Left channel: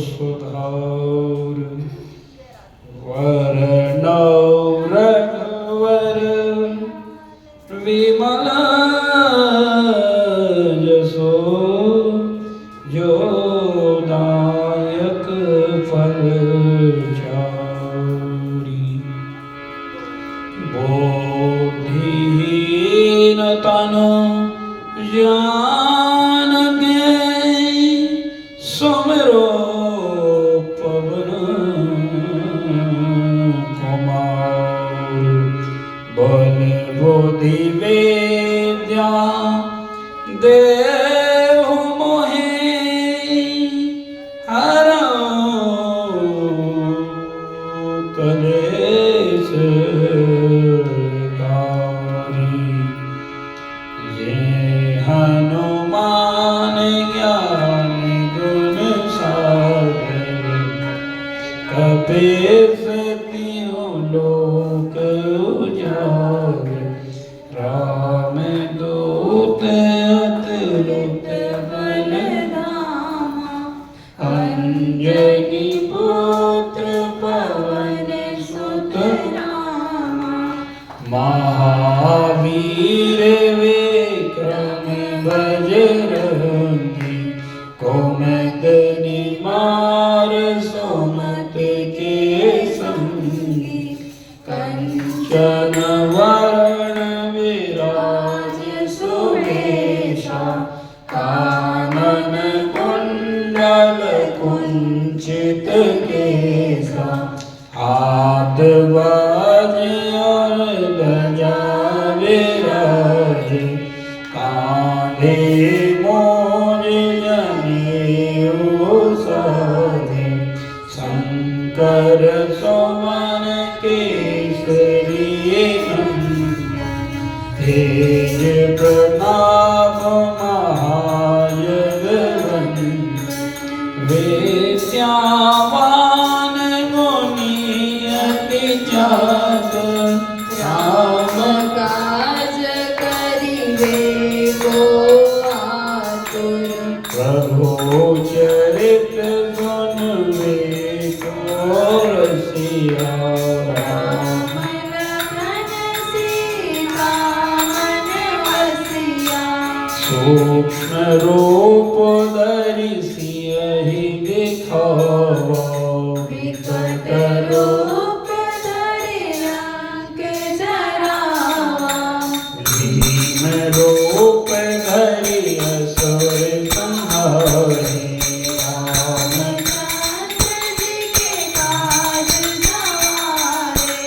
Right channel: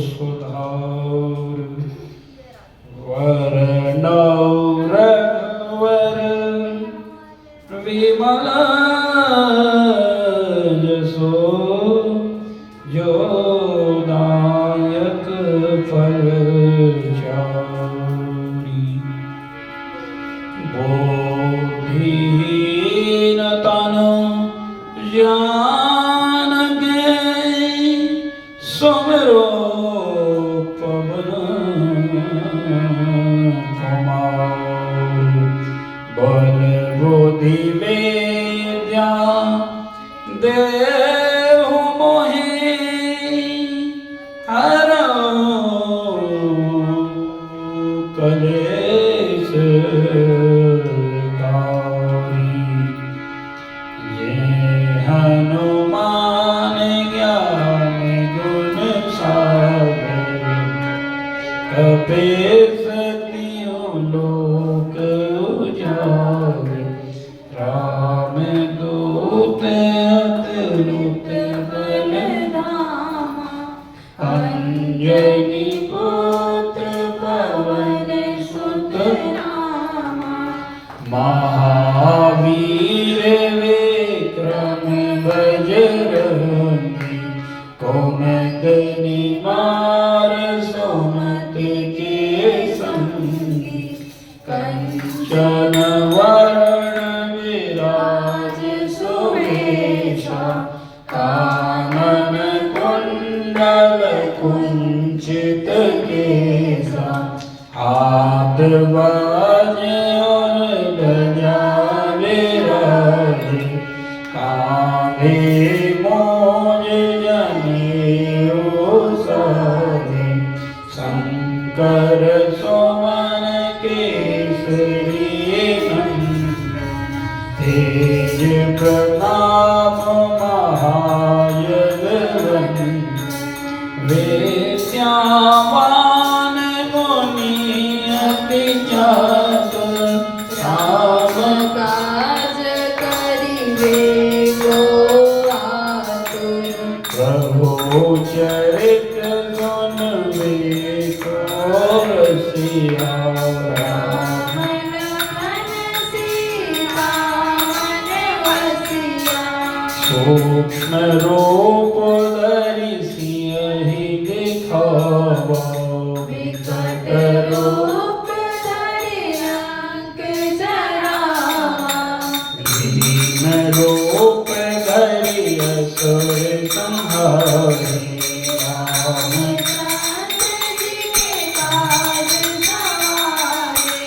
सुधार वरणौ रघुवर विमल जसो जो दायक फल चारी बोधिहीन तन जान गए सुमरो पवन कुमार बल बुद्धि विद्या देहु मोहि हरौ कलेश कारी ये हनुमान ज्ञान गुण सागर कपीस तीनों लोक उजागर राम दूत अतुलित बल धामा अंजनी पुत्र पवन सुत नामा महावीर विक्रम बजरंगी कुमद निवार सुमत के संगी कंचन वरण विराज सुवेशा कानन कुंडल कुंचित केसा हाथ बाजे और ध्वजा विराज कांधे मोज जनेऊ साजे शंकर सुवन केसरी तेज प्रताप महाजगवंदन विद्यावान मुनि अति चातुर राम काज करिबे को आतुर प्रभु चरित सुनबे को रसिया राम सूक्ष्म रूप धरि सियहि दिखावा विकट रूप धरि लंक जरावा दीन रूप धरि असुर संहारे रामचंद्र जी के काज सवारे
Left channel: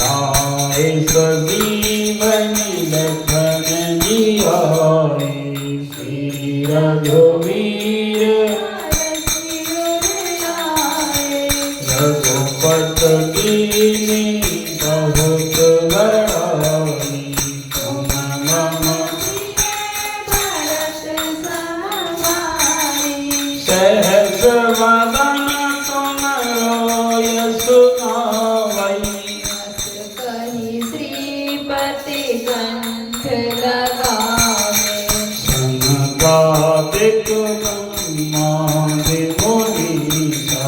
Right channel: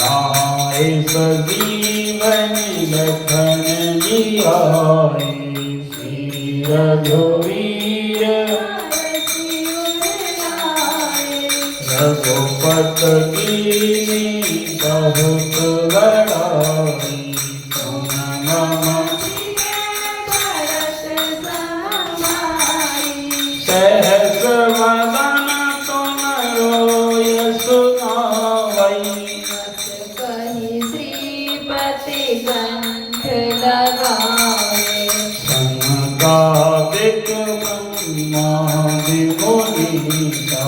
लाए सजीवनि लखन जियाए रघुवीर रघुपत कीन्ही बहुत बड़ाई तुम मम सहस वदन तुमरो यश गावई कहि श्रीपति कंठ लगाए संगादिक ब्रह्मादि मुनीसा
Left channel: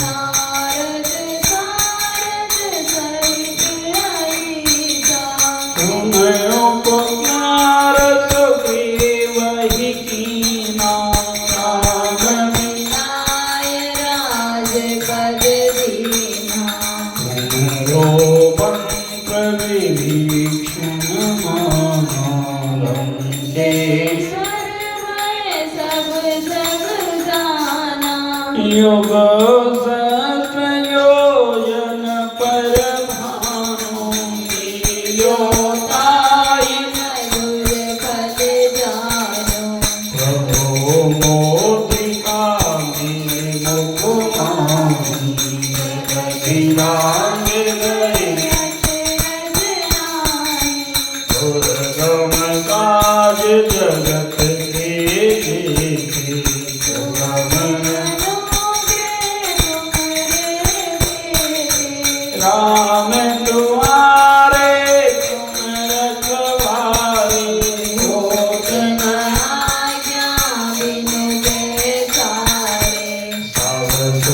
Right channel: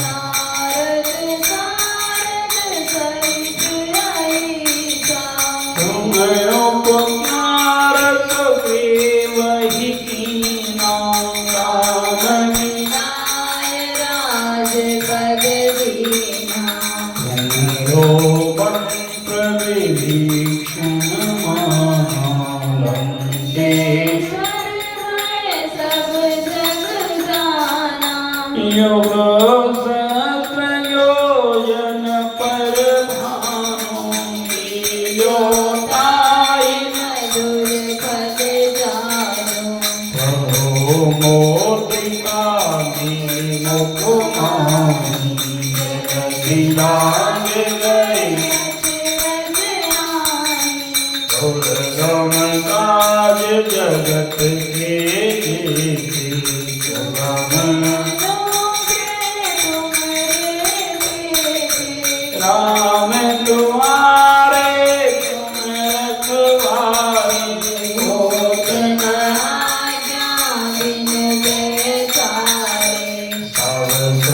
नारद सारद सहित अहिसा तुम उपकार सुग्रीवहि कीन्हा राम मिलाय राजपद दीन्हा तुमरो मंत्र विभीषण माना योग सहस्र योजन पर भानु लील्योताहि मधुर पद जानु प्रभु मोदिका मुखमाहि अभिराम गए दुर्गम काज जगत के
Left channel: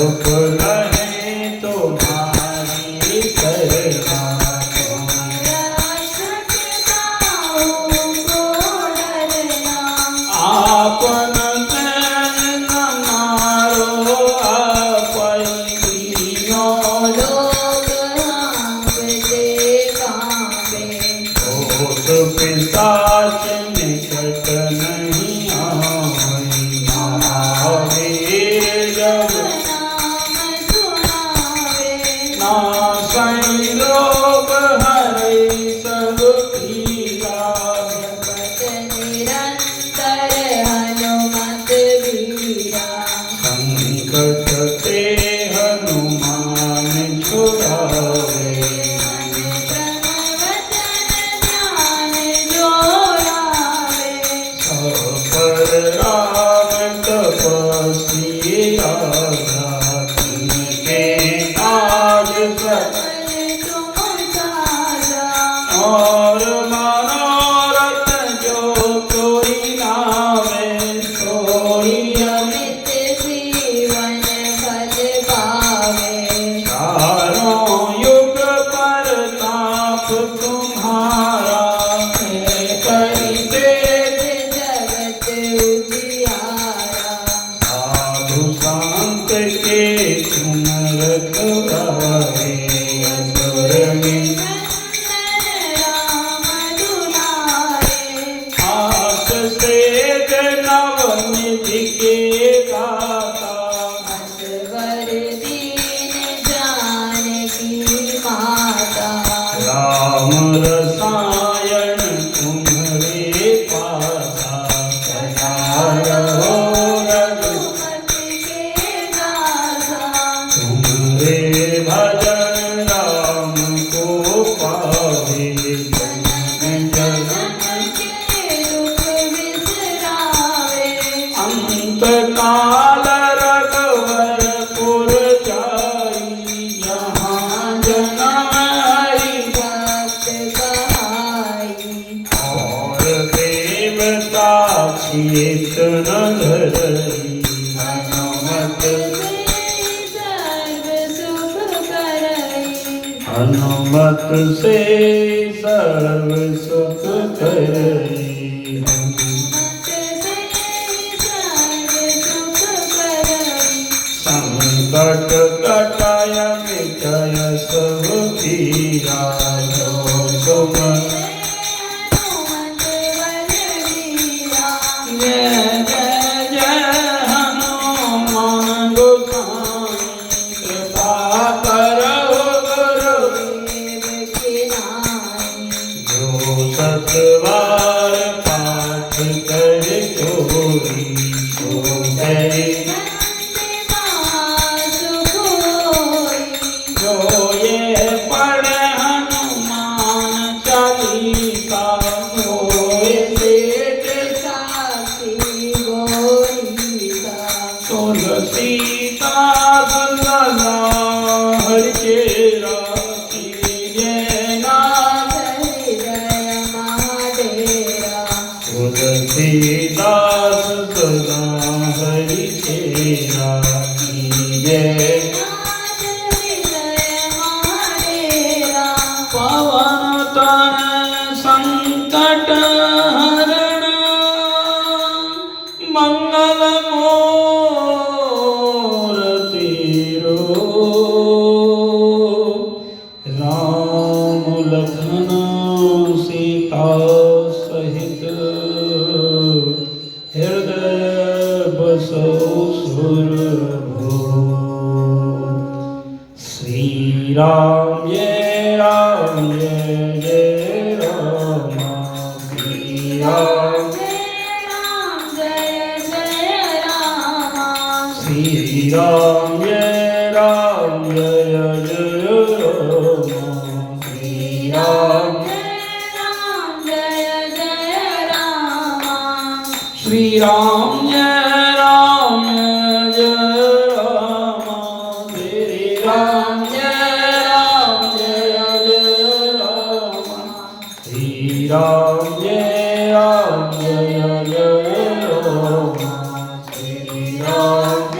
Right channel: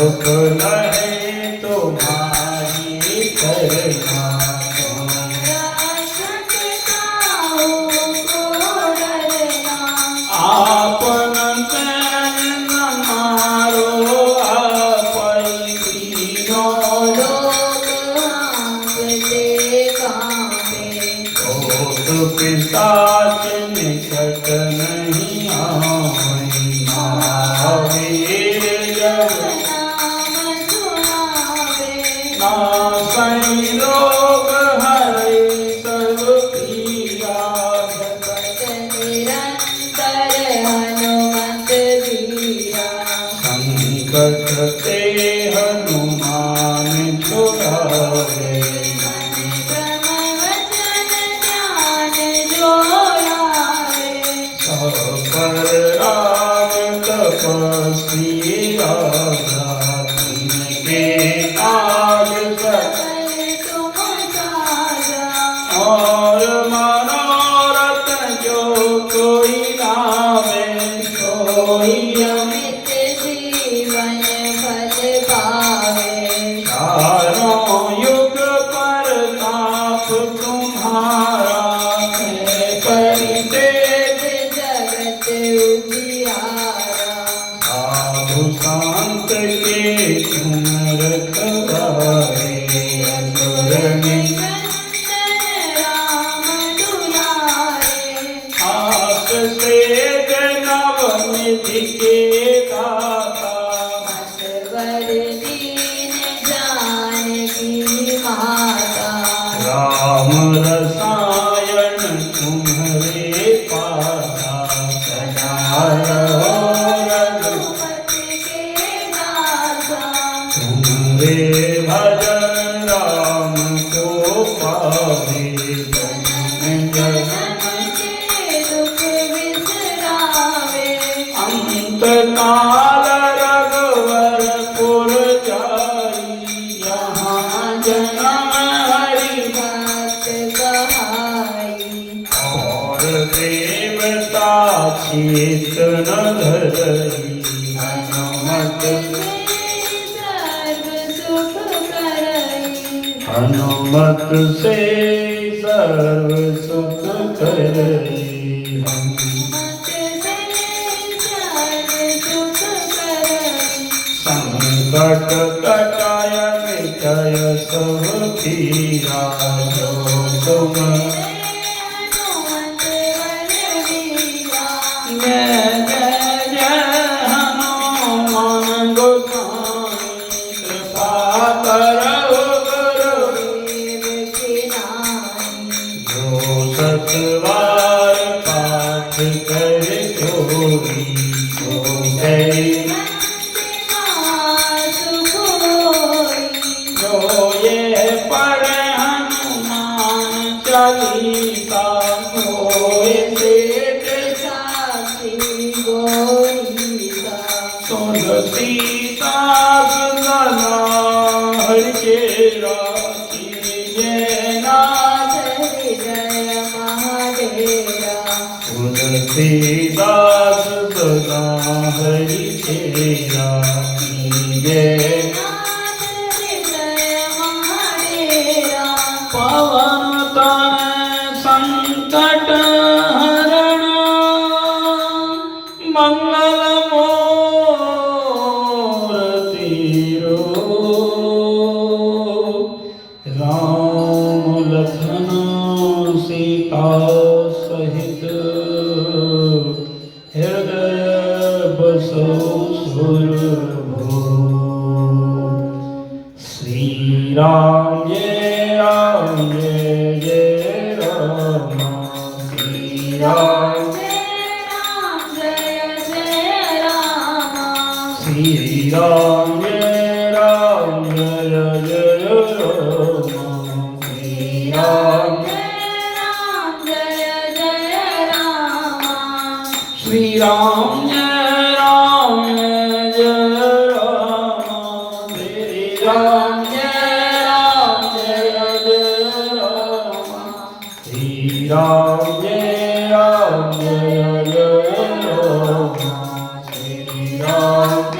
सुख लहे तुम्हारी शरणा आपन प्रेम न मारो आपै दीनो भूत पिशाच निकट नहीं आवे नाम संयोग हरे सब पिया संकट ते हनुमान छुड़ावे पर राम तपस्वी राजा तिनके काज सकल और मनोरथ जो कोई लावे सोई अमित चारों युग प्रताप तुम्हारा है करते साधु संत के तुम रखवारे असुर में आस से नवनिधि के दाता राम रसायन तुम्हारे पासा सदा रहो तुम्हारे भजन राम को पावे अंत काल रघुवरपुर जाई यहाँ जन्म हरि और देवता चित न धरी हनुमत से सर्व सुख करई संकट कटाय मिटाय सब पीरा जो तुम जय जय जय हनुमान गोसाई कृपा करो जो सतवार पाठ कर जोरी जो गए जो ये पढ़े हनुमान चालीसा मोए तुलसीदास सदा हरि चेरा तुलसीदास सदा हरि चेरा कीजे पवन तनय संकट हरण मंगल राम लखन सीता सहित हृदय बसो सुरभो श्री राम जय राम श्री राम श्री राम जय राम जय जय राम श्री राम श्री राम जय राम जय राम श्री राम जय राम श्री राम जय राम जय राम श्री राम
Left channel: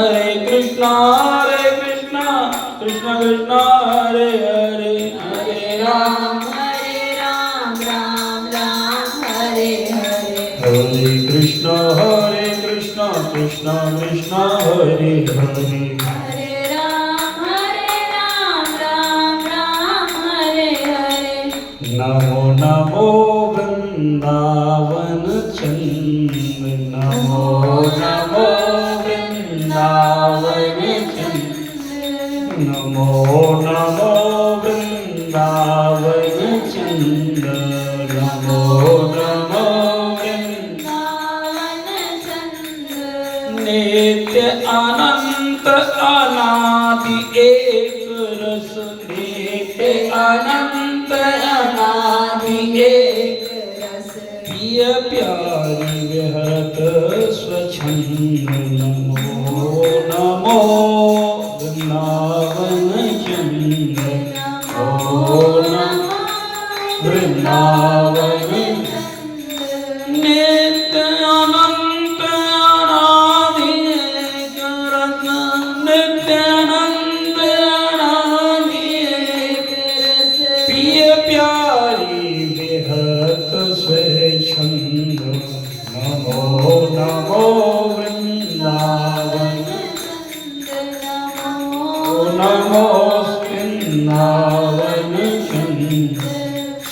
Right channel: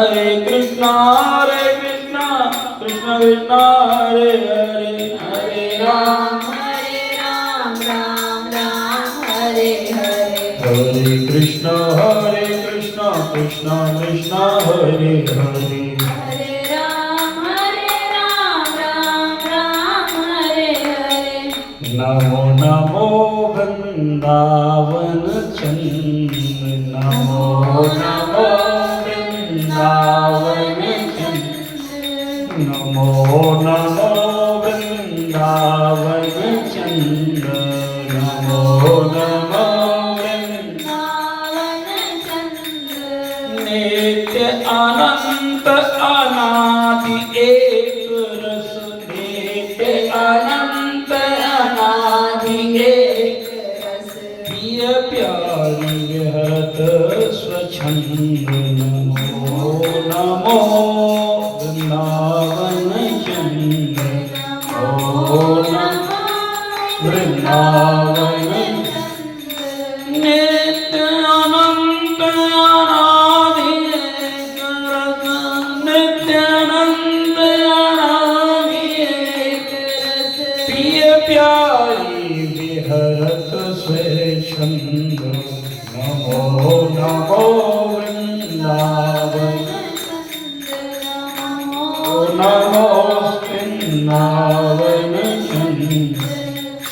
हरे कृष्णा कृष्ण कृष्ण हरे हरे हरे राम राम राम हरे हरे हरे कृष्ण कृष्ण कृष्ण हरे हरे हरे राम राम हरे हरे नमो नमो वृंदावन चंद नमो नमो वृंदावन चंद नमो नमो वृंदावन चंद नमो नमो नित्य अनंत अनादि एक रस नित्य अनंत अनादि एक रस प्रिय प्यारी विहरत स्वच्छंद नमो नमो वृंदावन चंद नमो नमो वृंदावन नित्य अनंत अनादि एक रस नित्य अनंत अनादि एक रस प्रिय प्यारी विहरत स्वेच्छंद नमो नमो वृंदावन नमो वृंदावन चंद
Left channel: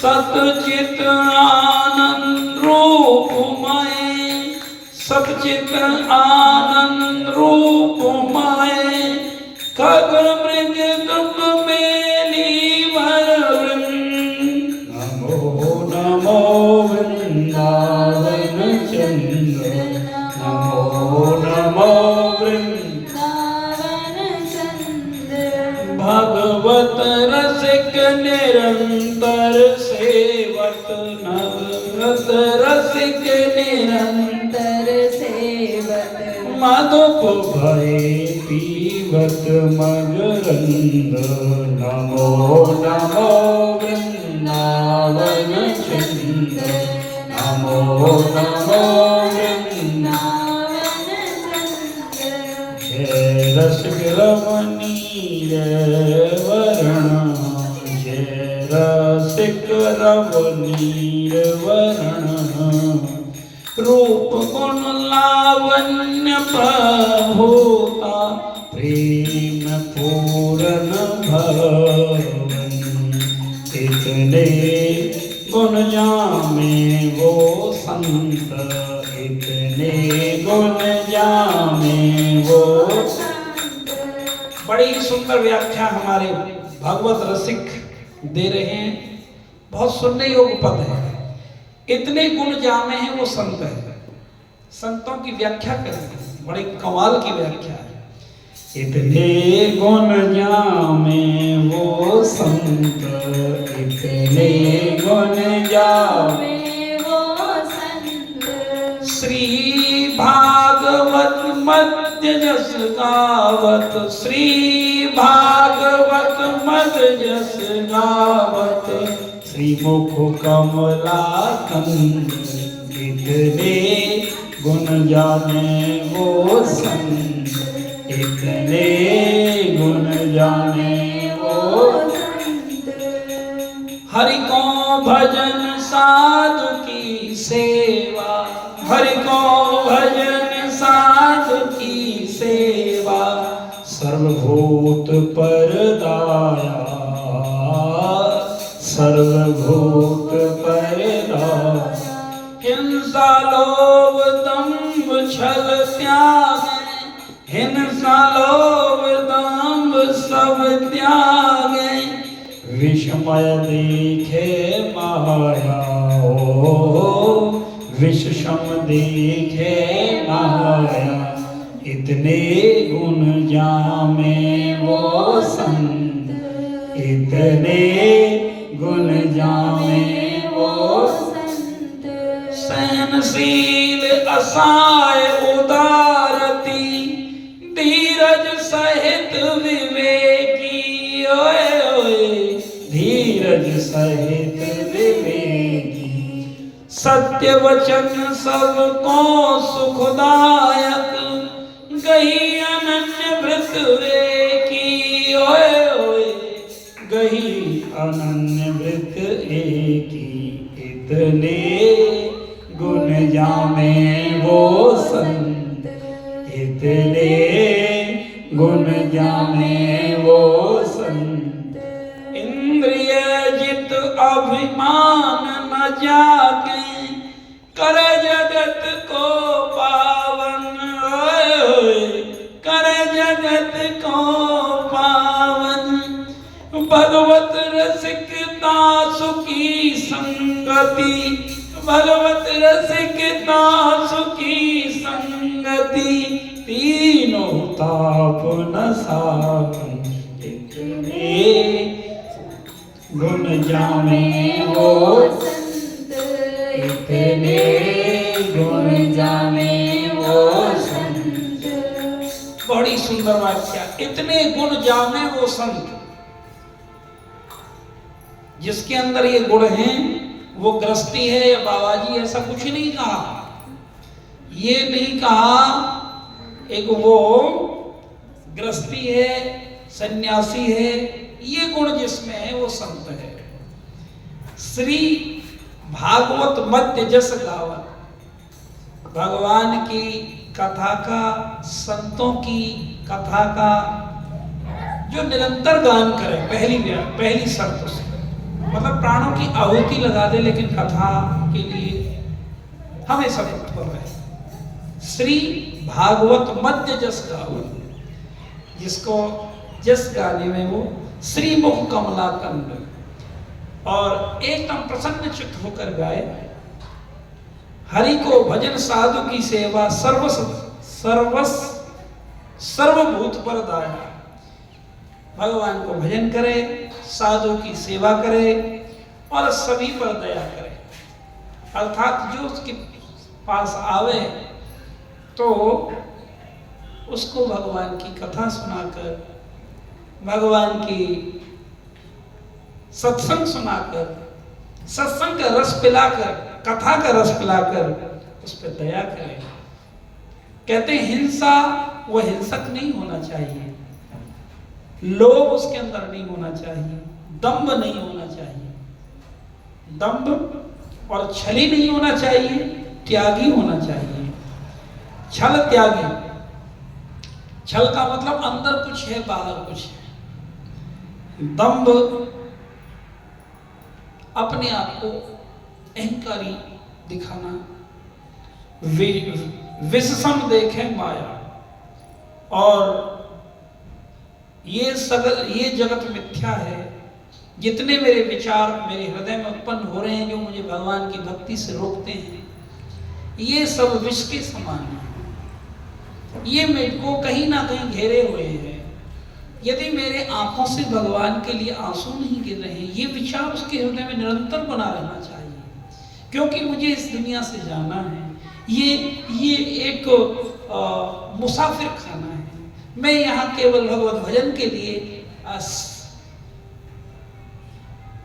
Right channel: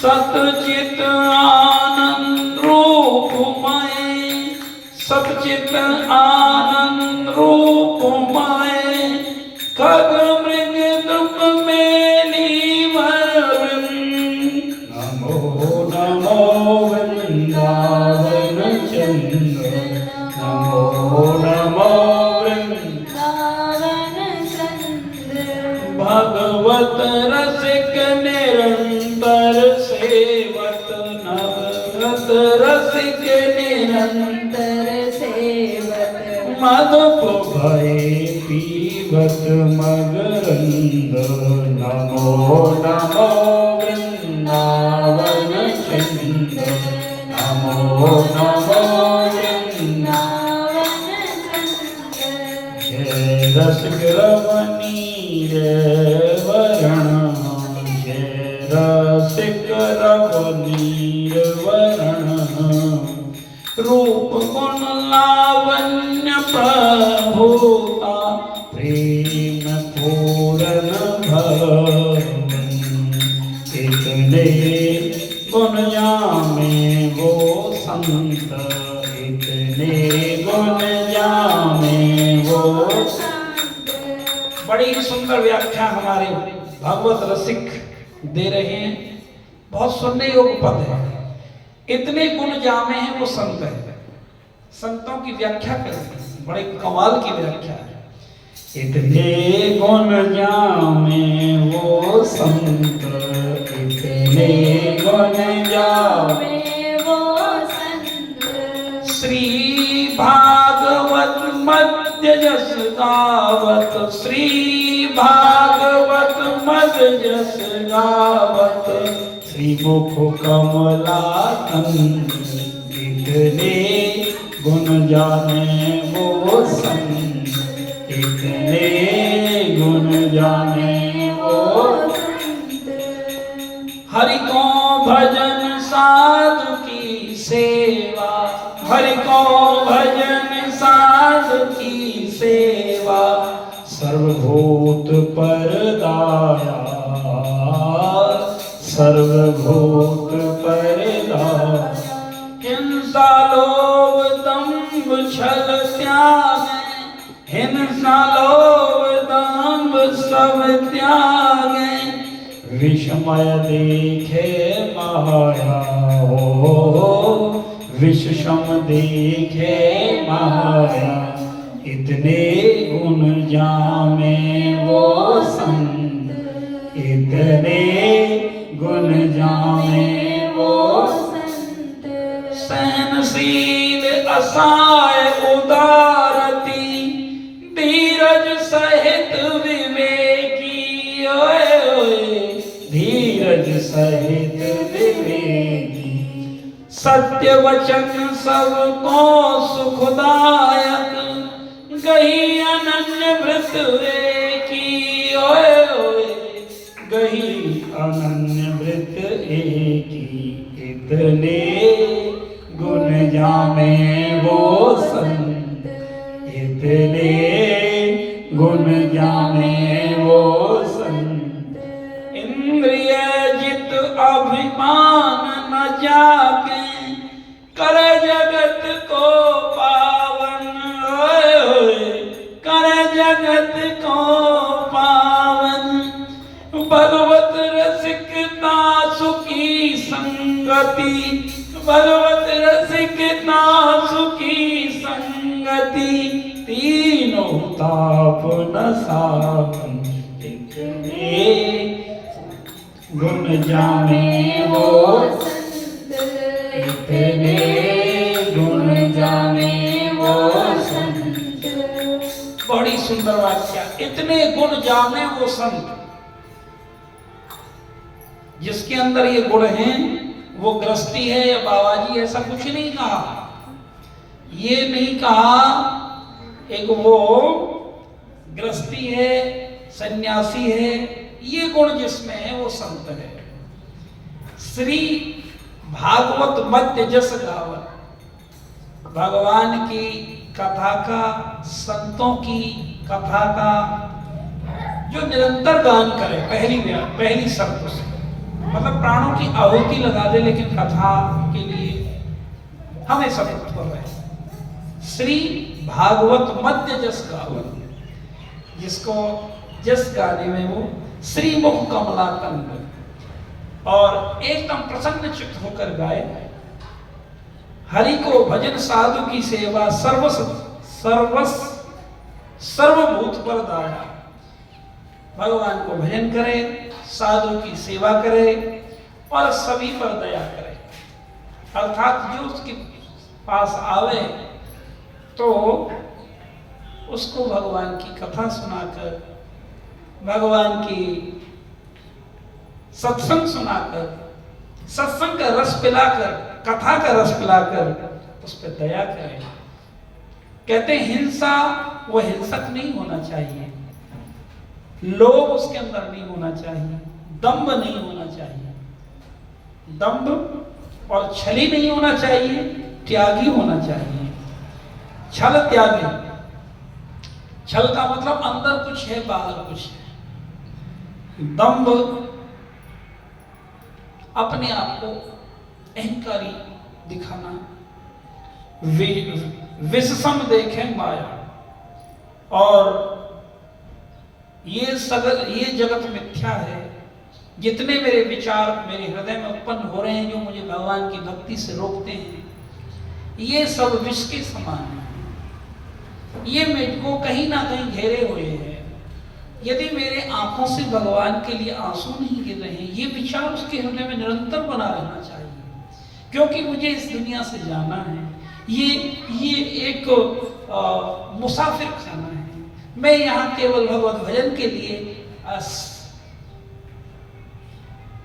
सतचित आनंद रूपमय सतचित आनंद रूपमय खग मृग दुख मेली वरुण नमो नमो वृंदावन चंद नमो नमो भगवत रसिक निरंतर सेवत नवरत रसिक निरंतर सेवत मधुप भय पीवत मगरंद नमो नमो वृंदावन चंद नमो नमो वृंदावन जय रसिक रमणीय वरण जय रसिक रमणीय वरण रूप गुण लावण्य प्रभुता प्रेम पूरन भवन इतने गुण जामे वो संत इतने गुण जामे वो बड़ी सुंदर व्याख्या हमारे भागवत रसिक दे रहे हैं। बहुत सुनने योग्य पद है। इतने गुण जामे हैं वो संत है। संतों की व्याख्या करेंगे, बड़े कमाल की व्याख्या है। इतने गुण जामे वो संत इतने गुण जामे वो संत श्री भागवत मध्य जस गावत श्री भागवत मध्य जस गावत श्री मुख कमला कंद इतने गुण जाने वो संत इतने गुण जाने वो संत हरि को भजन साधु की सेवा हरि को भजन साधु की सेवा सर्वभूत पर दाया सर्वभूत पर दाया हिंसा लोभ दंभ छल त्याग हिंसा लोभ दंभ सब त्याग विषमय देखे माया हो विषम देखे माया इतने गुण जामे वो संत इतने गुण जामे वो संत सहनशील असाय उदारती धीरज सहित विवेकी ओए ओए धीरज सहित विवेकी सत्य वचन सबको सुखदायक गही अनन अमृत एकी ओए ओए, गही अनन्य वृत एकी, इतने गुण जामे वो संत, इतने गुण जामे वो संत। इंद्रिय जित अभिमान न जाके, करे जगत को पावन, ओए ओए, करे जगत को पावन। भगवत रसिकता सुखी संगति, भगवत रसिकता सुखी संगति, तीनों ताप न सावन, इतने गुण जामे वो संत, इतने गुण जामे वो संत। बड़ी सुंदर वाक्य, इतने गुण जामे वो संत। जिसके अंदर ये गुण हैं वो गृहस्थी है या बाबाजी, ऐसा कुछ नहीं कहा। ये नहीं कहा एक वो गृहस्थी है, सन्यासी है, ये गुण जिसमें है वो संत है। श्री भागवत मध्य जस गावत, भगवान की कथा का, संतों की कथा का जो निरंतर गान करे, पहली शर्त उसको, मतलब प्राणों की आहुति लगा दे, लेकिन कथा के लिए हमेशा तत्पर रहे। श्री भागवत मध्य जस गावत, जिसको जस गाने में वो श्री मुख कमला कंद, और एकदम प्रसन्न चित्त होकर गाए। हरि को भजन साधु की सेवा, सर्वभूत पर दाया। भगवान को भजन करे, साधु की सेवा करे और सभी पर दया करे। अर्थात जो उसके पास आवे तो उसको भगवान की कथा सुनाकर, भगवान की सत्संग सुनाकर, सत्संग का रस पिलाकर, कथा का रस पिलाकर उस पर दया करें। कहते हैं हिंसा, वो हिंसक नहीं होना चाहिए, लोभ उसके अंदर नहीं होना चाहिए, दंभ नहीं होना चाहिए, दंभ और छली नहीं होना चाहिए, त्यागी होना चाहिए। छल त्यागी, छल का मतलब अंदर कुछ है बाहर कुछ है। दंभ अपने आप को अहंकारी दिखाना, विषसम देखे माया, और ये जगत मिथ्या है। जितने मेरे विचार मेरे हृदय में उत्पन्न हो रहे हैं, जो मुझे भगवान की भक्ति से रोकते हैं, ये सब विष के समान है। ये मुझको कहीं ना कहीं घेरे हुए हैं। यदि मेरे आंखों से भगवान के लिए आंसू नहीं गिर रहे हैं, ये विचार उसके हृदय में निरंतर बना रहना चाहिए, क्योंकि मुझे इस दुनिया से जाना है। ये एक मुसाफिर खाना है। मैं यहाँ केवल भगवत भजन के लिए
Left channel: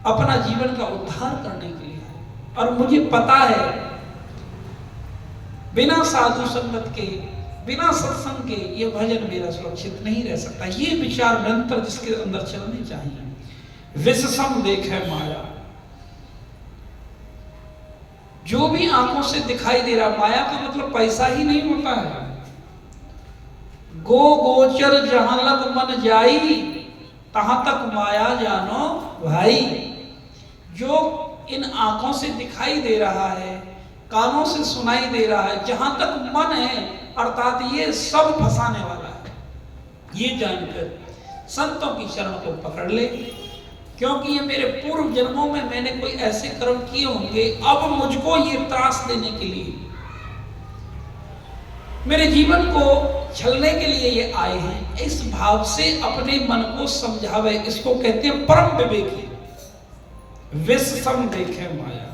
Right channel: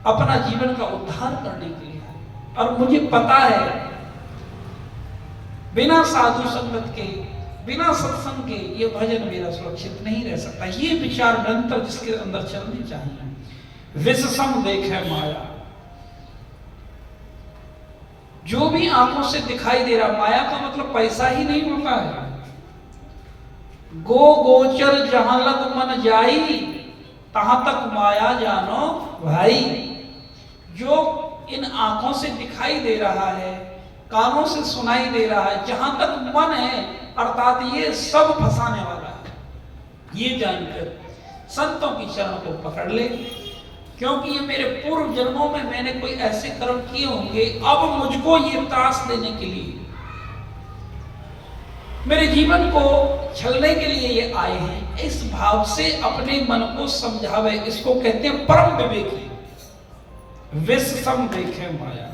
अपना जीवन का उद्धार करने के लिए है। और मुझे पता है बिना साधु संगत के, बिना सत्संग के ये भजन मेरा सुरक्षित नहीं रह सकता। ये विचार निरंतर जिसके अंदर चलने चाहिए। विषसम देखे माया, जो भी आंखों से दिखाई दे रहा, माया का मतलब पैसा ही नहीं होता है। गो गोचर जहां लग मन जाई, तहां तक माया जानो भाई। जो इन आंखों से दिखाई दे रहा है, कानों से सुनाई दे रहा है, जहां तक मन है, अर्थात ये सब फंसाने वाला है। ये जानकर संतों की चरण को पकड़ ले, क्योंकि ये मेरे पूर्व जन्मों में मैंने कोई ऐसे कर्म किए होंगे, अब मुझको ये त्रास देने के लिए, मेरे जीवन को छलने के लिए ये आए हैं। इस भाव से अपने मन को समझावे। इसको कहते हैं परम विवेकी। विष सम देखे माया,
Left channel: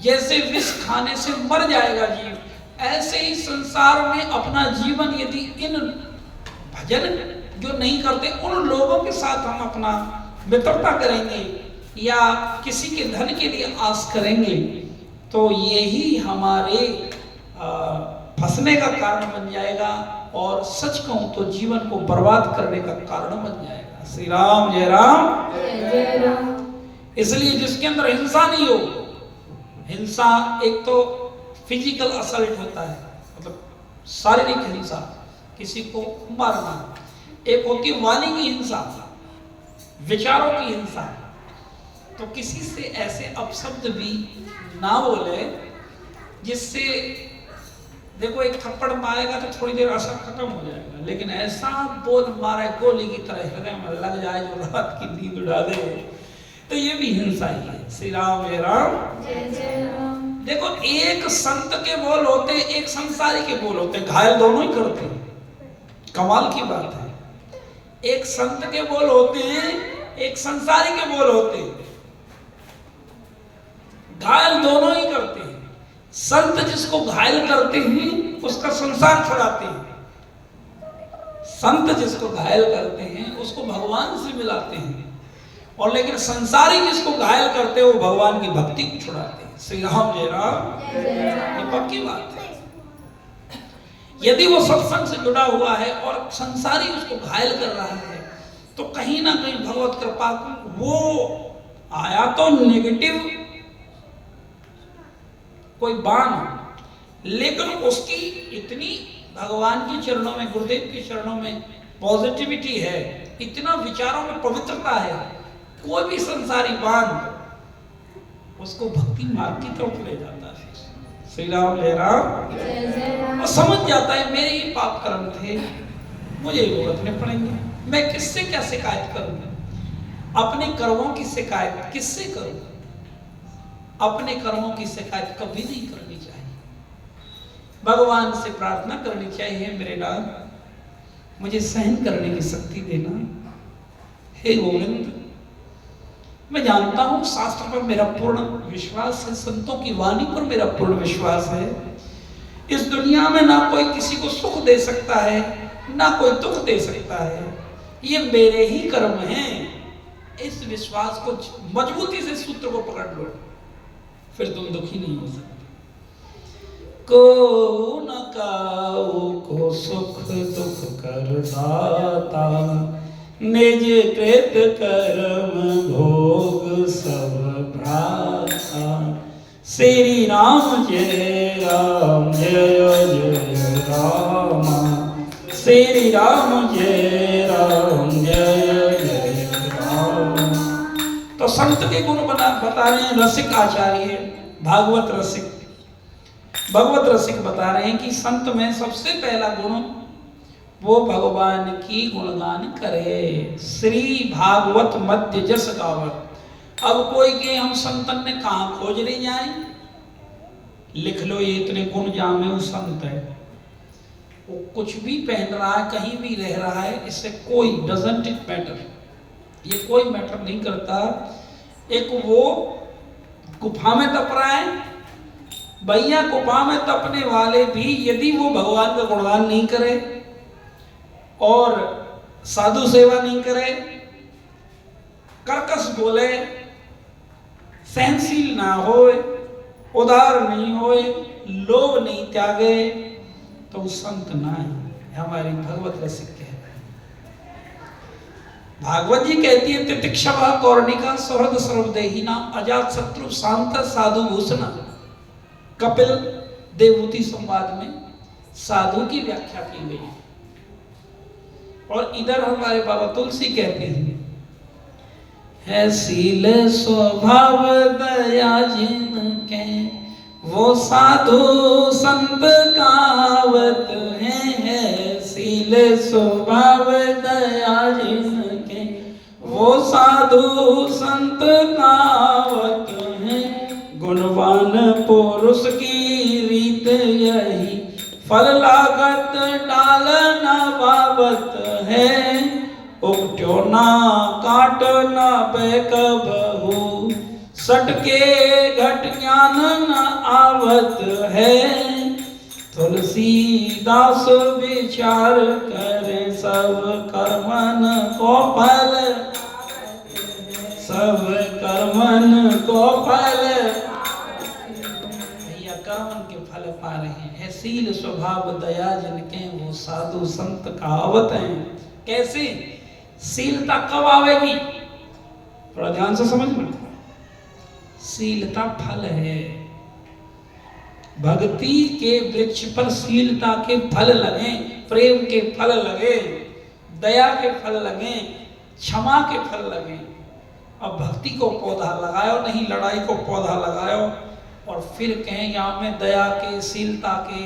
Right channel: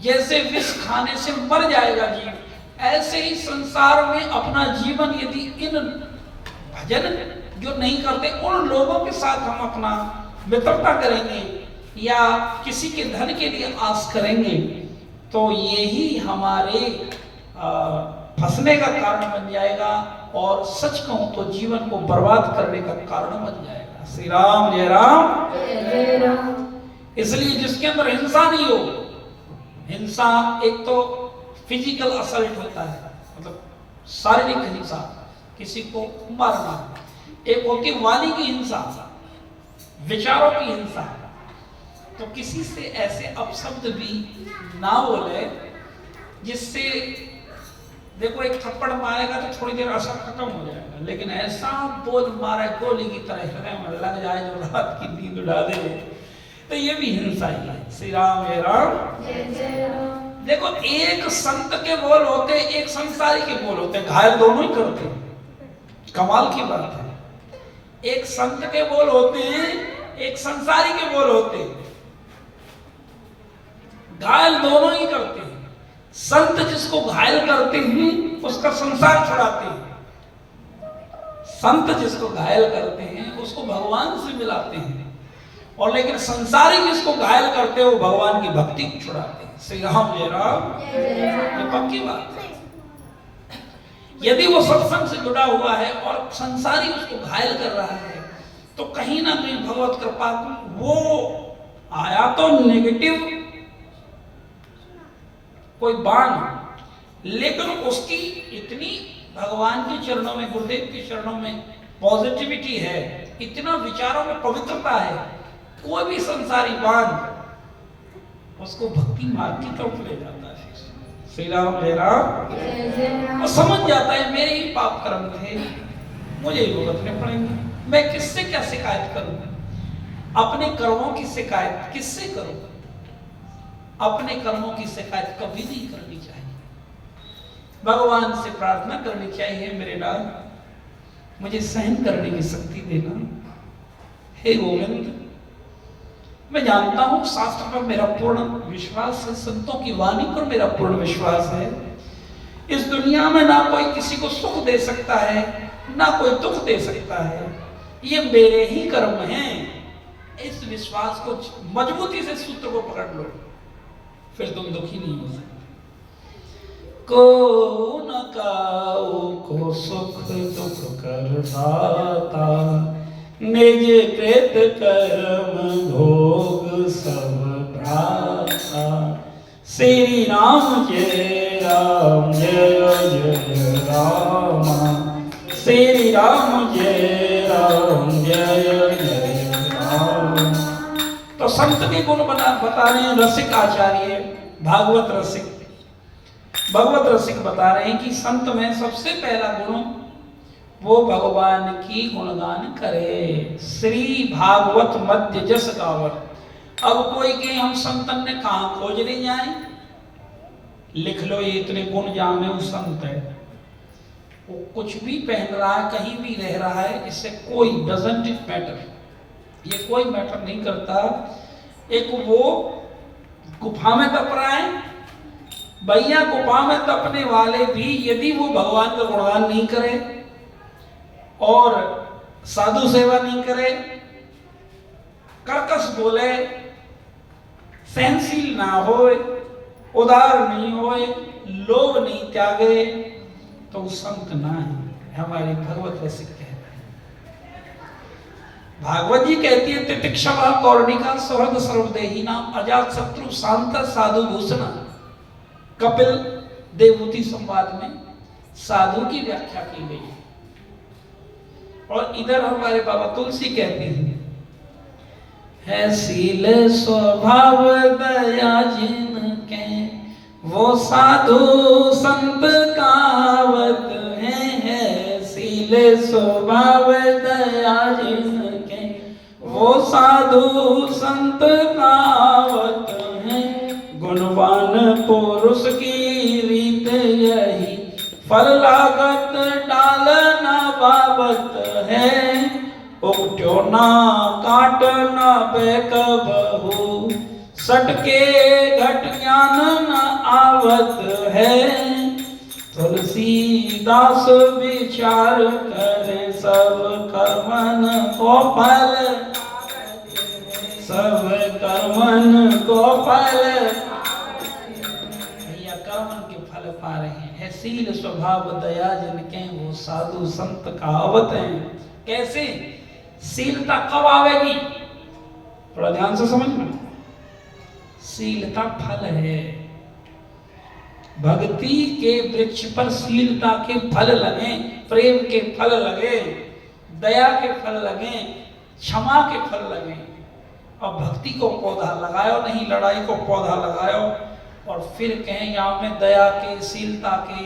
जैसे विष खाने से मर जाएगा जीव, ऐसे ही संसार में अपना जीवन यदि इन भजन जो नहीं करते उन लोगों के साथ हम अपना मित्रता करेंगे या किसी के धन के लिए आस करेंगे, तो यही हमारे फंसने का कारण बन जाएगा और सच कहूं तो जीवन को बर्बाद करने का कारण बन जाएगा। श्री राम जय राम। जय जय राम। इसलिए जिसके अंदर हिंसा नहीं हो, हिंसा एक तो फिजिकल असल्ट होता है, मतलब शारीरिक हिंसा, किसी को मारना, एक होती वाणी की हिंसा, विचारों की हिंसा। तो किसी से ऐसे अपशब्द भी ना बोले जिससे, देखो एक थप्पड़ मारेगा तो थोड़ी देर असर खत्म हो जाएगा, लेकिन ऐसा बोल मारे गोली की तरह हृदय में लग जाए जो रात की नींद उड़ा दे, तो ये भी हिंसा ही है। श्री राम जय राम। जय जय राम। देखो एक संत के बोल होते, एक संसारी के बोल होते, घायल दोनों ही करते हैं। कमाल की बात है, एक संत के बोल होते हैं, एक संसारी के बोल होते हैं, घायल दोनों ही करते हैं। संत जिसको घायल करते हैं उसका संसार छुड़ाते हैं, संत जिसको घायल करते हैं उसको भगवान से मिलाते हैं, और लेकिन संसारी जिसको घायल करते हैं वो भगवान की भक्ति को छुड़ाते हैं। श्री राम जय राम। ये पक्की बात है। यदि वो सत्संग से जुड़ा हुआ है और संसारी उसको घायल कर रहा है तो कहीं ना कहीं भगवत कृपा वो आया तो नेगेटिव कोई बाण, लेकिन उसकी इतनी भगवान के चरणों में, गुरुदेव के चरणों में पॉजिटिविटी है, इतना विचारों में पवित्रता है, कोई भी संसारी बाण उसको भक्ति मार्ग की तरफ ले जाता है। श्री राम जय राम। जय जय राम। और समझ जाता है मेरे ही पाप कर्म थे, मुझे ही भुगतने पड़ेंगे, मैं किससे क्या शिकायत करूं, अपने कर्मों की शिकायत किससे करूं? अपने कर्मों की शिकायत कभी नहीं करनी चाहिए, भगवान से प्रार्थना करनी चाहिए, मेरे नाथ मुझे सहन करने की शक्ति देना। हे गोविंद, मैं जानता हूं शास्त्र पर मेरा पूर्ण विश्वास है, संतों की वाणी पर मेरा पूर्ण विश्वास है। इस दुनिया में ना कोई किसी को सुख दे सकता है, ना कोई दुख दे सकता है, ये मेरे ही कर्म हैं। इस विश्वास को मजबूती से सूत्र को पकड़ लो, फिर तुम दुखी नहीं हो सकते। को न काऊ को सुख दुख कर दाता, निज कृत कर्म भोग सब भ्राता। श्री राम जय राम जय जय राम, श्री राम जय राम जय जय राम। तो संत के गुण बता रहे हैं रसिक आचार्य, भागवत रसिक, भगवत रसिक बता रहे हैं कि संत में सबसे पहला गुण वो भगवान की गुणगान करे। श्री भागवत मध्य जस गावत। अब कोई के हम संतन ने कहा खोजने जाए, लिख लो ये इतने गुण जाने वो संत है, वो कुछ भी पहन रहा है, कहीं भी रह रहा है, इससे कोई डजंट इट मैटर, ये कोई मैटर नहीं करता। एक वो गुफा में तप रहा है, भैया गुफा में तपने वाले भी यदि वो भगवान का गुणगान नहीं करे और साधु सेवा नहीं करे, कर्कश बोले, सहनशील ना होए, उदार नहीं होए, लोभ नहीं त्यागे, तो संत ना है। हमारी भगवत रसिक कहते हैं, भागवत जी कहती है तितिक्षवा कौर्णिका सौहृद सर्वदेही नाम अजात शत्रु शांत साधु भूषण। कपिल देवभूति संवाद में साधु की व्याख्या की गई। और इधर हमारे बाबा तुलसी कहते हैं, है शील स्वभाव दया जिनके, वो साधु संत कावत है शील स्वभाव दया जिनके, वो साधु संत कावत है। गुणवान पुरुष की रीत यही, फल लागत डाल न बाबत है। उगट्यो ना काट ना बेक बहु, सटके घट ज्ञान न आवत है। तुलसीदास विचार करे सब कर्मन को फल, सब कर्मन को फल, भैया कर्मन के फल पा रहे हैं। शील स्वभाव दया जिनके, वो वो साधु संत कहावत है। कैसे शीलता कब आवेगी, थोड़ा ध्यान से समझना। शीलता फल है, भक्ति के वृक्ष पर शीलता के फल लगे, प्रेम के फल लगे, दया के फल लगे, क्षमा के फल लगे। अब भक्ति को पौधा लगायो नहीं, लड़ाई को पौधा लगायो और फिर कहें यहाँ में दया के, शीलता के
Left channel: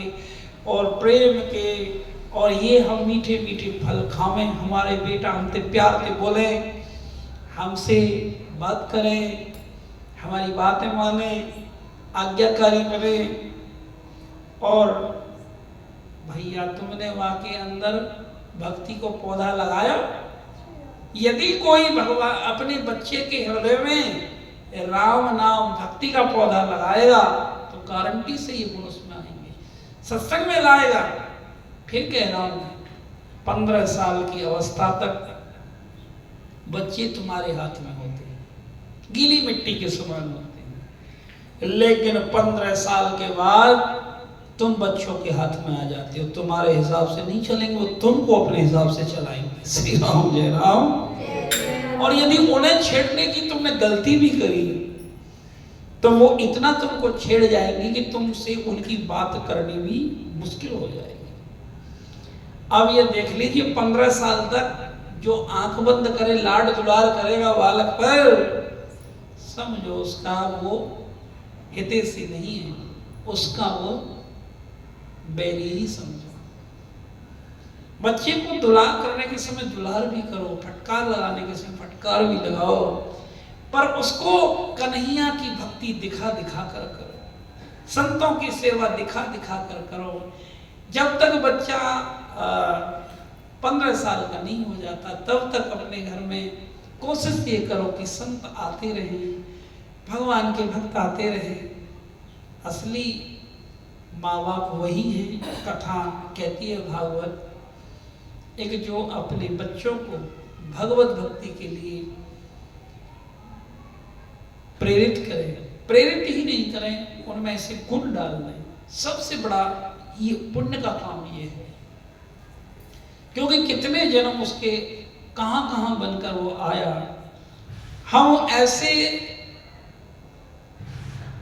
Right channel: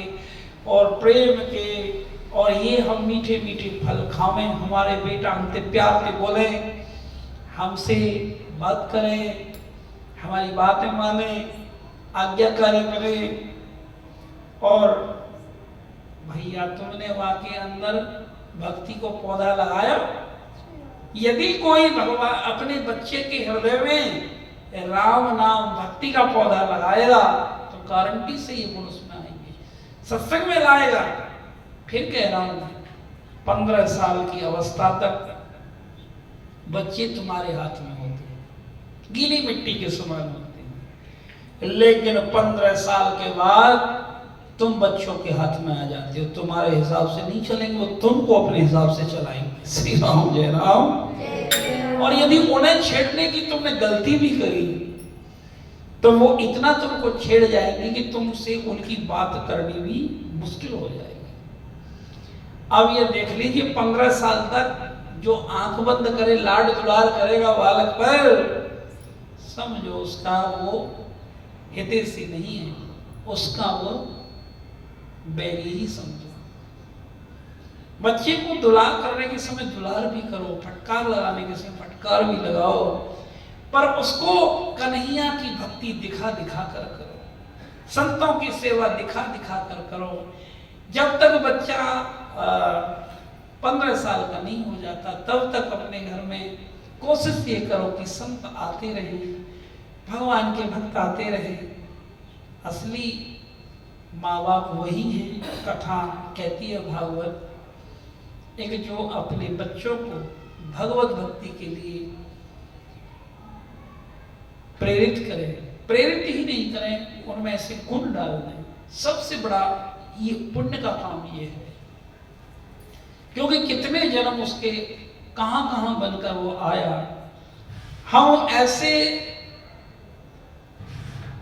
और प्रेम के, और ये हम मीठे मीठे फल खावें। हमारे बेटा हमसे प्यार से बोले, हमसे बात करें, हमारी बातें माने, आज्ञाकारी बने। और भैया तुमने वहां के अंदर भक्ति को पौधा लगाया। यदि कोई भगवान अपने बच्चे के हृदय में राम नाम भक्ति का पौधा लगाएगा तो गारंटी से ये गुण उसमें आएंगे, सत्संग में लाएगा। फिर कह रहा हूं 15 साल की अवस्था तक बच्चे तुम्हारे हाथ में होते हैं, गीली मिट्टी के समान होते हैं, लेकिन 15 साल के बाद तुम बच्चों के हाथ में आ जाते हो। तुम्हारे हिसाब से नहीं चलेंगे, वो तुमको अपने हिसाब से चलाएंगे। श्री राम जय राम। और यदि उन्हें छेड़ने की तुमने गलती भी करी तो वो इतना तुमको छेड़ जाएंगे कि तुमसे उनकी बात करनी भी मुश्किल हो जाएगी। अब ये देख लीजिए 15 साल तक जो आंख बंद करे, लाड दुलार करेगा बालक पर, समझो उसका वो हितैषी नहीं है, उसका वो बैरी ही समझो। बच्चे को दुलार करने के समय दुलार भी करो, फटकार लगाने के समय फटकार भी लगाओ, पर उसको कन्हैया की भक्ति दिखा दिखा कर करो, संतों की सेवा दिखा दिखा कर करो। जब तक बच्चा 15 साल का नहीं हो जाता तब तक अपने घर में कोशिश ये करो कि संत आते रहे, भगवान के भक्त आते रहे। असली माँ बाप वही है। कथा कहती है भागवत, एक जो अपने बच्चों को भगवत भक्ति के लिए प्रेरित करें, प्रेरित ही नहीं करें, उनमें ऐसे गुण डाल दें। सबसे बड़ा ये पुण्य का काम ये है, क्योंकि कितने जन्म उसके कहां कहां बनकर वो आया। हम ऐसे,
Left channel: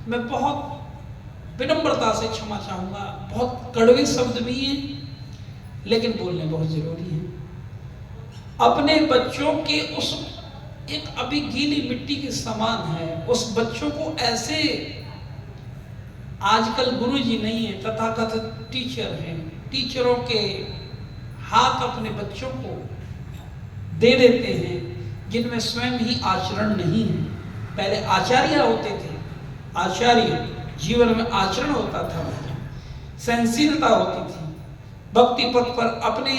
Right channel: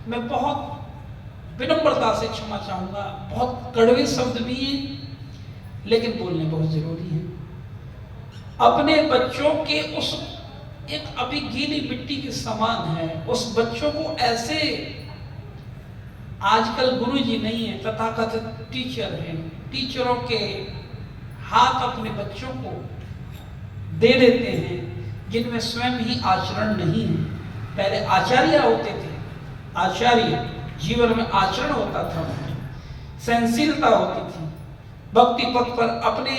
मैं बहुत विनम्रता से क्षमा चाहूंगा, बहुत कड़वे शब्द भी हैं लेकिन बोलने बहुत जरूरी है। अपने बच्चों के उस एक अभी गीली मिट्टी के समान है, उस बच्चों को ऐसे, आजकल गुरुजी नहीं है, तथाकथित टीचर हैं, टीचरों के हाथ अपने बच्चों को दे देते हैं जिनमें स्वयं ही आचरण नहीं है। पहले आचार्य होते थे, आचार्य जीवन में आचरण होता था, सहनशीलता होती थी, भक्ति पथ पर अपने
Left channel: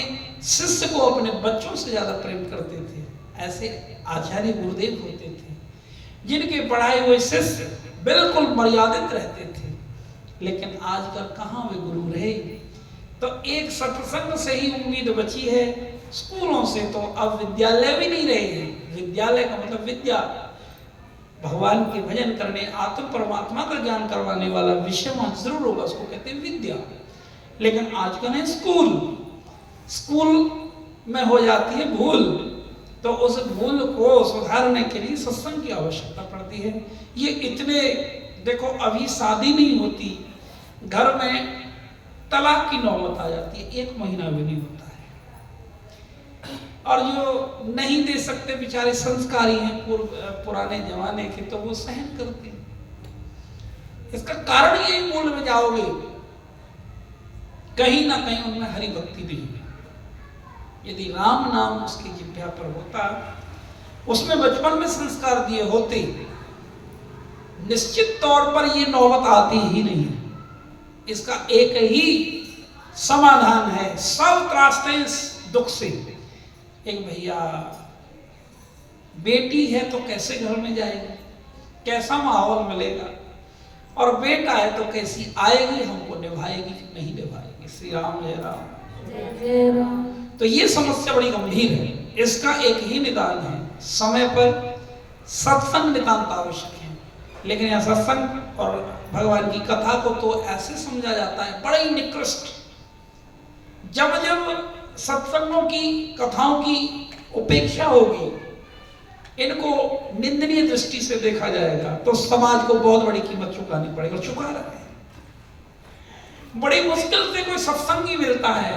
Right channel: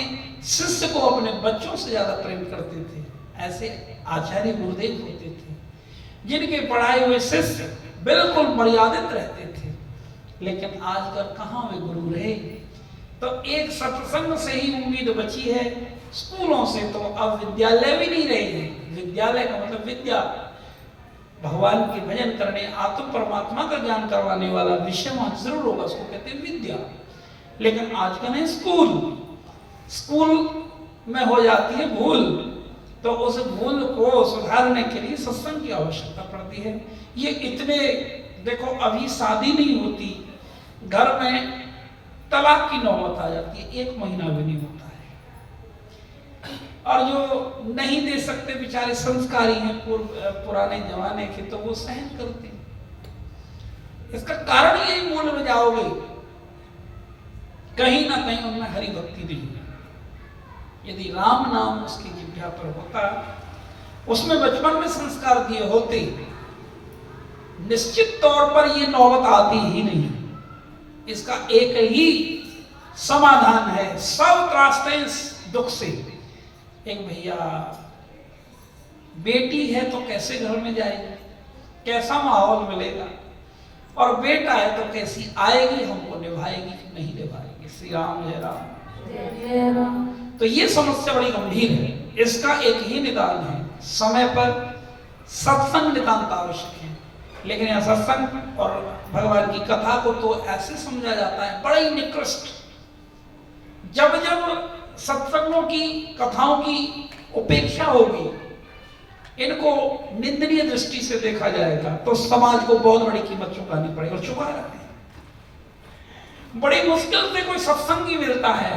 शिष्य को अपने बच्चों से ज्यादा प्रेम करते थे। ऐसे आचार्य गुरुदेव होते थे जिनके पढ़ाए हुए शिष्य बिल्कुल मर्यादित रहते थे। लेकिन आजकल कहाँ वे गुरु रहे। तो एक सत्संग से ही उम्मीद बची है, स्कूलों से तो अब विद्यालय भी नहीं रहे हैं। विद्यालय का मतलब विद्या, भगवान के भजन करने, आत्म परमात्मा का ज्ञान करवाने वाला विषय वहां जरूर होगा, उसको कहते हैं विद्या। लेकिन आजकल है स्कूल, स्कूल में हो जाती है भूल, तो उस भूल को सुधारने के लिए सत्संग की आवश्यकता पड़ती है। ये इतने, देखो अभी शादी नहीं होती, घर में तलाक की नौबत आ जाती है, 1 महीना भी नहीं होता है। और जो नहीं दे सकते बेचारे संस्कारी हैं, पुराने जमाने के, तो वो सहन करते हैं। इसका कारण यही मूल में जाओगे, कहीं ना कहीं उनमें हरि भक्ति नहीं है। यदि राम नाम उसकी जिह्वा पर होता, उसमें बचपन में संस्कार दिए होते, निश्चित तौर पर ये नौबत आती ही नहीं। इसका एक ही समाधान है, सब त्रासते हैं दुख से। एक भैया, बेटी है तो कैसे घर में जाएगी, कैसा माहौल मिलेगा, और बेटा है तो कैसी आएगी, हमको निभाएगी कि नहीं निभाएगी। श्री राम जय राम। जय राम। तो ये समस्या बड़ी गंभीर है, इसका एक ही निदान है, समय पर सत्संग नितांत आवश्यक है। लेकिन यह सत्संग और भगवान की कथा को तो ऐसे समझा जाता है, बड़ा ही निकृष्ट, जब जब सत्संगों की, कथाओं की उपेक्षा होगी, इनको निंदनीय दृष्टि से देखा जाएगा, तो समाज को बहुत बड़ी कीमत चुकानी पड़ेगी। और चुका रहे हैं। बड़ी मुश्किल से कोई सत्संगी मिलता है,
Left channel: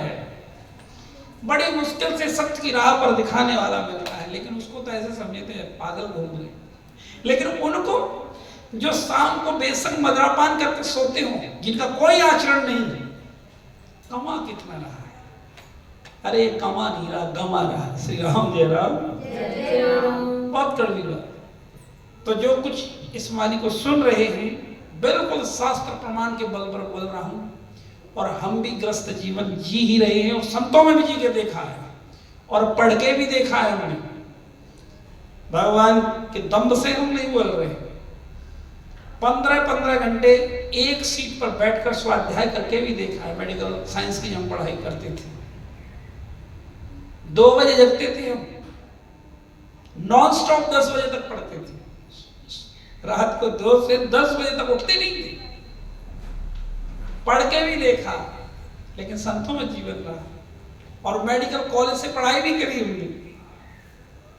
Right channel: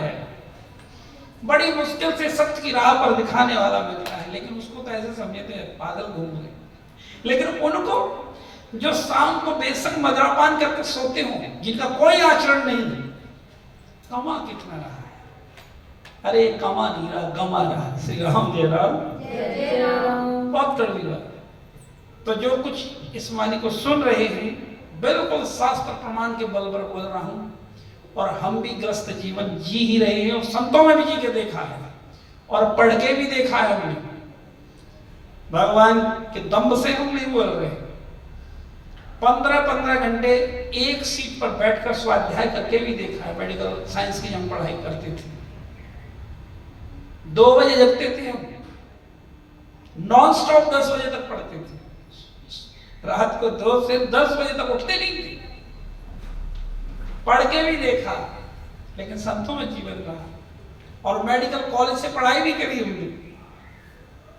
बड़ी मुश्किल से सत्य की राह पर दिखाने वाला मिलता है, लेकिन उसको तो ऐसे समझते हैं पागल घूम गए। लेकिन उनको जो शाम को बेसंग मदरापान करके सोते हो, जिनका कोई आचरण नहीं है, कमा कितना रहा है? अरे कमा नहीं रहा, गमा रहा। श्री राम जय राम। जय राम। बहुत कड़वी बात। तो जो कुछ इस वाणी को सुन रहे हैं, बिल्कुल शास्त्र प्रमाण के बल पर बोल रहा हूं, और हम भी ग्रस्त जीवन जी ही रहे हैं, और संतों में भी जी के देखा है, और पढ़ के भी देखा है हमने। भगवान के दम्भ से हम नहीं बोल रहे। 15-15 घंटे एक सीट पर बैठकर स्वाध्याय करके भी देखा है। मेडिकल साइंस की हम पढ़ाई करते थे, 2 बजे जगते थे हम, नॉन स्टॉप 10 बजे तक पढ़ते थे। रात को 2 से 10 बजे तक उठते नहीं थे। पढ़ के भी देखा, लेकिन संतों में जीवन रहा, और मेडिकल कॉलेज से पढ़ाई भी करी हमने।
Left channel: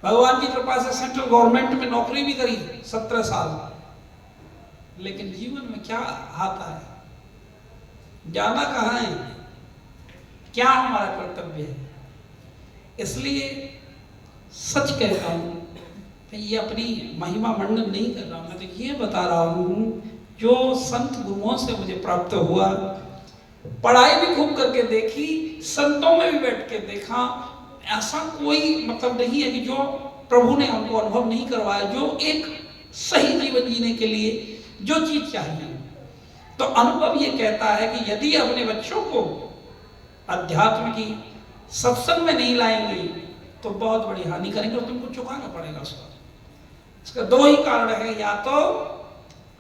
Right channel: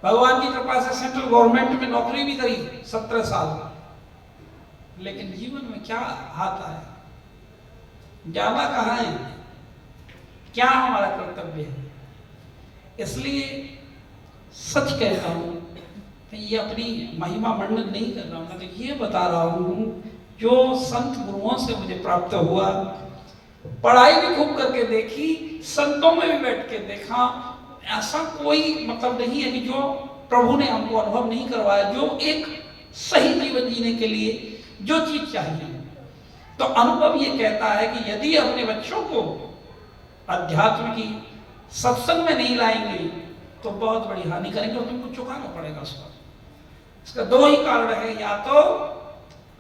भगवान की कृपा से सेंट्रल गवर्नमेंट में नौकरी भी करी 17 साल। लेकिन जीवन में क्या आता है, जाना कहाँ है, क्या हमारा कर्तव्य है? इसलिए सच कहता हूं, ये अपनी महिमा मंडन नहीं कर रहा हूं, मैं तो ये बता रहा हूं जो संत गुरुओं से मुझे प्राप्त हुआ। पढ़ाई भी खूब करके देखी, संतों में भी बैठ के देखा। ऐसा कोई मतलब नहीं है कि जो प्रभु ने हमको अनुभव नहीं करवाया, जो एक सही जीवन जीने के लिए जो चीज चाहिए। तो अनुभव ये कहता है कि यदि अपने बच्चों को अध्यात्म की सत्संग में नहीं लाएंगे तो बहुत बड़ी हानि करेंगे, और तुमको चुकाना पड़ेगा उसका। इसका 2 ही कारण है, या तो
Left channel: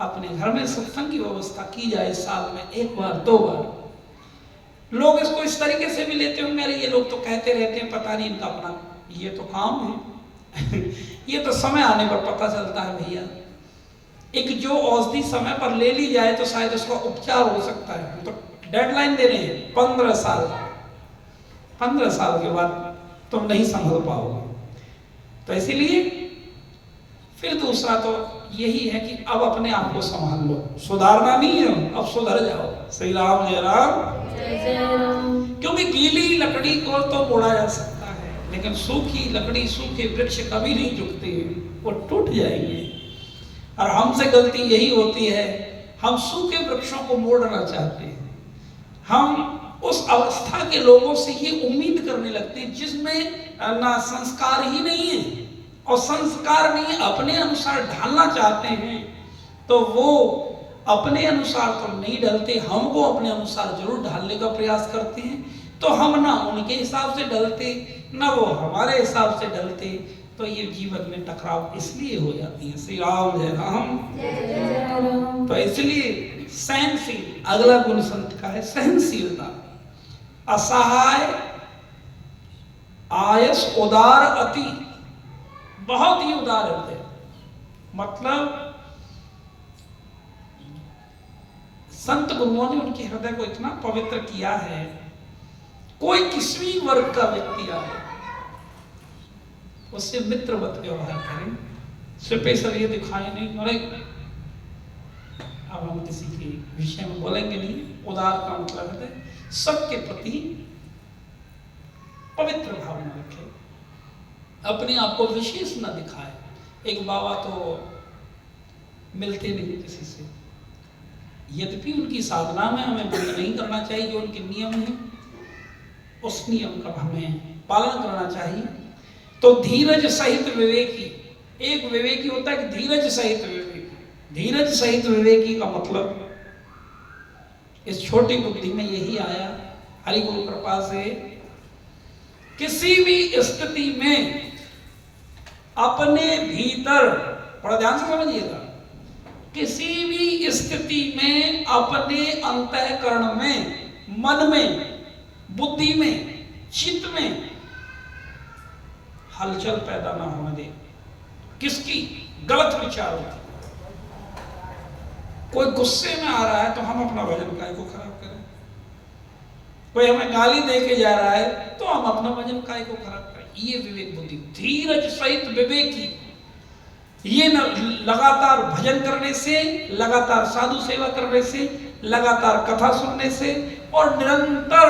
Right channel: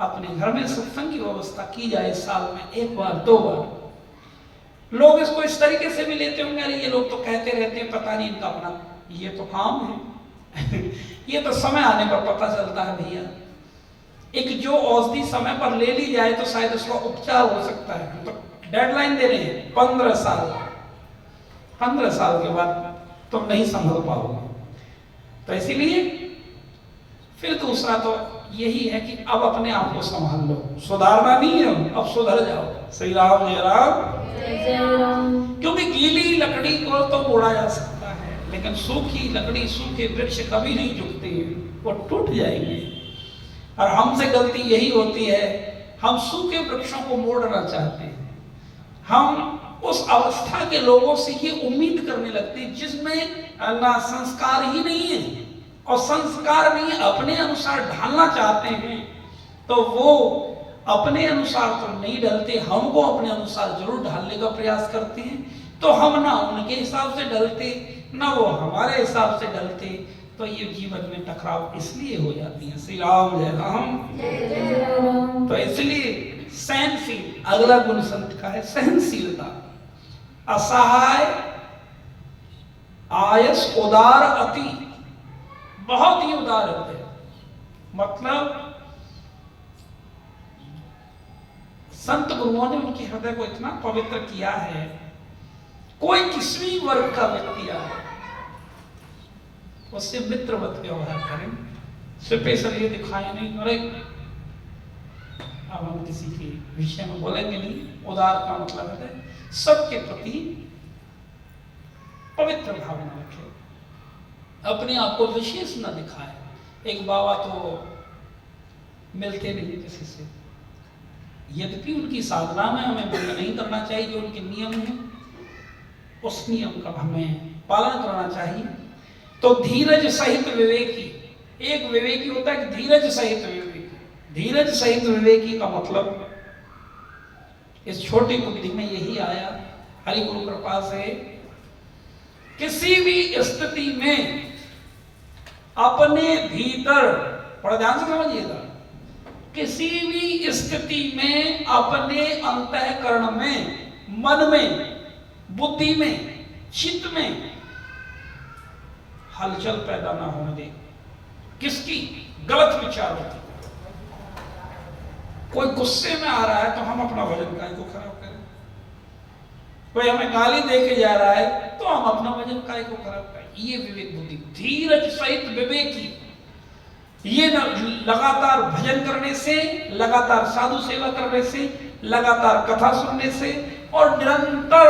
अपने घर में सत्संग की व्यवस्था की जाए, साल में 1 बार 2 बार। लोग इसको इस तरीके से भी लेते होंगे, अरे ये लोग तो कहते रहते हैं, पता नहीं इनका अपना ये तो काम है ये तो समय आने पर पता चलता है भैया। एक जो औषधि समय पर ले ली जाए तो शायद उसका उपचार हो सकता है। तो डेडलाइन दे रहे हैं 15 साल, 15 साल के बाद तुम नहीं संभल पाओगे। तो इसीलिए फिर दूसरा तो यही है कि अब अपने आप को संभाल लो, सुधारना नहीं है, अब सुधर जाओ। श्री राम जय राम। जय राम। क्योंकि गीली लकड़ी को तो तोड़ा जा सकता है, लेकिन सूखी लकड़ी, सूखे वृक्ष कभी नहीं झुकते हैं, वो टूट जाएंगे। और हमसे गलती यही होती है, हम सूखे वृक्षों को मोड़ना चाहते हैं। हम उस अवस्था के लोगों से ये उम्मीद करने लगते हैं जिसमें ना संस्कार ही नहीं है, और संस्कार नहीं अपने अनुसार ढालना चाहते हैं, तो वो अपने अनुसार तो नहीं ढलते, हमको अपने अनुसार जरूर ढालने का प्रयास करते हैं। तो हम ना उनके हिसाब से ढलते, ना वो हमारे हिसाब से ढलते, तो ये जीवन में टकराव इसलिए हो जाती है। श्री राम जय राम। जय राम। तो इसलिए सहनशील, अगला गुण संत का है सहनशीलता। असहाय, आयस, उदार अति, बहुत ही उदार होते हैं। मतलब संत गुरुओं ने उनके हृदय को इतना पवित्र किया है, कोई किसी वर्ग का व्यक्ति आए उससे मित्रवत व्यवहार करें, स्पेशल ये दिखाए नहीं। अरे अब हम किसी के विषय में बोलेंगे नहीं, उदार का मतलब है सबके प्रति पवित्र भावना रखे, अपने आप को विशेष न दिखाए। एक बाबा तो मिलते नहीं किसी से, यद्यपि उनकी साधना में हमें भंग नहीं करना चाहिए, जो उनके नियम है उस नियम का हमें पालन करना चाहिए। तो धीरज सहित विवेकी, एक विवेकी होता है धीरज सहित विवेकी। धीरज सहित विवेकी का मतलब इस छोटी बुद्धि में यही आया हरि गुरु कृपा से, किसी भी स्थिति में अपने भीतर, बड़ा ध्यान से समझिएगा, किसी भी स्थिति में अपने अंतःकरण में, मन में, बुद्धि में, चित्त में हलचल पैदा ना होने दे। किसकी? गलत विचारों की। कोई गुस्से में आ रहा है तो हम अपना वजन काय को खराब करें? कोई हमें गाली दे के जा रहा है तो हम अपना वजन काय को खराब करें। ये विवेक बुद्धि, धीरज सहित विवेकी, ये लगातार भजन करने से, लगातार साधु सेवा करने से, लगातार कथा सुनने से और निरंतर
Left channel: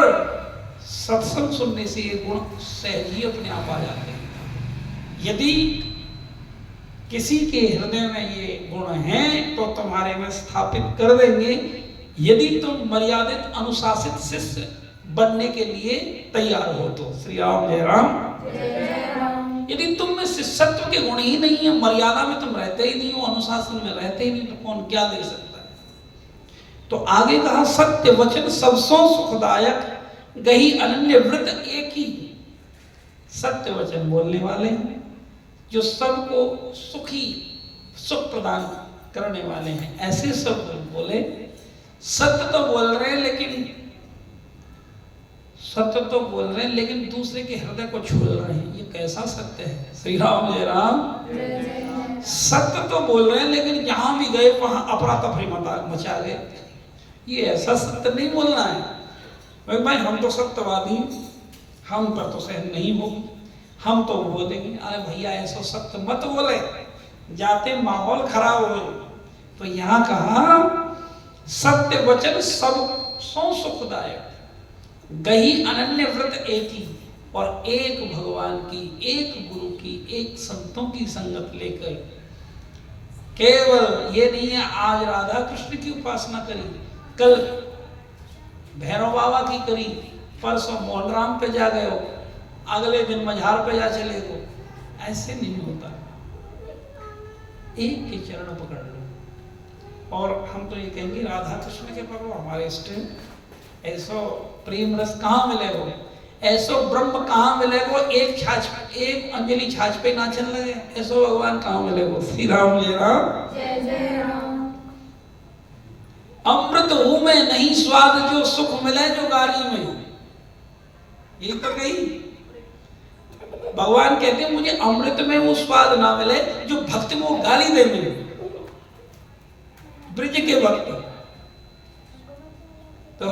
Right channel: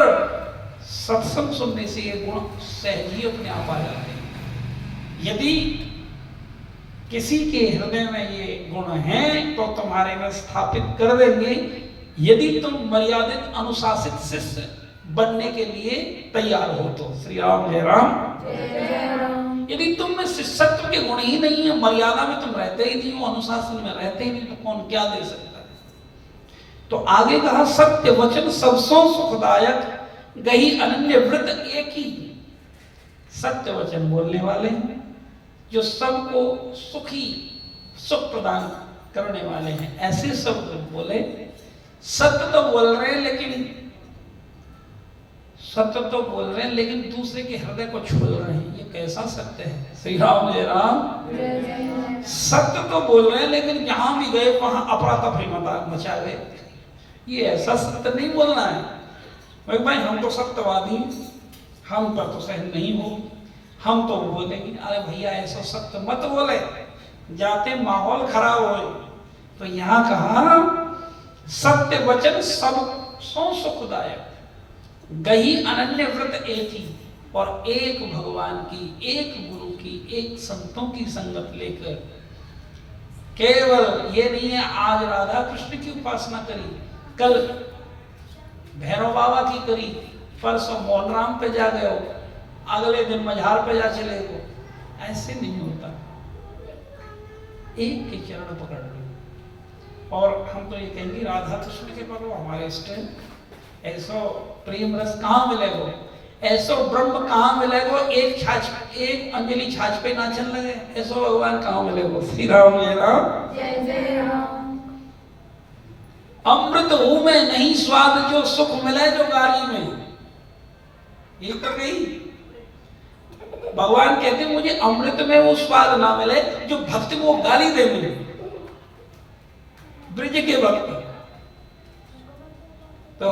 सत्संग सुनने से ये गुण सहज ही अपने आप आ जाते हैं। यदि किसी के हृदय में ये गुण हैं तो तुम्हारे में स्थापित कर देंगे। यदि तुम मर्यादित अनुशासित शिष्य बनने के लिए तैयार हो तो। श्री राम जय राम। यदि तुम में शिष्यत्व के गुण ही नहीं है, मर्यादा में तुम रहते ही नहीं हो, अनुशासन में रहते ही नहीं, तो कौन क्या दे सकता है। तो आगे कहा सत्य वचन सबसों सुखदायक, गही अनन्य व्रत एक ही। सत्य वचन बोलने वाले हैं जो सबको सुखी सुख प्रदान करने वाले हैं, ऐसे सब बोले। सत्य तो बोल रहे हैं लेकिन दूसरे के हृदय को छू रहे हैं। ये कैसा सत्य है। श्री राम जय राम। सत्य तो बोल रहे हैं लेकिन जहां भी गए वहां अफरा तफरी मचा गए। ये ऐसा सत्य नहीं बोलना है। भाई हम तो सत्यवादी, हम पर तो सहन नहीं होगी, हम तो बोलेंगे। अरे भैया ऐसा सत्य मत बोले, जाते माहौल खराब हो। तो यहां कहा सत्य वचन सब सौ सुखदायक, गही अनन्य व्रत एक ही, और एक भगवान की, एक गुरु की, एक संतों की संगत लेकर। केवल ये नहीं है आज राधा कृष्ण की उपासना करी, कल भैरव बाबा की करी, परसों मोहनराम पे जा गए हो, अगले दिन मझार पे जा चले हो। ऐसे नहीं होता। एक के चरण पकड़ लो। और हम तो ये कहेंगे राधा कृष्ण के पकड़ो, हमारे इष्ट। ऐसो प्रेम रस कहाँ मिलेगो, ऐसो ब्रह्म कहाँ मिलेगो, एक अंजलि छाछ पे नाचन लगे, ऐसो भगवान कहाँ मिलेगो। श्री राम जय राम। जय जय राम। अमृत हूं में नहीं स्वाद, जो सुख मिले जो गाली में। ये तो कही भगवान कहते हैं मुझे अमृत में वो स्वाद ना मिले जो भक्त को गाली दे मिले। ब्रज के भक्त तो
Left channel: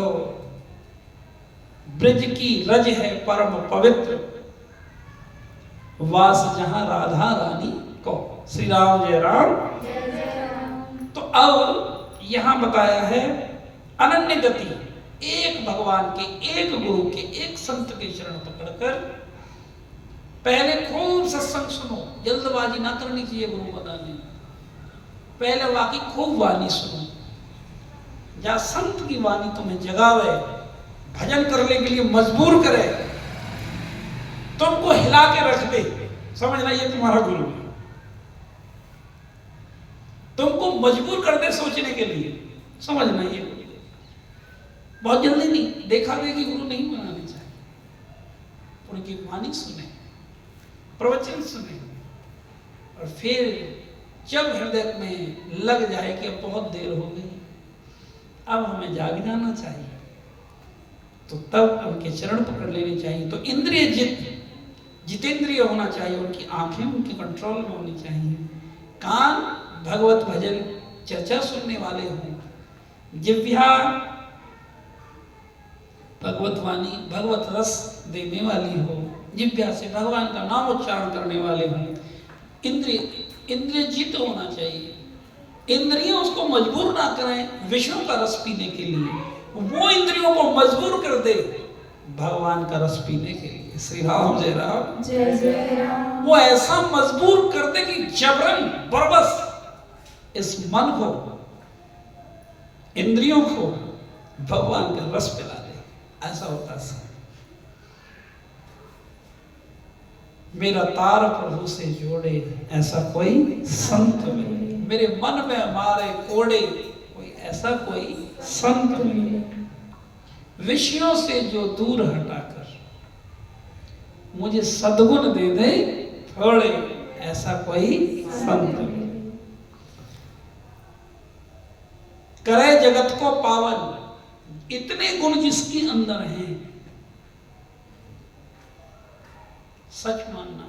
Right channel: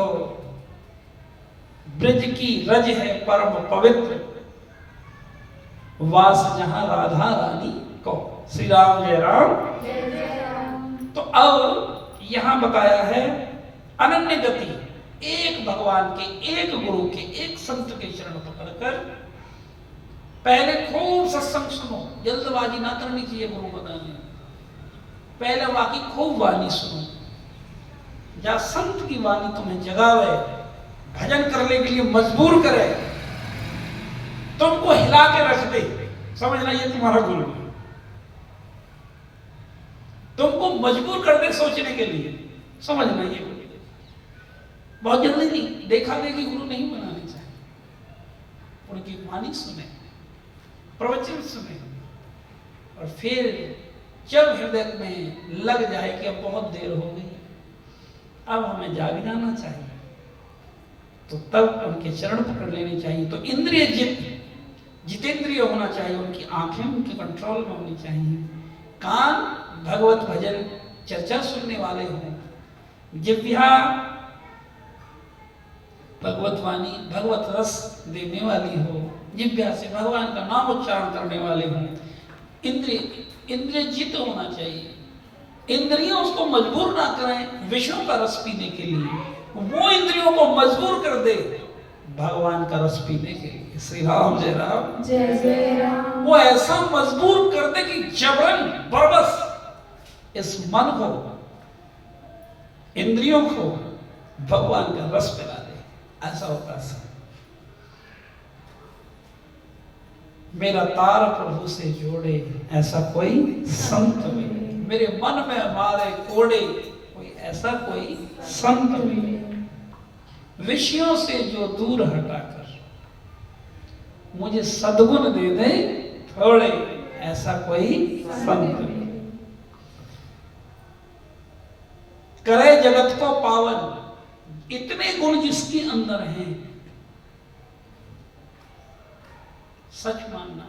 ब्रज की रज है परम पवित्र, वास जहां राधा रानी को। श्री राम जय राम। जय जय राम। तो अब यहां बताया है अनन्य गति, एक भगवान के, एक गुरु के, एक संत के चरण पकड़कर। पहले खूब सत्संग सुनो, जल्दबाजी ना करनी चाहिए गुरु बताने। पहले वाकी खूब वाणी सुनो, जहां संत की वाणी तुम्हें जगावे, भजन करने के लिए मजबूर करे, तुमको हिला के रख दे, समझना ये तुम्हारा गुरु है। तुमको मजबूर कर दे सोचने के लिए, समझना ये गुरु। बहुत जल्दी नहीं, देखा देखी गुरु नहीं बनाने चाहिए। उनकी वाणी सुने, प्रवचन सुने, और फिर जब हृदय में लग जाए कि अब बहुत देर हो गई, अब हमें जाग जाना चाहिए, तो तब उनके चरण पकड़ लेने चाहिए। तो इंद्रिय जितेंद्रिय होना चाहिए, उनकी आंखें उनके कंट्रोल में होनी चाहिए, कान भगवत भजन चर्चा सुनने वाले हों, जिह्वा भगवत वाणी भगवत रस देने वाली हो, जिह्वा से भगवान का नाम उच्चारण करने वाले हों। इंद्रिय जित होना चाहिए, इंद्रियों उसको मजबूर ना करें विष्णु का रस पीने के लिए, वो इंद्रियों को मजबूर कर दे भगवान का रस पीने के लिए। श्री राम जय राम। जय जय राम। वो ऐसा मजबूर कर दे कि जबरन बरबस इस मन को, इंद्रियों को भगवान का रस पिला दे। ऐसा होता है। मेरा तार प्रभु से जोड़े, ऐसा कोई संत मिले, मेरे मन में मारे कोड़े, कोई ऐसा कोई संत मिले, विषयों से जो दूर हटाकर मुझे सद्गुण दे दे थोड़े, ऐसा कोई संत मिले, करे जगत को पावन, इतने गुण जिसके अंदर हैं। सच मानना,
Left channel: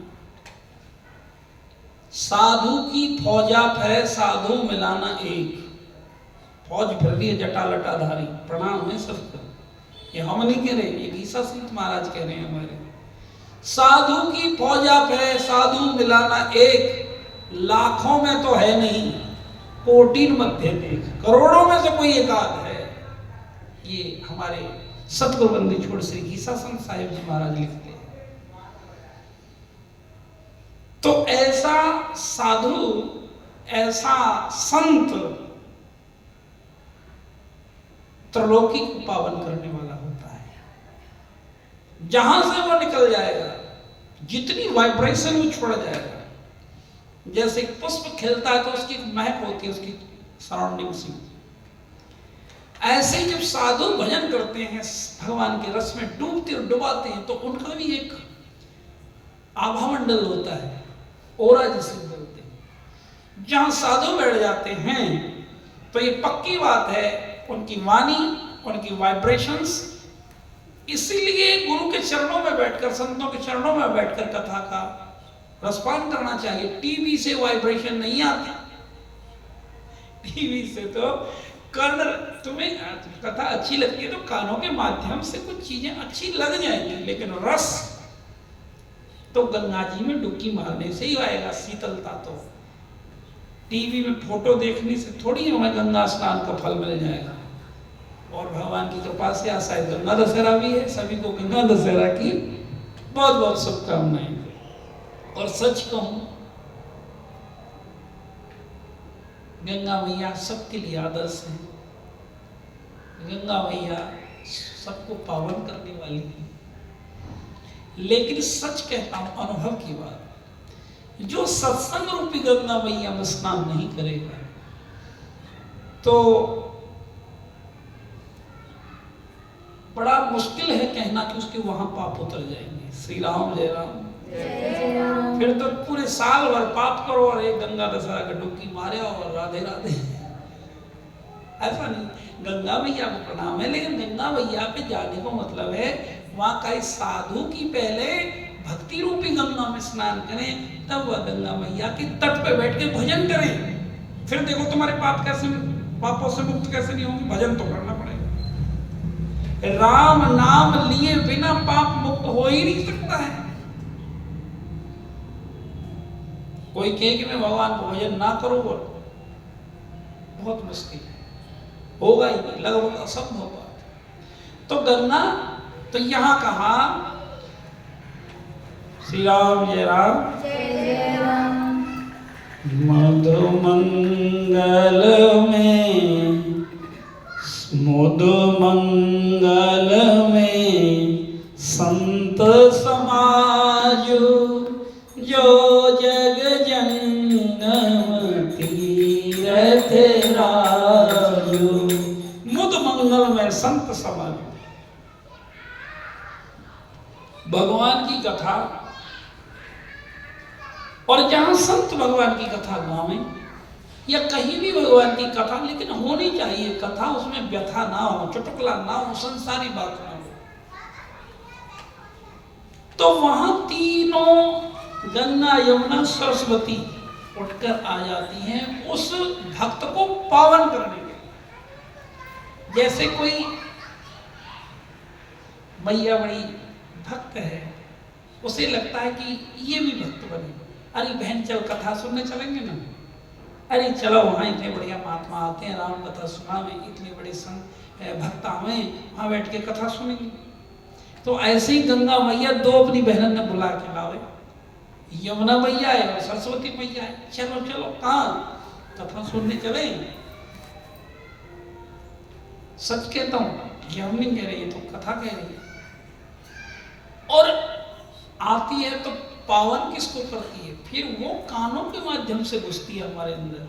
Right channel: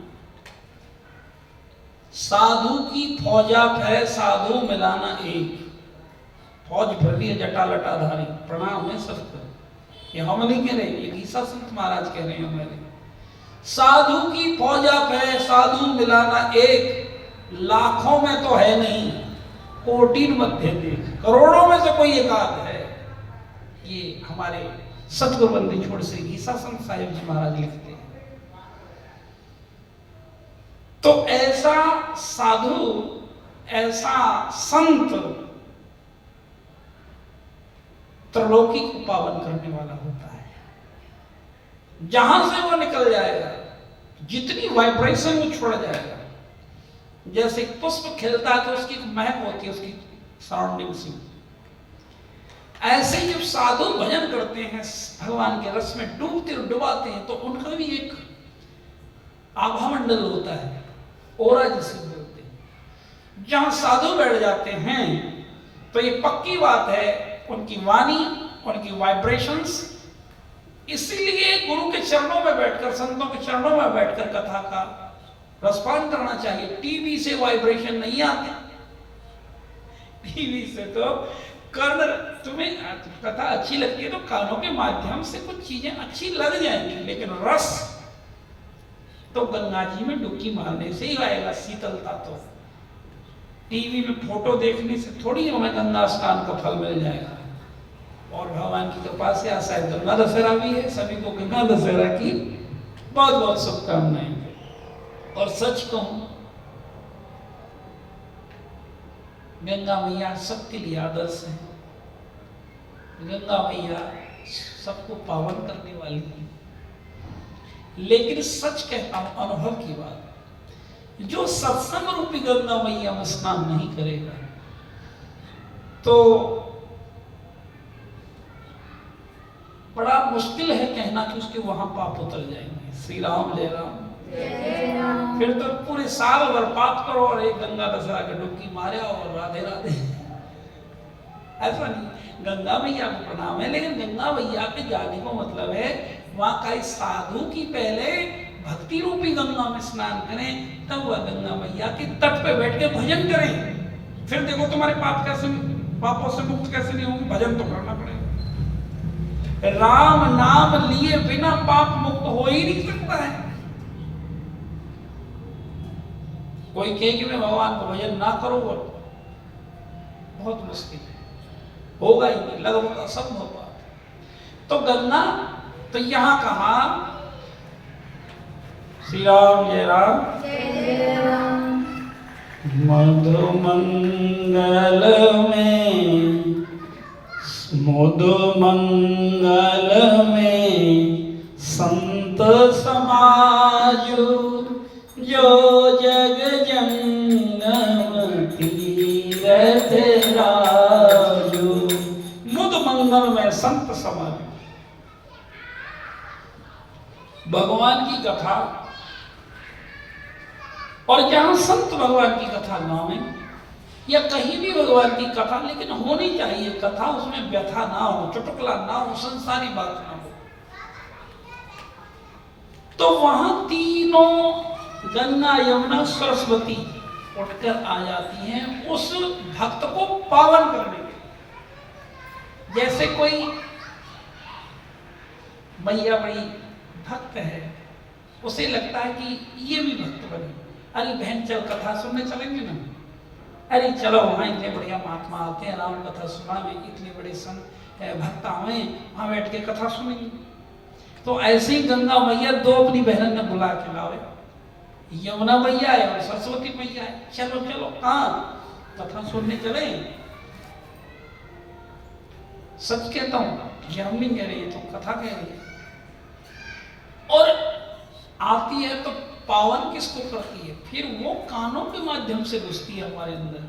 साधु की फौजा फिरे, साधु मिलाना एक। फौज फिर रही है जटा लटाधारी, प्रणाम है सबको, ये हम नहीं कह रहे, ये गीसा संत महाराज कह रहे हैं हमारे। साधु की फौज आप है, साधु मिलाना एक, लाखों में तो है नहीं, कोटिन मध्य देख, करोड़ों में से कोई एकाध है। ये हमारे सतगुरु बंदी छोड़ श्री गीसा संत साहिब जी महाराज लिखते हैं। तो ऐसा साधु, ऐसा संत त्रिलोकी को पावन करने वाला होता है। जहां से वो निकल जाएगा, जितनी वाइब्रेशन वो छोड़ जाएगा, जैसे पुष्प खिलता है तो उसकी एक महक होती है उसकी सराउंडिंग से, ऐसे ही जब साधु भजन करते हैं, भगवान के रस में डूबते और डुबाते हैं, तो उनका भी एक आभामंडल होता है, ओरा जिसे बोलते हैं। जहां साधु बैठ जाते हैं तो ये पक्की बात है, उनकी वाणी, उनकी वाइब्रेशंस, इसीलिए गुरु के चरणों में बैठकर, संतों के चरणों में बैठकर कथा का रसपान करना चाहिए। टीवी से वाइब्रेशन नहीं आते, टीवी से तो कर्ण, तुम्हें कथा अच्छी लगती है तो कानों के माध्यम से कुछ चीजें अच्छी लग जाएंगी, लेकिन रस तो गंगा जी में डुबकी मारने से ही आएगा। शीतलता तो टीवी में फोटो देखने से थोड़ी हमें गंगा स्नान का फल मिल जाएगा। और भगवान की कृपा से आज शायद गंगा दशहरा भी है, सभी को गंगा दशहरा की बहुत बहुत शुभकामनाएं। और सच कहूं, गंगा मैया सबके लिए आदर्श है। गंगा मैया सबको पावन करने वाली है। लेकिन सच कहता हूं, अनुभव की बात, जो सत्संग रूपी गंगा मैया में स्नान नहीं करेगा तो बड़ा मुश्किल है कहना कि उसके वहां पाप उतर जाएंगे। श्री राम, जय राम। जय राम। फिर तो पूरे साल भर पाप करो और एक गंगा दशहरा का डुबकी मारे और राधे राधे। ऐसा नहीं, गंगा मैया को प्रणाम है, लेकिन गंगा मैया पे जाने को मतलब है वहां का साधु की पहले भक्ति रूपी गंगा में स्नान करें, तब वह गंगा मैया के तट पे बैठ के भजन करें। फिर देखो तुम्हारे पाप कैसे, पापों से मुक्त कैसे नहीं होंगे, भजन तो करना पड़ेगा। राम नाम लिए बिना पाप मुक्त हो ही नहीं सकता है। कोई कहे कि मैं भगवान को भजन ना करूं, बहुत मुश्किल है, होगा ही नहीं, लगभग असंभव बात। तो गंगा, तो यहां कहा श्री राम, जय राम। जय राम। मधु मंगल में, मधु मंगल में संत समाज, जो जग जंगम तीरथ राजू। मुद मंगल में संत समाज, भगवान की कथा, और जहां संत भगवान की कथा गावें या कहीं भी भगवान की कथा, लेकिन होनी चाहिए कथा, उसमें व्यथा ना हो, चुटकुला ना हो, संसारी बात ना हो, तो वहां तीनों गंगा यमुना सरस्वती उठकर आ जाती हैं उस भक्त को पावन करने के लिए। जैसे कोई मैया बड़ी भक्त है, उसे लगता है कि ये भी भक्त बने, अरे बहन चल कथा सुनने चलेंगे ना, अरे चलो वहाँ इतने बढ़िया महात्मा आते हैं, राम कथा सुनावे, इतने बड़े संत भक्त आवे, वहाँ बैठ के कथा सुनेंगे। तो ऐसे ही गंगा मैया दो अपनी बहनों ने बुला के लावे, यमुना मैया है और सरस्वती मैया है, चलो चलो कहाँ कथा सुनने चले। सच कहता हूँ, ये हम नहीं कह रहे, ये तो कथा कह रही है। और आती है तो पावन किसको करती है, फिर वो कानों के माध्यम से घुसती है हमारे अंदर।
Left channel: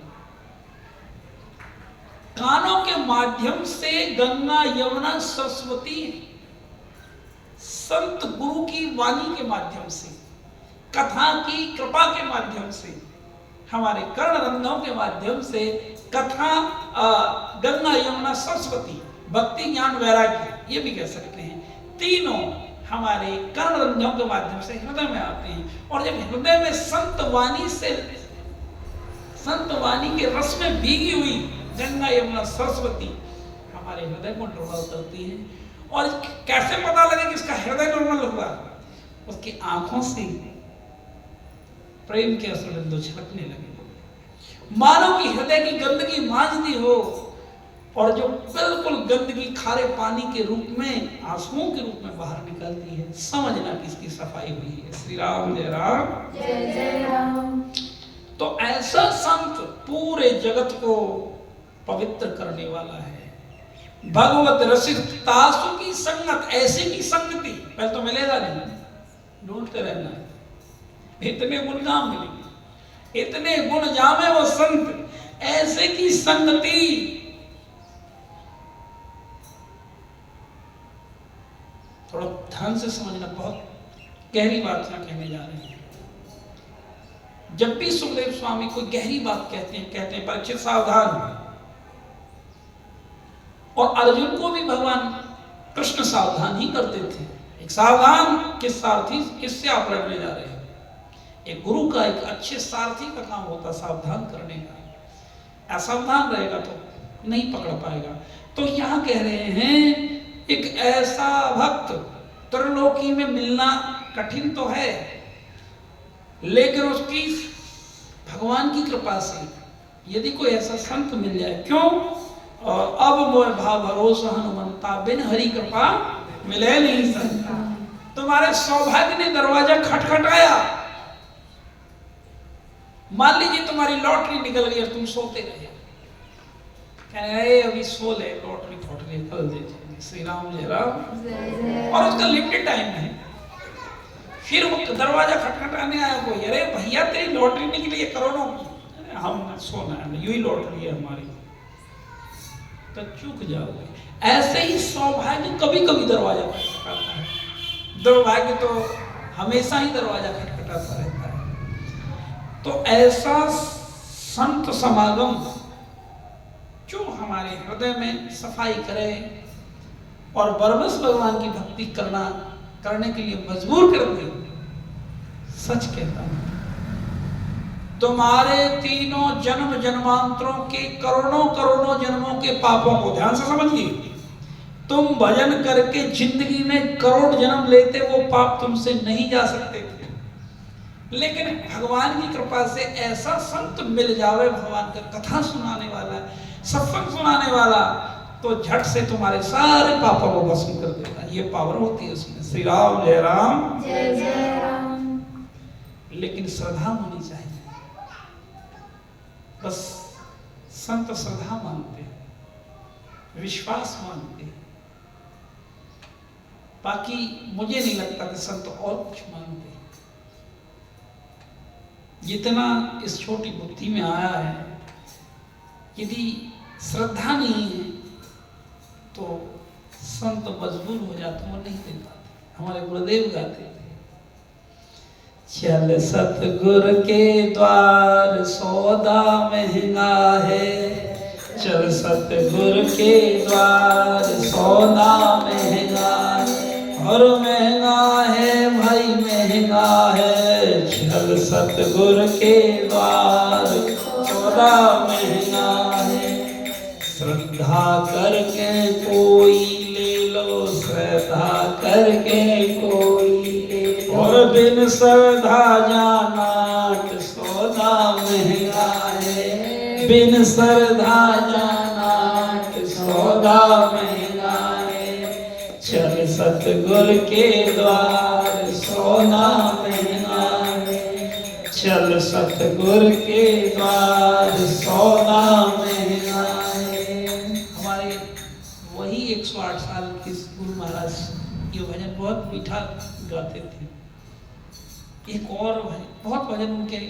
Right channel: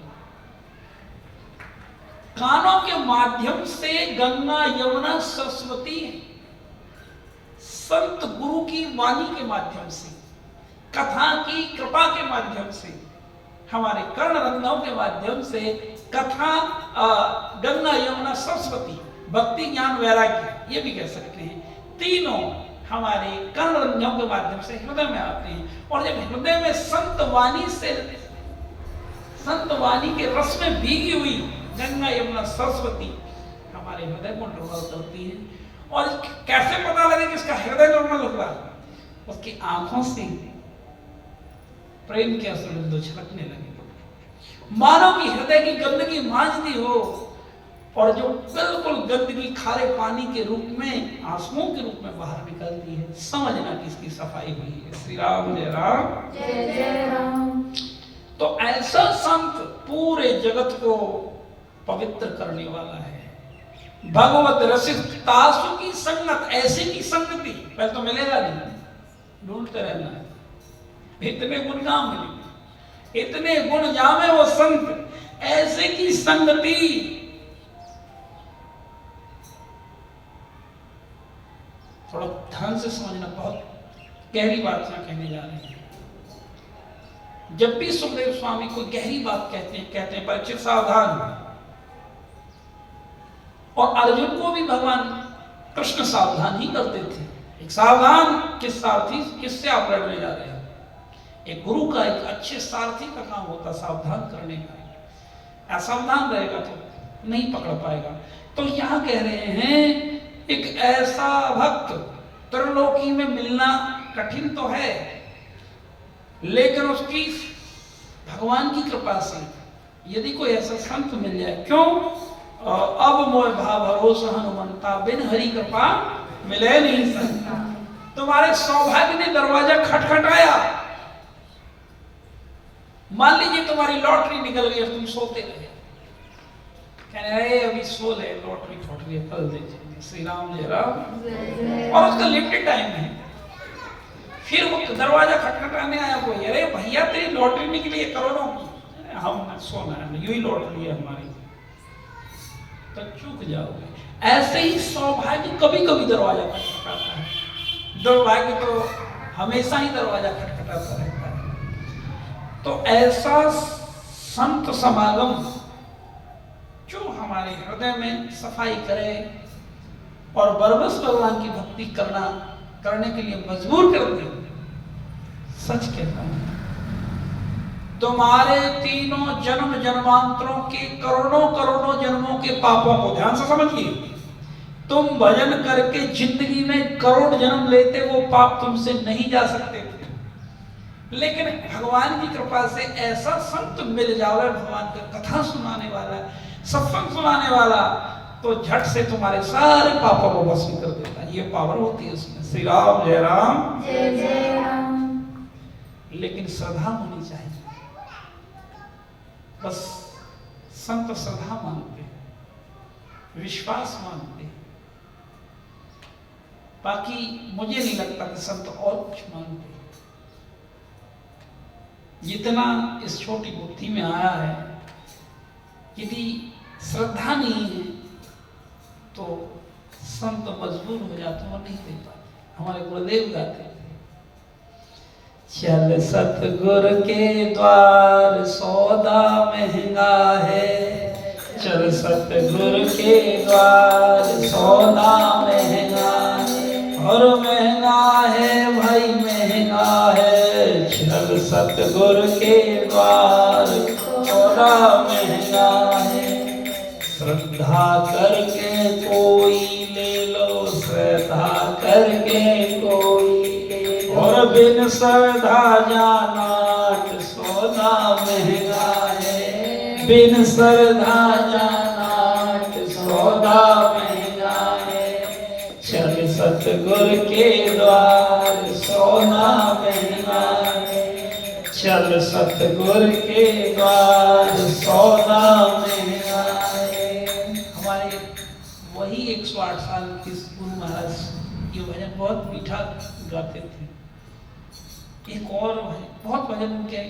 कानों के माध्यम से गंगा यमुना सरस्वती संत गुरु की वाणी के माध्यम से, कथा की कृपा के माध्यम से, हमारे कर्ण रंध्रों के माध्यम से कथा, गंगा यमुना सरस्वती, भक्ति ज्ञान वैराग्य, ये भी कह सकते हैं, तीनों हमारे कर्ण रंध्रों के माध्यम से हृदय में आते हैं। और जब हृदय में संत वाणी से, संत वाणी के रस में भीगी हुई गंगा यमुना सरस्वती हमारे हृदय को डुबा करती है, और कैसे पता लगे कि इसका हृदय निर्मल हुआ? उसकी आंखों से प्रेम के असुर छलकने लगे, मानो कि हृदय की गंदगी मांझ दी हो, और जो बिल्कुल गंदगी खारे पानी के रूप में, आंसुओं के रूप में बाहर निकलती है, समझना कि इसकी सफाई हुई है। श्री राम जय राम जय जय राम। तो ऐसा संत पूरे जगत को पवित्र करने वाला है। भगवत रसिक तासु की संगत, ऐसी की संगति पहले तो मिलेगा नहीं, ढूंढते रहना है। इतने गुण ना मिले, इतने गुण जामे वो संत, ऐसे की संगति। थोड़ा ध्यान से समझना, बहुत गहरी बात यहाँ कहने जा रहे हैं। जब भी सुखदेव स्वामी कोई गहरी बात कहते हैं परीक्षित सावधान। और अर्जुन को भी भगवान कृष्ण सावधान ही करते थे। एक सावधान किस सारथी, किससे आप लड़ने जा रहे हैं? एक गुरु का, एक अच्छे सारथी का काम होता सावधान करने का। असावधान रहेगा तो नहीं पकड़ पाएगा। तो यहाँ कह रहे हैं एक ऐसा भक्त त्रिलोकी में मिलना कठिन तो है, लेकिन उसकी भगवान की कृपा से यदि कोई ऐसा संत मिल जाए, क्यों? अब मोह भाव भरोसा हनुमंता, बिन हरि कृपा मिले नहीं सकता। तुम्हारे सौभाग्य ने दरवाजा खटखटाया। मान लीजिए तुम्हारी लॉटरी निकल गई, तुम सोते रहे, अभी सो ले, लॉटरी फट रही है, कल देखिए। श्री राम जय राम। और उसका लिमिटेड टाइम है। फिर वो दरवाजा खटखटाने आया कोई, अरे भैया तेरी लॉटरी निकली है करोड़ों की। हम सोना है, यू ही लॉटरी है हमारी, तो चूक जाओगे। ऐसे ही सौभाग्य कभी कभी दरवाजा खटखटाता है, दुर्भाग्य तो हमेशा ही दरवाजा खटखटाता रहता है। तो ऐसा संत समागम जो हमारे हृदय में सफाई करे और बरबस भगवान की भक्ति करने के लिए मजबूर कर दे। सच कहता हूं, तुम्हारे तीनों जन्म जन्मांतरों के करोड़ों करोड़ों जन्मों के पापों को ध्यान से समझिए। तुम भजन करके जिंदगी में करोड़ जन्म लेते, वो पाप तुमसे नहीं जा सकते थे। लेकिन भगवान की कृपा से ऐसा संत मिल जावे, भगवान का कथा सुनाने वाला, सत्संग सुनाने वाला, तो झट से तुम्हारे सारे पापों को भस्म कर देता है। ये पावर होती है उसमें। श्री राम जय राम जय जय राम। लेकिन श्रद्धा होनी चाहिए। बस संत श्रद्धा मानते, विश्वास मानते, बाकी मुझे नहीं लगता कि संत और कुछ मानते। जितना इस छोटी बुद्धि में आया है, यदि श्रद्धा नहीं है तो संत मजबूर हो जाते हैं और नहीं दे पाते। हमारे गुरुदेव गाते थे, चल सतगुर के द्वार सौदा महंगा है, चल सतगुर के द्वार सौदा महंगा है, और महंगा है भाई महंगा है, चल सतगुर के द्वार सौदा महंगा है। श्रद्धा करके कोई ले लो, श्रद्धा करके कोई ले लो, और बिन श्रद्धा जाना सौदा महंगा है, बिन श्रद्धा जाना सौदा महंगा है। चल सतगुर के द्वार सौदा महंगा है, चल सतगुर के द्वार सौदा महंगा है। हमारे वही 108 साल के गुरु महाराज ये भजन बहुत मीठा गाते थे। एक और बहुत भजन उनके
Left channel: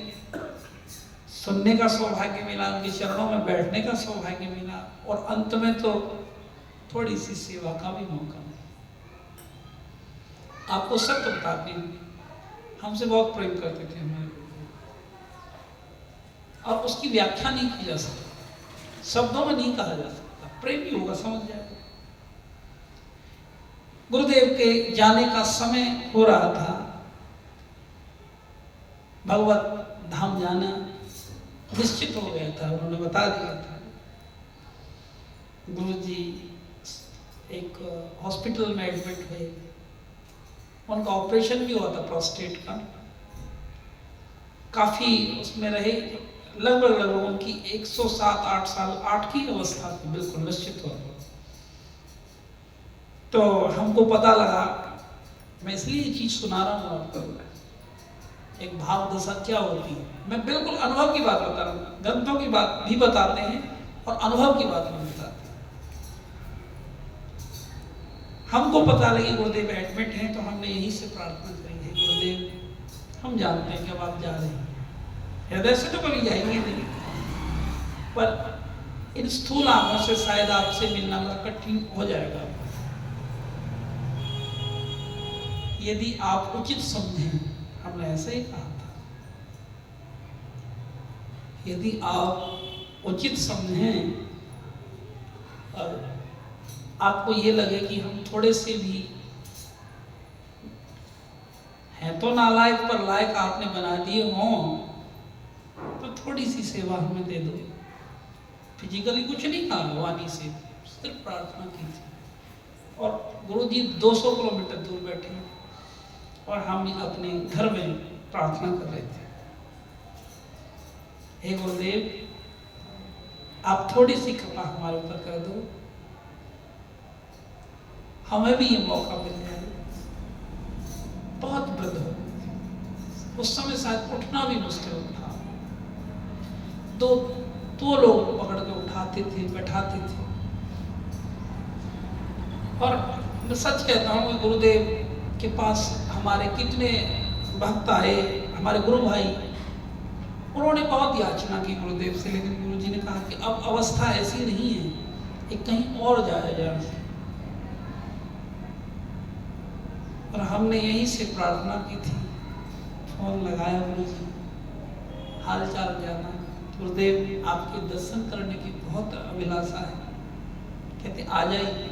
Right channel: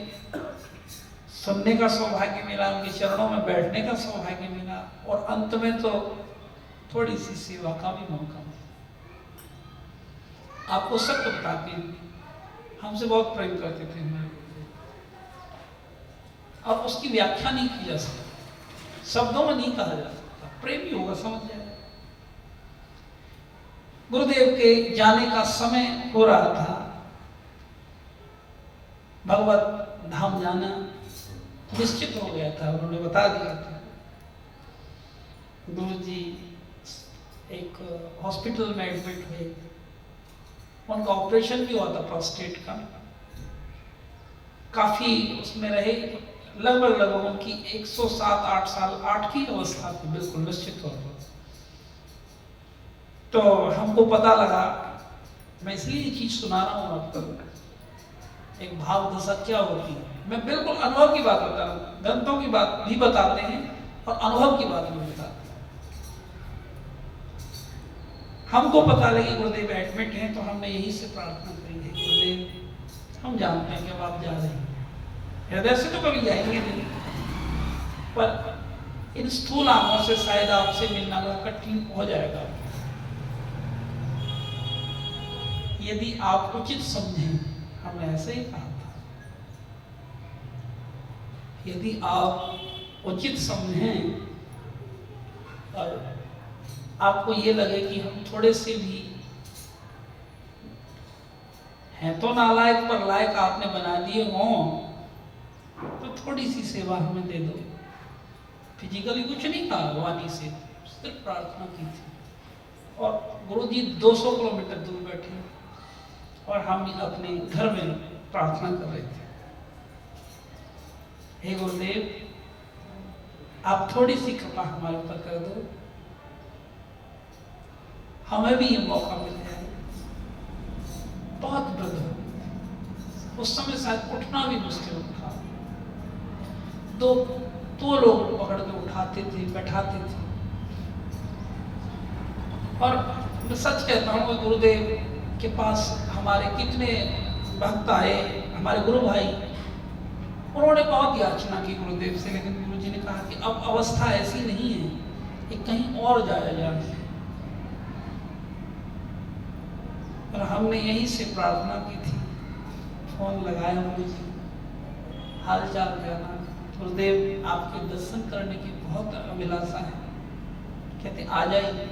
सुनने का सौभाग्य मिला, उनके चरणों में बैठने का सौभाग्य मिला, और अंत में तो थोड़ी सी सेवा का भी मौका मिला। आपको सत्य बताते हैं, हमसे बहुत प्रेम करते थे हमारे गुरुदेव, और उसकी व्याख्या नहीं की जा सकती, शब्दों में नहीं कहा जा सकता। प्रेम ही होगा, समझ जाए। गुरुदेव के जाने का समय हो रहा था, भगवत धाम जाना निश्चित हो गया था, उन्होंने बता दिया था। गुरु जी एक हॉस्पिटल में एडमिट हुए। उनका ऑपरेशन भी हुआ था प्रोस्टेट का। काफ़ी उसमें रहे, लगभग उनकी 107-8 साल 8 की अवस्था थी, बिल्कुल निश्चित तौर पर। तो हमको पता लगा, मैं इसलिए ये चीज़ सुना रहा हूँ आपको, एक भाव दशा क्या होती है। मैं बिल्कुल अनुभव की बात बता रहा हूँ, ग्रंथों की बात भी बताते हैं और अनुभव की बात भी बताते हैं। हमको पता लगी गुरुदेव एडमिट हैं, तो हमने यही से प्रार्थना करी है, गुरुदेव हम जानते हैं कि अब आप जा रहे हैं, हृदय से तो कभी जाएंगे नहीं, पर इन स्थूल आंखों से शायद आपसे मिलना बड़ा कठिन हो जाएगा। यदि आप उचित समझें, हमने ऐसे ही कहा था, यदि आप उचित समझें और आपको ये लगे कि हम थोड़े से भी हैं तो नालायक पर लायक आपने बना दिए हों, तो थोड़ी सी सेवा हमें दे दो। फिजिकली कुछ नहीं कहा, वाणी से सिर्फ प्रार्थना की थी। और गुरुजी 200 किलोमीटर दूर बैठे और हम अपने घर में प्रार्थना कर रहे थे, हे गुरुदेव आप थोड़ी सी कृपा हमारे ऊपर कर दो, हमें भी ये मौका मिल जाए। बहुत वृद्ध हो गए, उस समय शायद उठना भी मुश्किल था। दो लोग पकड़ के उठाते थे, बैठाते थे। और मैं सच कहता हूँ, गुरुदेव के पास हमारे कितने भक्त आए, हमारे गुरु भाई, उन्होंने बहुत याचना की गुरुदेव से, लेकिन गुरु जी ने कहा कि अब अवस्था ऐसी नहीं है कि कहीं और जाया जाए। और हमने यही से प्रार्थना की थी, फोन लगाया गुरु जी, हाल चाल जाना, गुरुदेव आपके दर्शन करने की बहुत अभिलाषा है, कहते आ जाइए।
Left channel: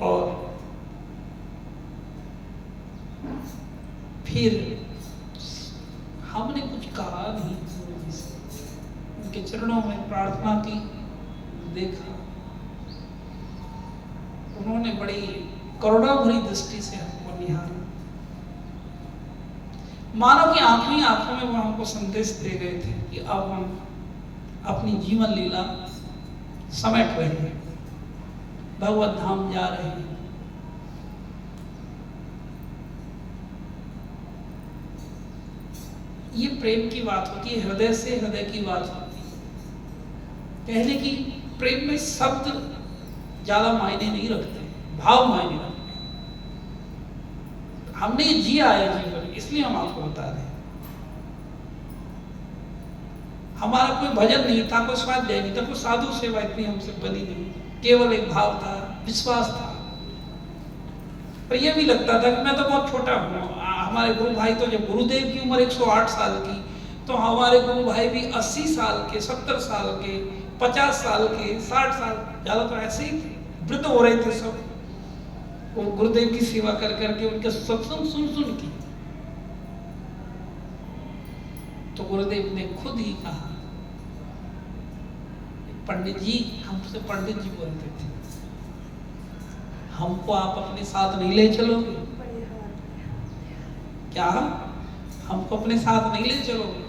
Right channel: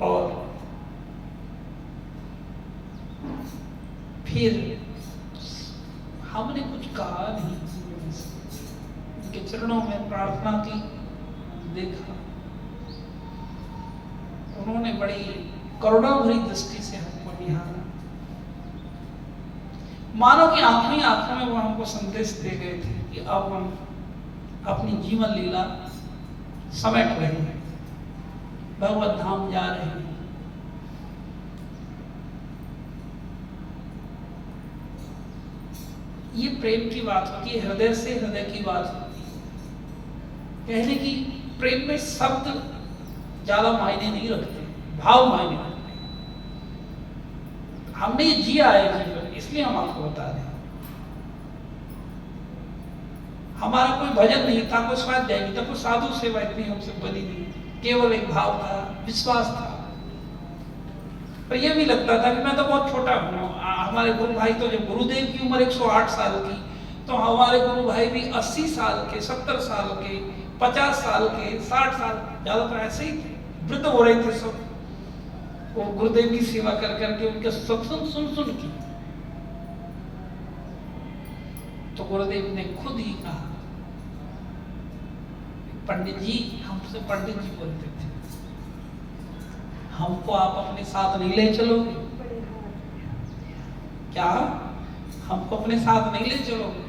और फिर हमने कुछ कहा नहीं, उनके चरणों में प्रार्थना की, देखा, उन्होंने बड़ी करुणा भरी दृष्टि से हमको निहारा, मानो कि आंखों ही आंखों में वो हमको संदेश दे गए थे कि अब हम अपनी जीवन लीला समेट रहे हैं, भगवत धाम जा रहे हैं। ये प्रेम की बात होती है, हृदय से हृदय की बात होती है। कहने की प्रेम में शब्द ज्यादा मायने नहीं रखते, भाव मायने रखते हैं। हमने ये जिया है जीवन, इसलिए हम आपको बता रहे हैं। हमारा कोई भजन नहीं था, कोई स्वाध्याय नहीं था, कोई साधु सेवा इतनी हमसे बनी नहीं, केवल एक भाव था, विश्वास था। पर यह भी लगता था कि मैं तो बहुत छोटा हूँ। हमारे गुरु भाई तो, जब गुरुदेव की उम्र 108 साल की, तो हमारे गुरु भाई भी 80 साल के, 70 साल के, 50 साल के, 60 साल, ज्यादातर ऐसे ही थे, वृद्ध हो रहे थे सब। वो गुरुदेव की सेवा कर करके, उनके सत्संग सुन सुन के। तो गुरुदेव ने खुद ही कहा, पंडित जी, हमसे पंडित जी बोलते थे, हमको आप अपने साथ नहीं ले चलोगे क्या? हमको अपने साथ नहीं ले चलोगे?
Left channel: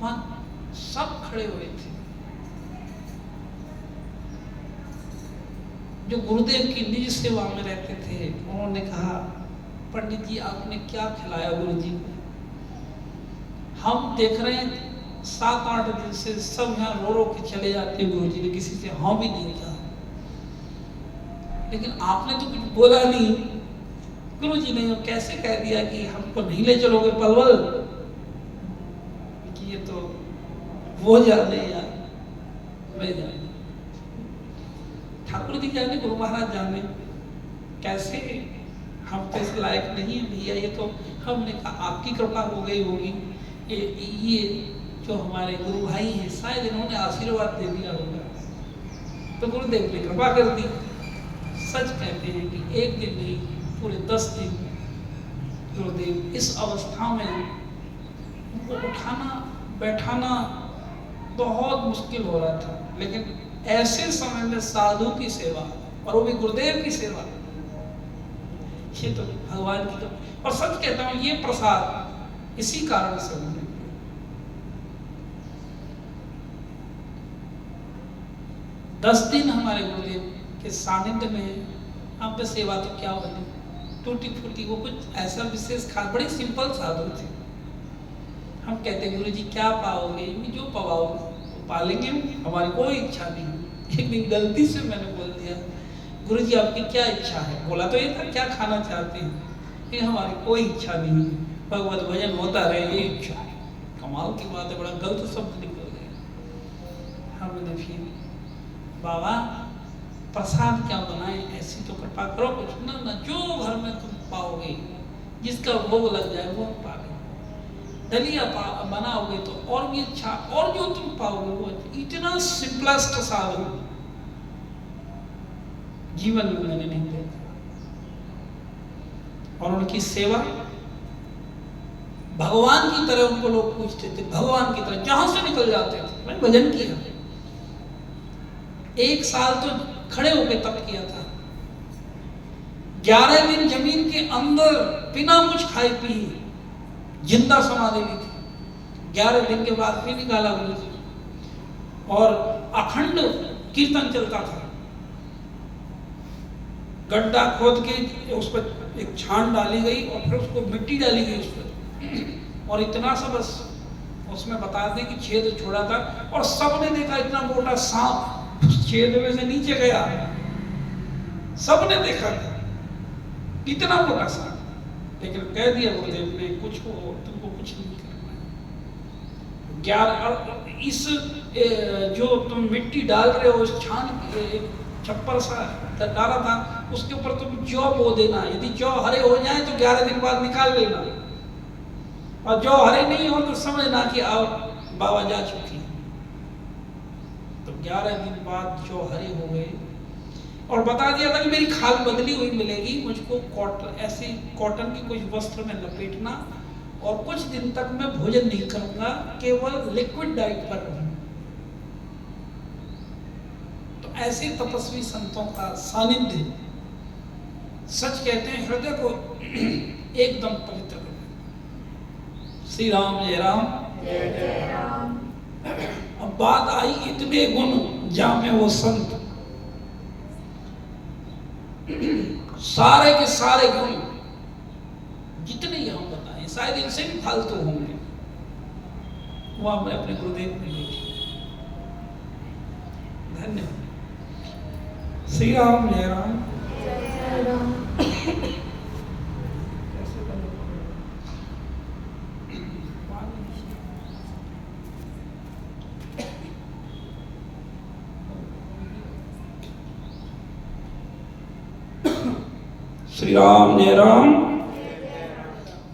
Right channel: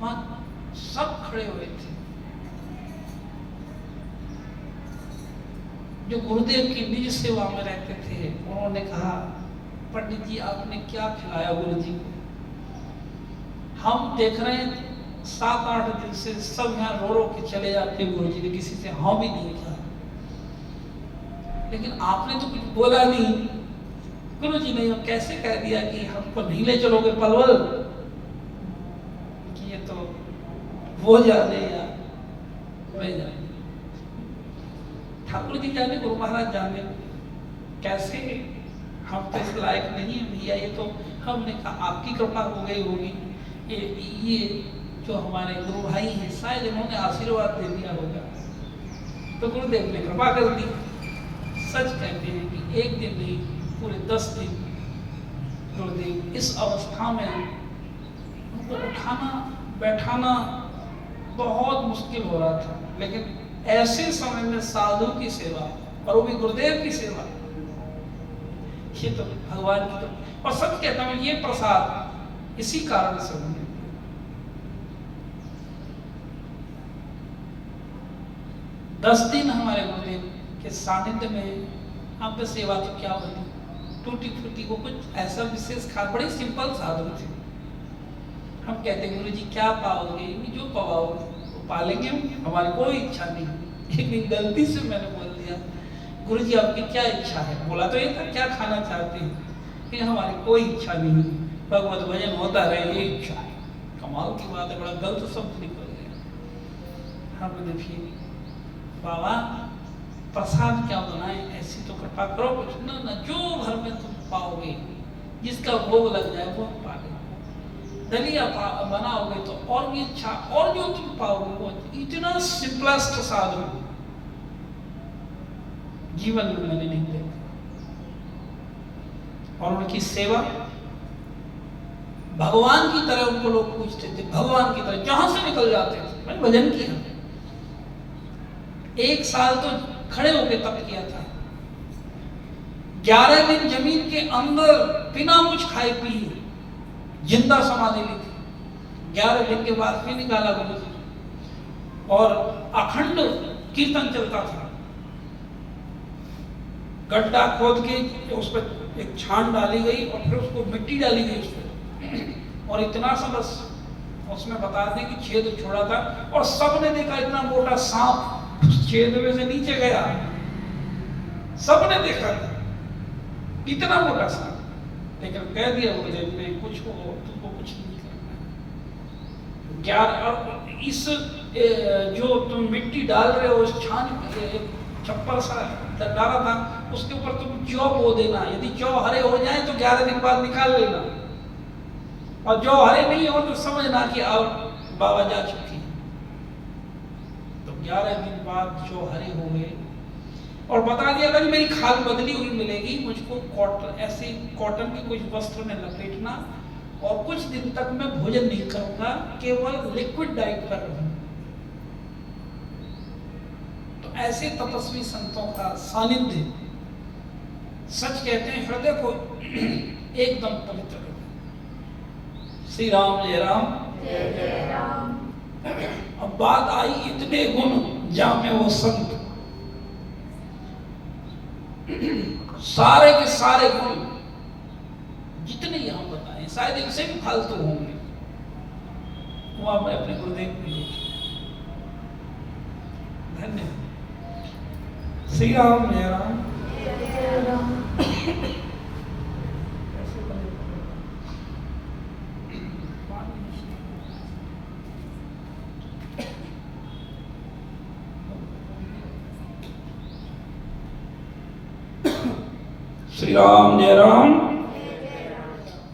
वहां सब खड़े हुए थे। जो गुरुदेव की निज सेवा में रहते थे, उन्होंने कहा, पंडित जी आपने क्या खिलाया गुरु जी को? हम देख रहे हैं 7-8 दिन से सब यहाँ रो रो के चले जाते हैं, गुरु जी ने किसी से हाँ भी नहीं कहा, लेकिन आपने तो कुछ बोला नहीं। गुरु जी ने कैसे कह दिया कि हमको नहीं ले चलोगे पलवल? कि ये तो वो जाने यार, मैं जाने, ठाकुर जी जाने, गुरु महाराज जाने, कैसे हम तो इस लायक नहीं है भैया। ये तो हमने कहा आपकी कृपा हो गई होगी, ये जो हमारे गुरु भाई हैं शायद इन्होंने आशीर्वाद दे दिया होगा, तो गुरुदेव ने कृपा कर दी। सच कहते हैं कि एक दिन नहीं, पूरे 10 दिन गुरुदेव इस अवस्था में उनको उठाना बैठाना बहुत मुश्किल हो रहा था, लेकिन ऐसे समय में साधु की सेवा और वो भी गुरुदेव की सेवा, ये तो भगवान की। और सच कहता हूं ये प्रसाद इसी कारण से हुए। 10 दिन हमारे गुरुदेव के सानिध्य में आप पे सेवा तो क्या होगी, टूटी फूटी, वो कुछ ऐसा विशेष खास, बड़े सिंपल साधु थे। हम कहते गुरु जी क्या पाओगे, जो पाओगे वो पालेंगे, हमारी कोई इच्छा नहीं है। एक दिन गलती से मैंने बोल दिया गुरु जी आपकी क्या इच्छा है, बोला तो ये था क्या खाना चाहते हैं, कि हमारी कोई इच्छा नहीं है, भगवत भजन होता रहे ये इच्छा है। कमाल की बात है, बड़ा गलत शब्द निकल गया। हम देखिए बाबा प्रसाद क्या बनाए, ऐसी तो कृपा करो कुछ ना, जो घर में तुम पाओगे जिसका भोग लग जाए वो पा लो। दलिया बनाओगे तो और भी अच्छा, और जो तुम पाओगे वो इतना सिंपलेस्ट साधन जीवन में मैंने नहीं देखा। और उनकी सेवा भगवान की तरह उनको लोग पूछते थे, भगवान की तरह जहां से निकल जाते थे। मैंने भजन किया, 1 साल तो खड़े होकर तप किया था, 11 दिन जमीन के अंदर बिना कुछ खाए पिए जिंदा समाधि ली थी। 11 दिन के बाद फिर निकाला गुरु जी, और अखंड कीर्तन चलता था। गड्ढा खोद के उस पर एक छान डाली गई और फिर उसको मिट्टी डाली गई उस पर, और इतना सा बस उसमें बता दें कि छेद छोड़ा था, और सबने देखा इतना मोटा सांप छेद में से नीचे गया, सबने देखा इतना मोटा सांप। लेकिन कह दिया गुरुदेव ने कुछ हो तुमको कुछ नहीं करना है। 11 इस जो तुम मिट्टी डाल रहे हो इस छान छप्पर सा डाला था, उसके ऊपर तुम जौ बो देना, यदि जौ हरे हो जाए तो 11 दिन बाद निकाल लेना, और जो हरे नहीं हो तो समझना कि अब बाबा जा चुकी है। तो 11 दिन बाद जो हरे हो गए, और बता दिया था कि मेरी खाल बदली हुई मिलेगी, मुझको कॉटन के कुछ वस्त्र में लपेटना, और कुछ दिन तक मैं भोजन नहीं करूंगा, केवल लिक्विड डाइट पर रहूंगा। तो ऐसे तपस्वी संतों का सानिध्य सच कहते हैं हृदय को एकदम पवित्र कर देता। श्री राम जय राम जय जय राम। अब बात आई इतने गुण जामे वो संत, सारे के सारे गुण जितने यहां बताए शायद इनसे भी फालतू होंगे, वो आपने अपने गुरुदेव में देखे। धन्यवाद। श्री राम जय राम। जय जय राम। श्री राम जय राम।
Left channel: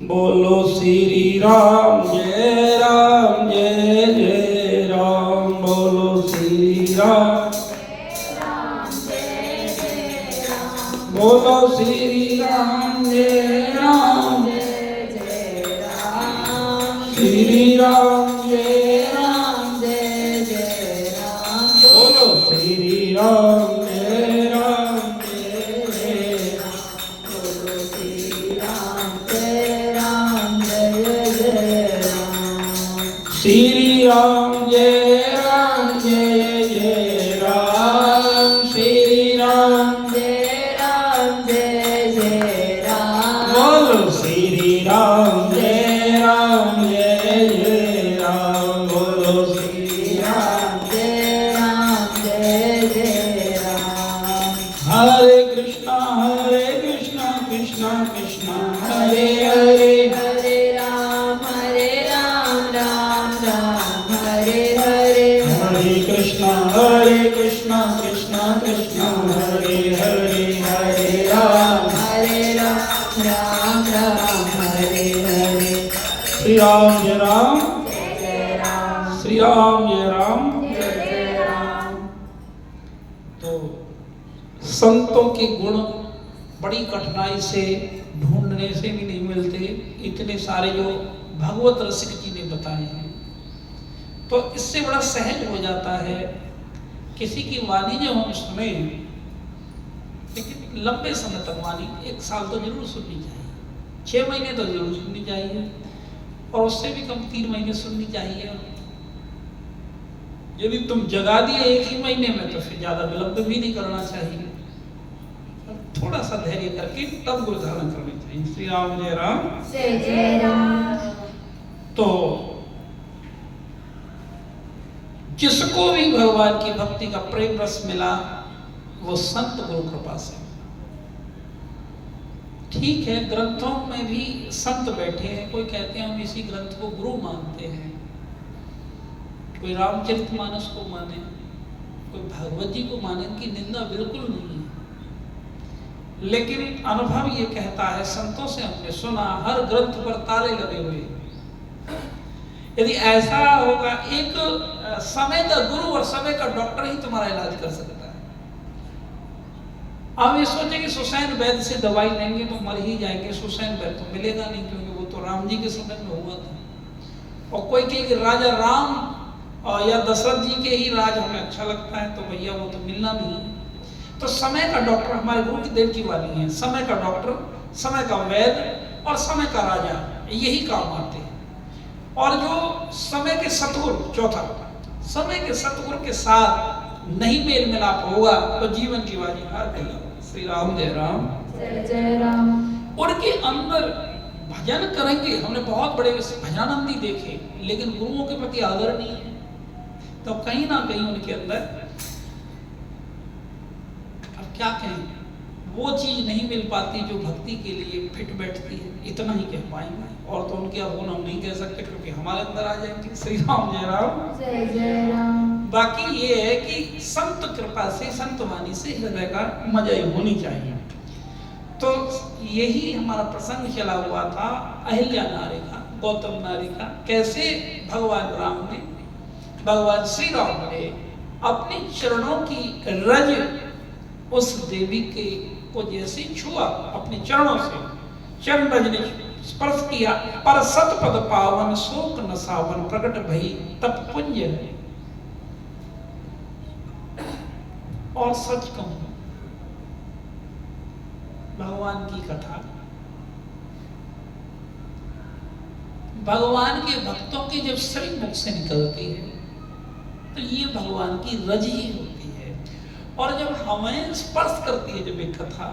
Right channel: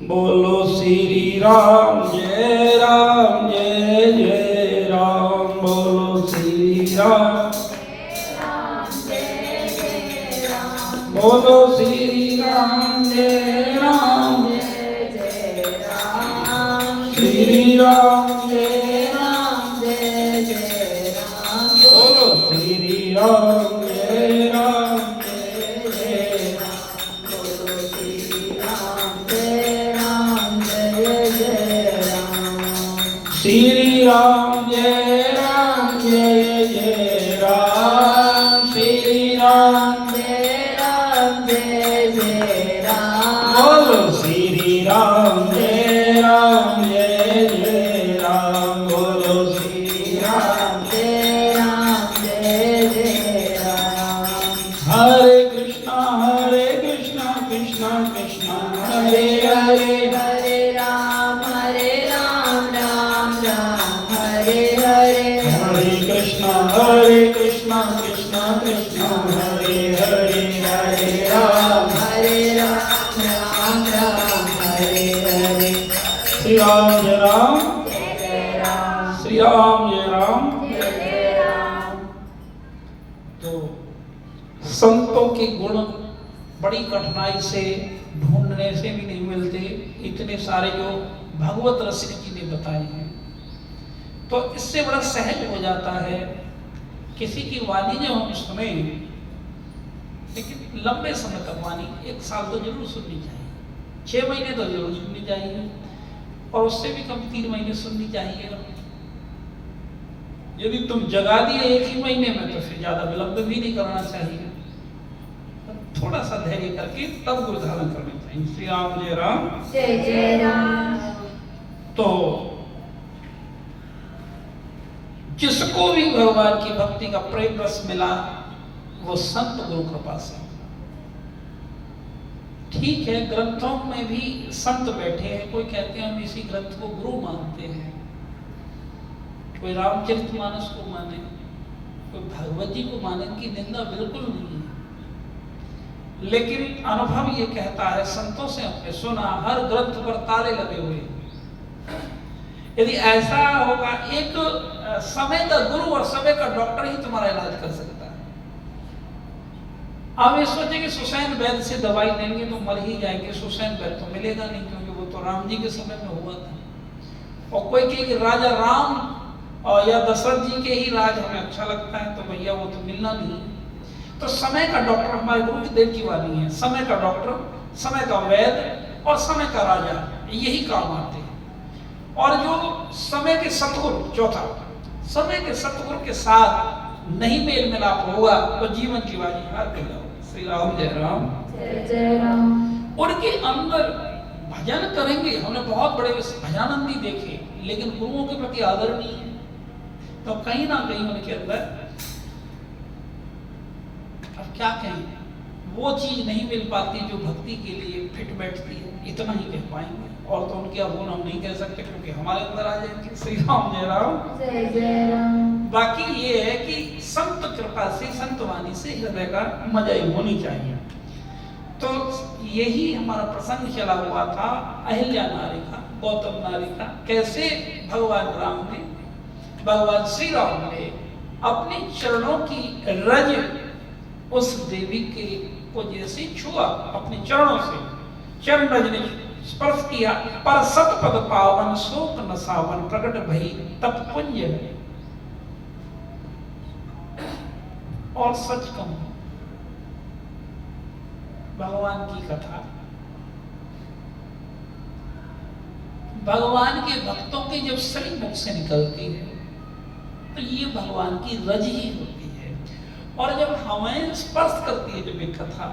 बोलो श्री राम जय राम जय जय राम। बोलो श्री राम जय जय राम। बोलो श्री राम जय राम जय जय राम। श्री राम जय राम जय जय राम। बोलो श्री राम जय राम जय जय राम। बोलो श्री राम जय राम जय जय राम। श्री राम जय राम जय जय राम। श्री राम जय राम जय जय राम। बोलो श्री राम जय राम जय जय राम। बोलो श्री राम जय राम जय जय राम। हरे कृष्णा कृष्णा कृष्णा हरे हरे। हरे राम राम राम हरे हरे। हरे कृष्णा कृष्णा कृष्णा हरे हरे। हरे राम राम हरे हरे। श्री राम जय राम। जय जय राम। श्री राम जय राम। जय जय राम। तो संतों के गुण बड़ी कठिनाई से ढूंढने से भी नहीं मिलते, इतने सारे जो भगवत रसिक जी ने बताए हैं। तो इससे बड़ा सहज हो जाता है। किसी की वाणी जो हम सुने, लेकिन लंबे समय तक वाणी 1 साल तो जरूर सुननी चाहिए, 6 महीने तो जरूर सुननी चाहिए, और उससे भी कम 3 महीने सुननी चाहिए। यदि तुम जगा दिए 1 ही महीने में तो फिर ज्यादा विलंब भी नहीं करना चाहिए, थोड़ा सा धैर्य करके तब गुरु धारण करना चाहिए। श्री राम जय राम जय जय राम। तो जिसको भी भगवान की भक्ति का प्रेम रस मिला वो संत गुरु कृपा से। ठीक है, ग्रंथों में भी संत बैठे हैं, कोई कहते हैं हम इसी ग्रंथ को गुरु मानते हैं, कोई रामचरितमानस को माने, कोई भागवत जी को माने, इनकी निंदा बिल्कुल नहीं है। लेकिन अनुभव ये कहता है, संतों से हमने सुना, हर ग्रंथ पर ताले लगे हुए। यदि ऐसा होगा, एक समय का गुरु और समय का डॉक्टर ही तुम्हारा इलाज कर सकता है। आप ये सोचे कि सुसैन वैद्य से दवाई लेंगे तो मर ही जाएंगे, सुसैन वैद्य तो मिलेगा नहीं, क्योंकि वो तो राम जी के समय में हुआ था। और कोई कहे कि राजा राम या दशरथ जी के ही राज हमें अच्छा लगता है, तो भैया वो तो मिलना नहीं। तो समय का डॉक्टर हमारे गुरुदेव की वाणी है, समय का डॉक्टर, समय का वैद्य और समय का राजा, यही काम आते हैं। और जो समय के सतगुरु, चौथा, समय के सतगुरु के साथ नहीं मेल मिलाप होगा तो जीवन की वाणी हार गई। श्री राम जय राम जय जय राम। उनके अंदर भजन करेंगे, हमने बहुत बड़े भजनानंदी देखे, लेकिन गुरुओं के प्रति आदर नहीं है, तो कहीं ना कहीं उनके अंदर, अब क्या कहें, वो चीज नहीं मिल पाती जो भक्ति के लिए फिट बैठती है, इतना ही कह पाएंगे। और तो उनके अवगुण हम नहीं कह सकते, क्योंकि हमारे अंदर आ जाएंगे। श्री राम जय राम जय जय राम। बाकी ये है कि संत कृपा से, संत वाणी से हृदय का मजाई होनी चाहिए। तो यही हमारा प्रसंग चला हुआ था अहिल्या नारी का, गौतम नारी का, कैसे भगवान राम ने, भगवान श्री राम ने अपने चरणों की रज उस देवी के को जैसे छुआ, अपने चरणों से चरण रज ने स्पर्श किया, पर सतपद पावन शोक नसावन प्रकट भई तप पुंज। और सच कहूं, भगवान की कथा, भगवान के भक्तों के जब श्री मुख से निकलती है तो ये भगवान की रज ही होती है। और जब हमें स्पर्श करती है जब एक कथा,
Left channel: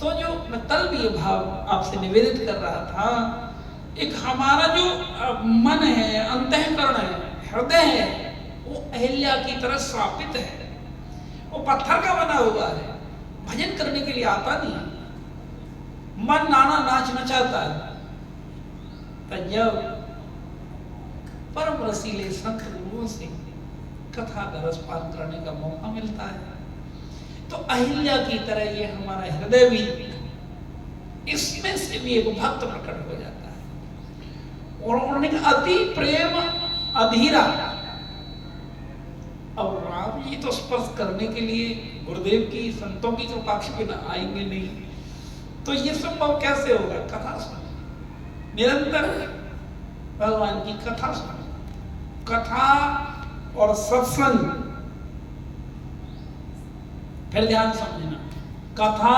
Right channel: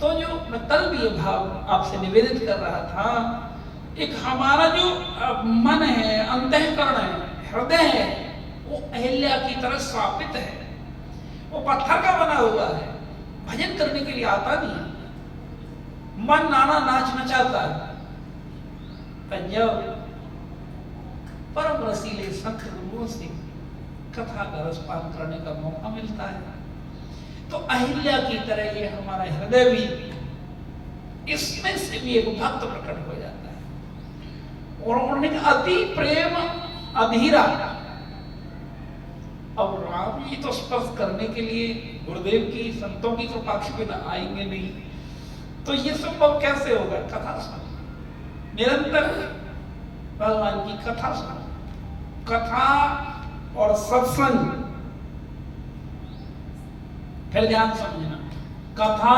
तो जो मैं कल भी ये भाव आपसे निवेदित कर रहा था, एक हमारा जो मन है, अंतःकरण है, हृदय है, वो अहिल्या की तरह स्थापित है, वो पत्थर का बना हुआ है, भजन करने के लिए आता नहीं, मन नाना नाच नचाता है। जब परम रसीले संत गुरुओं से कथा का रसपान करने का मौका मिलता है, तो अहिल्या की तरह ये हमारा हृदय भी, इसमें से भी एक भक्त प्रकट हो जाता है। और उन्होंने कहा अति प्रेम अधीरा। अब राम जी तो स्पर्श करने के लिए गुरुदेव की, संतों की तो पक्ष में आएंगे नहीं, तो ये संभव कैसे होगा? कथा सुनो, निरंतर भगवान की कथा सुनो। कथा और सत्संग, फिर ध्यान समझना, कथा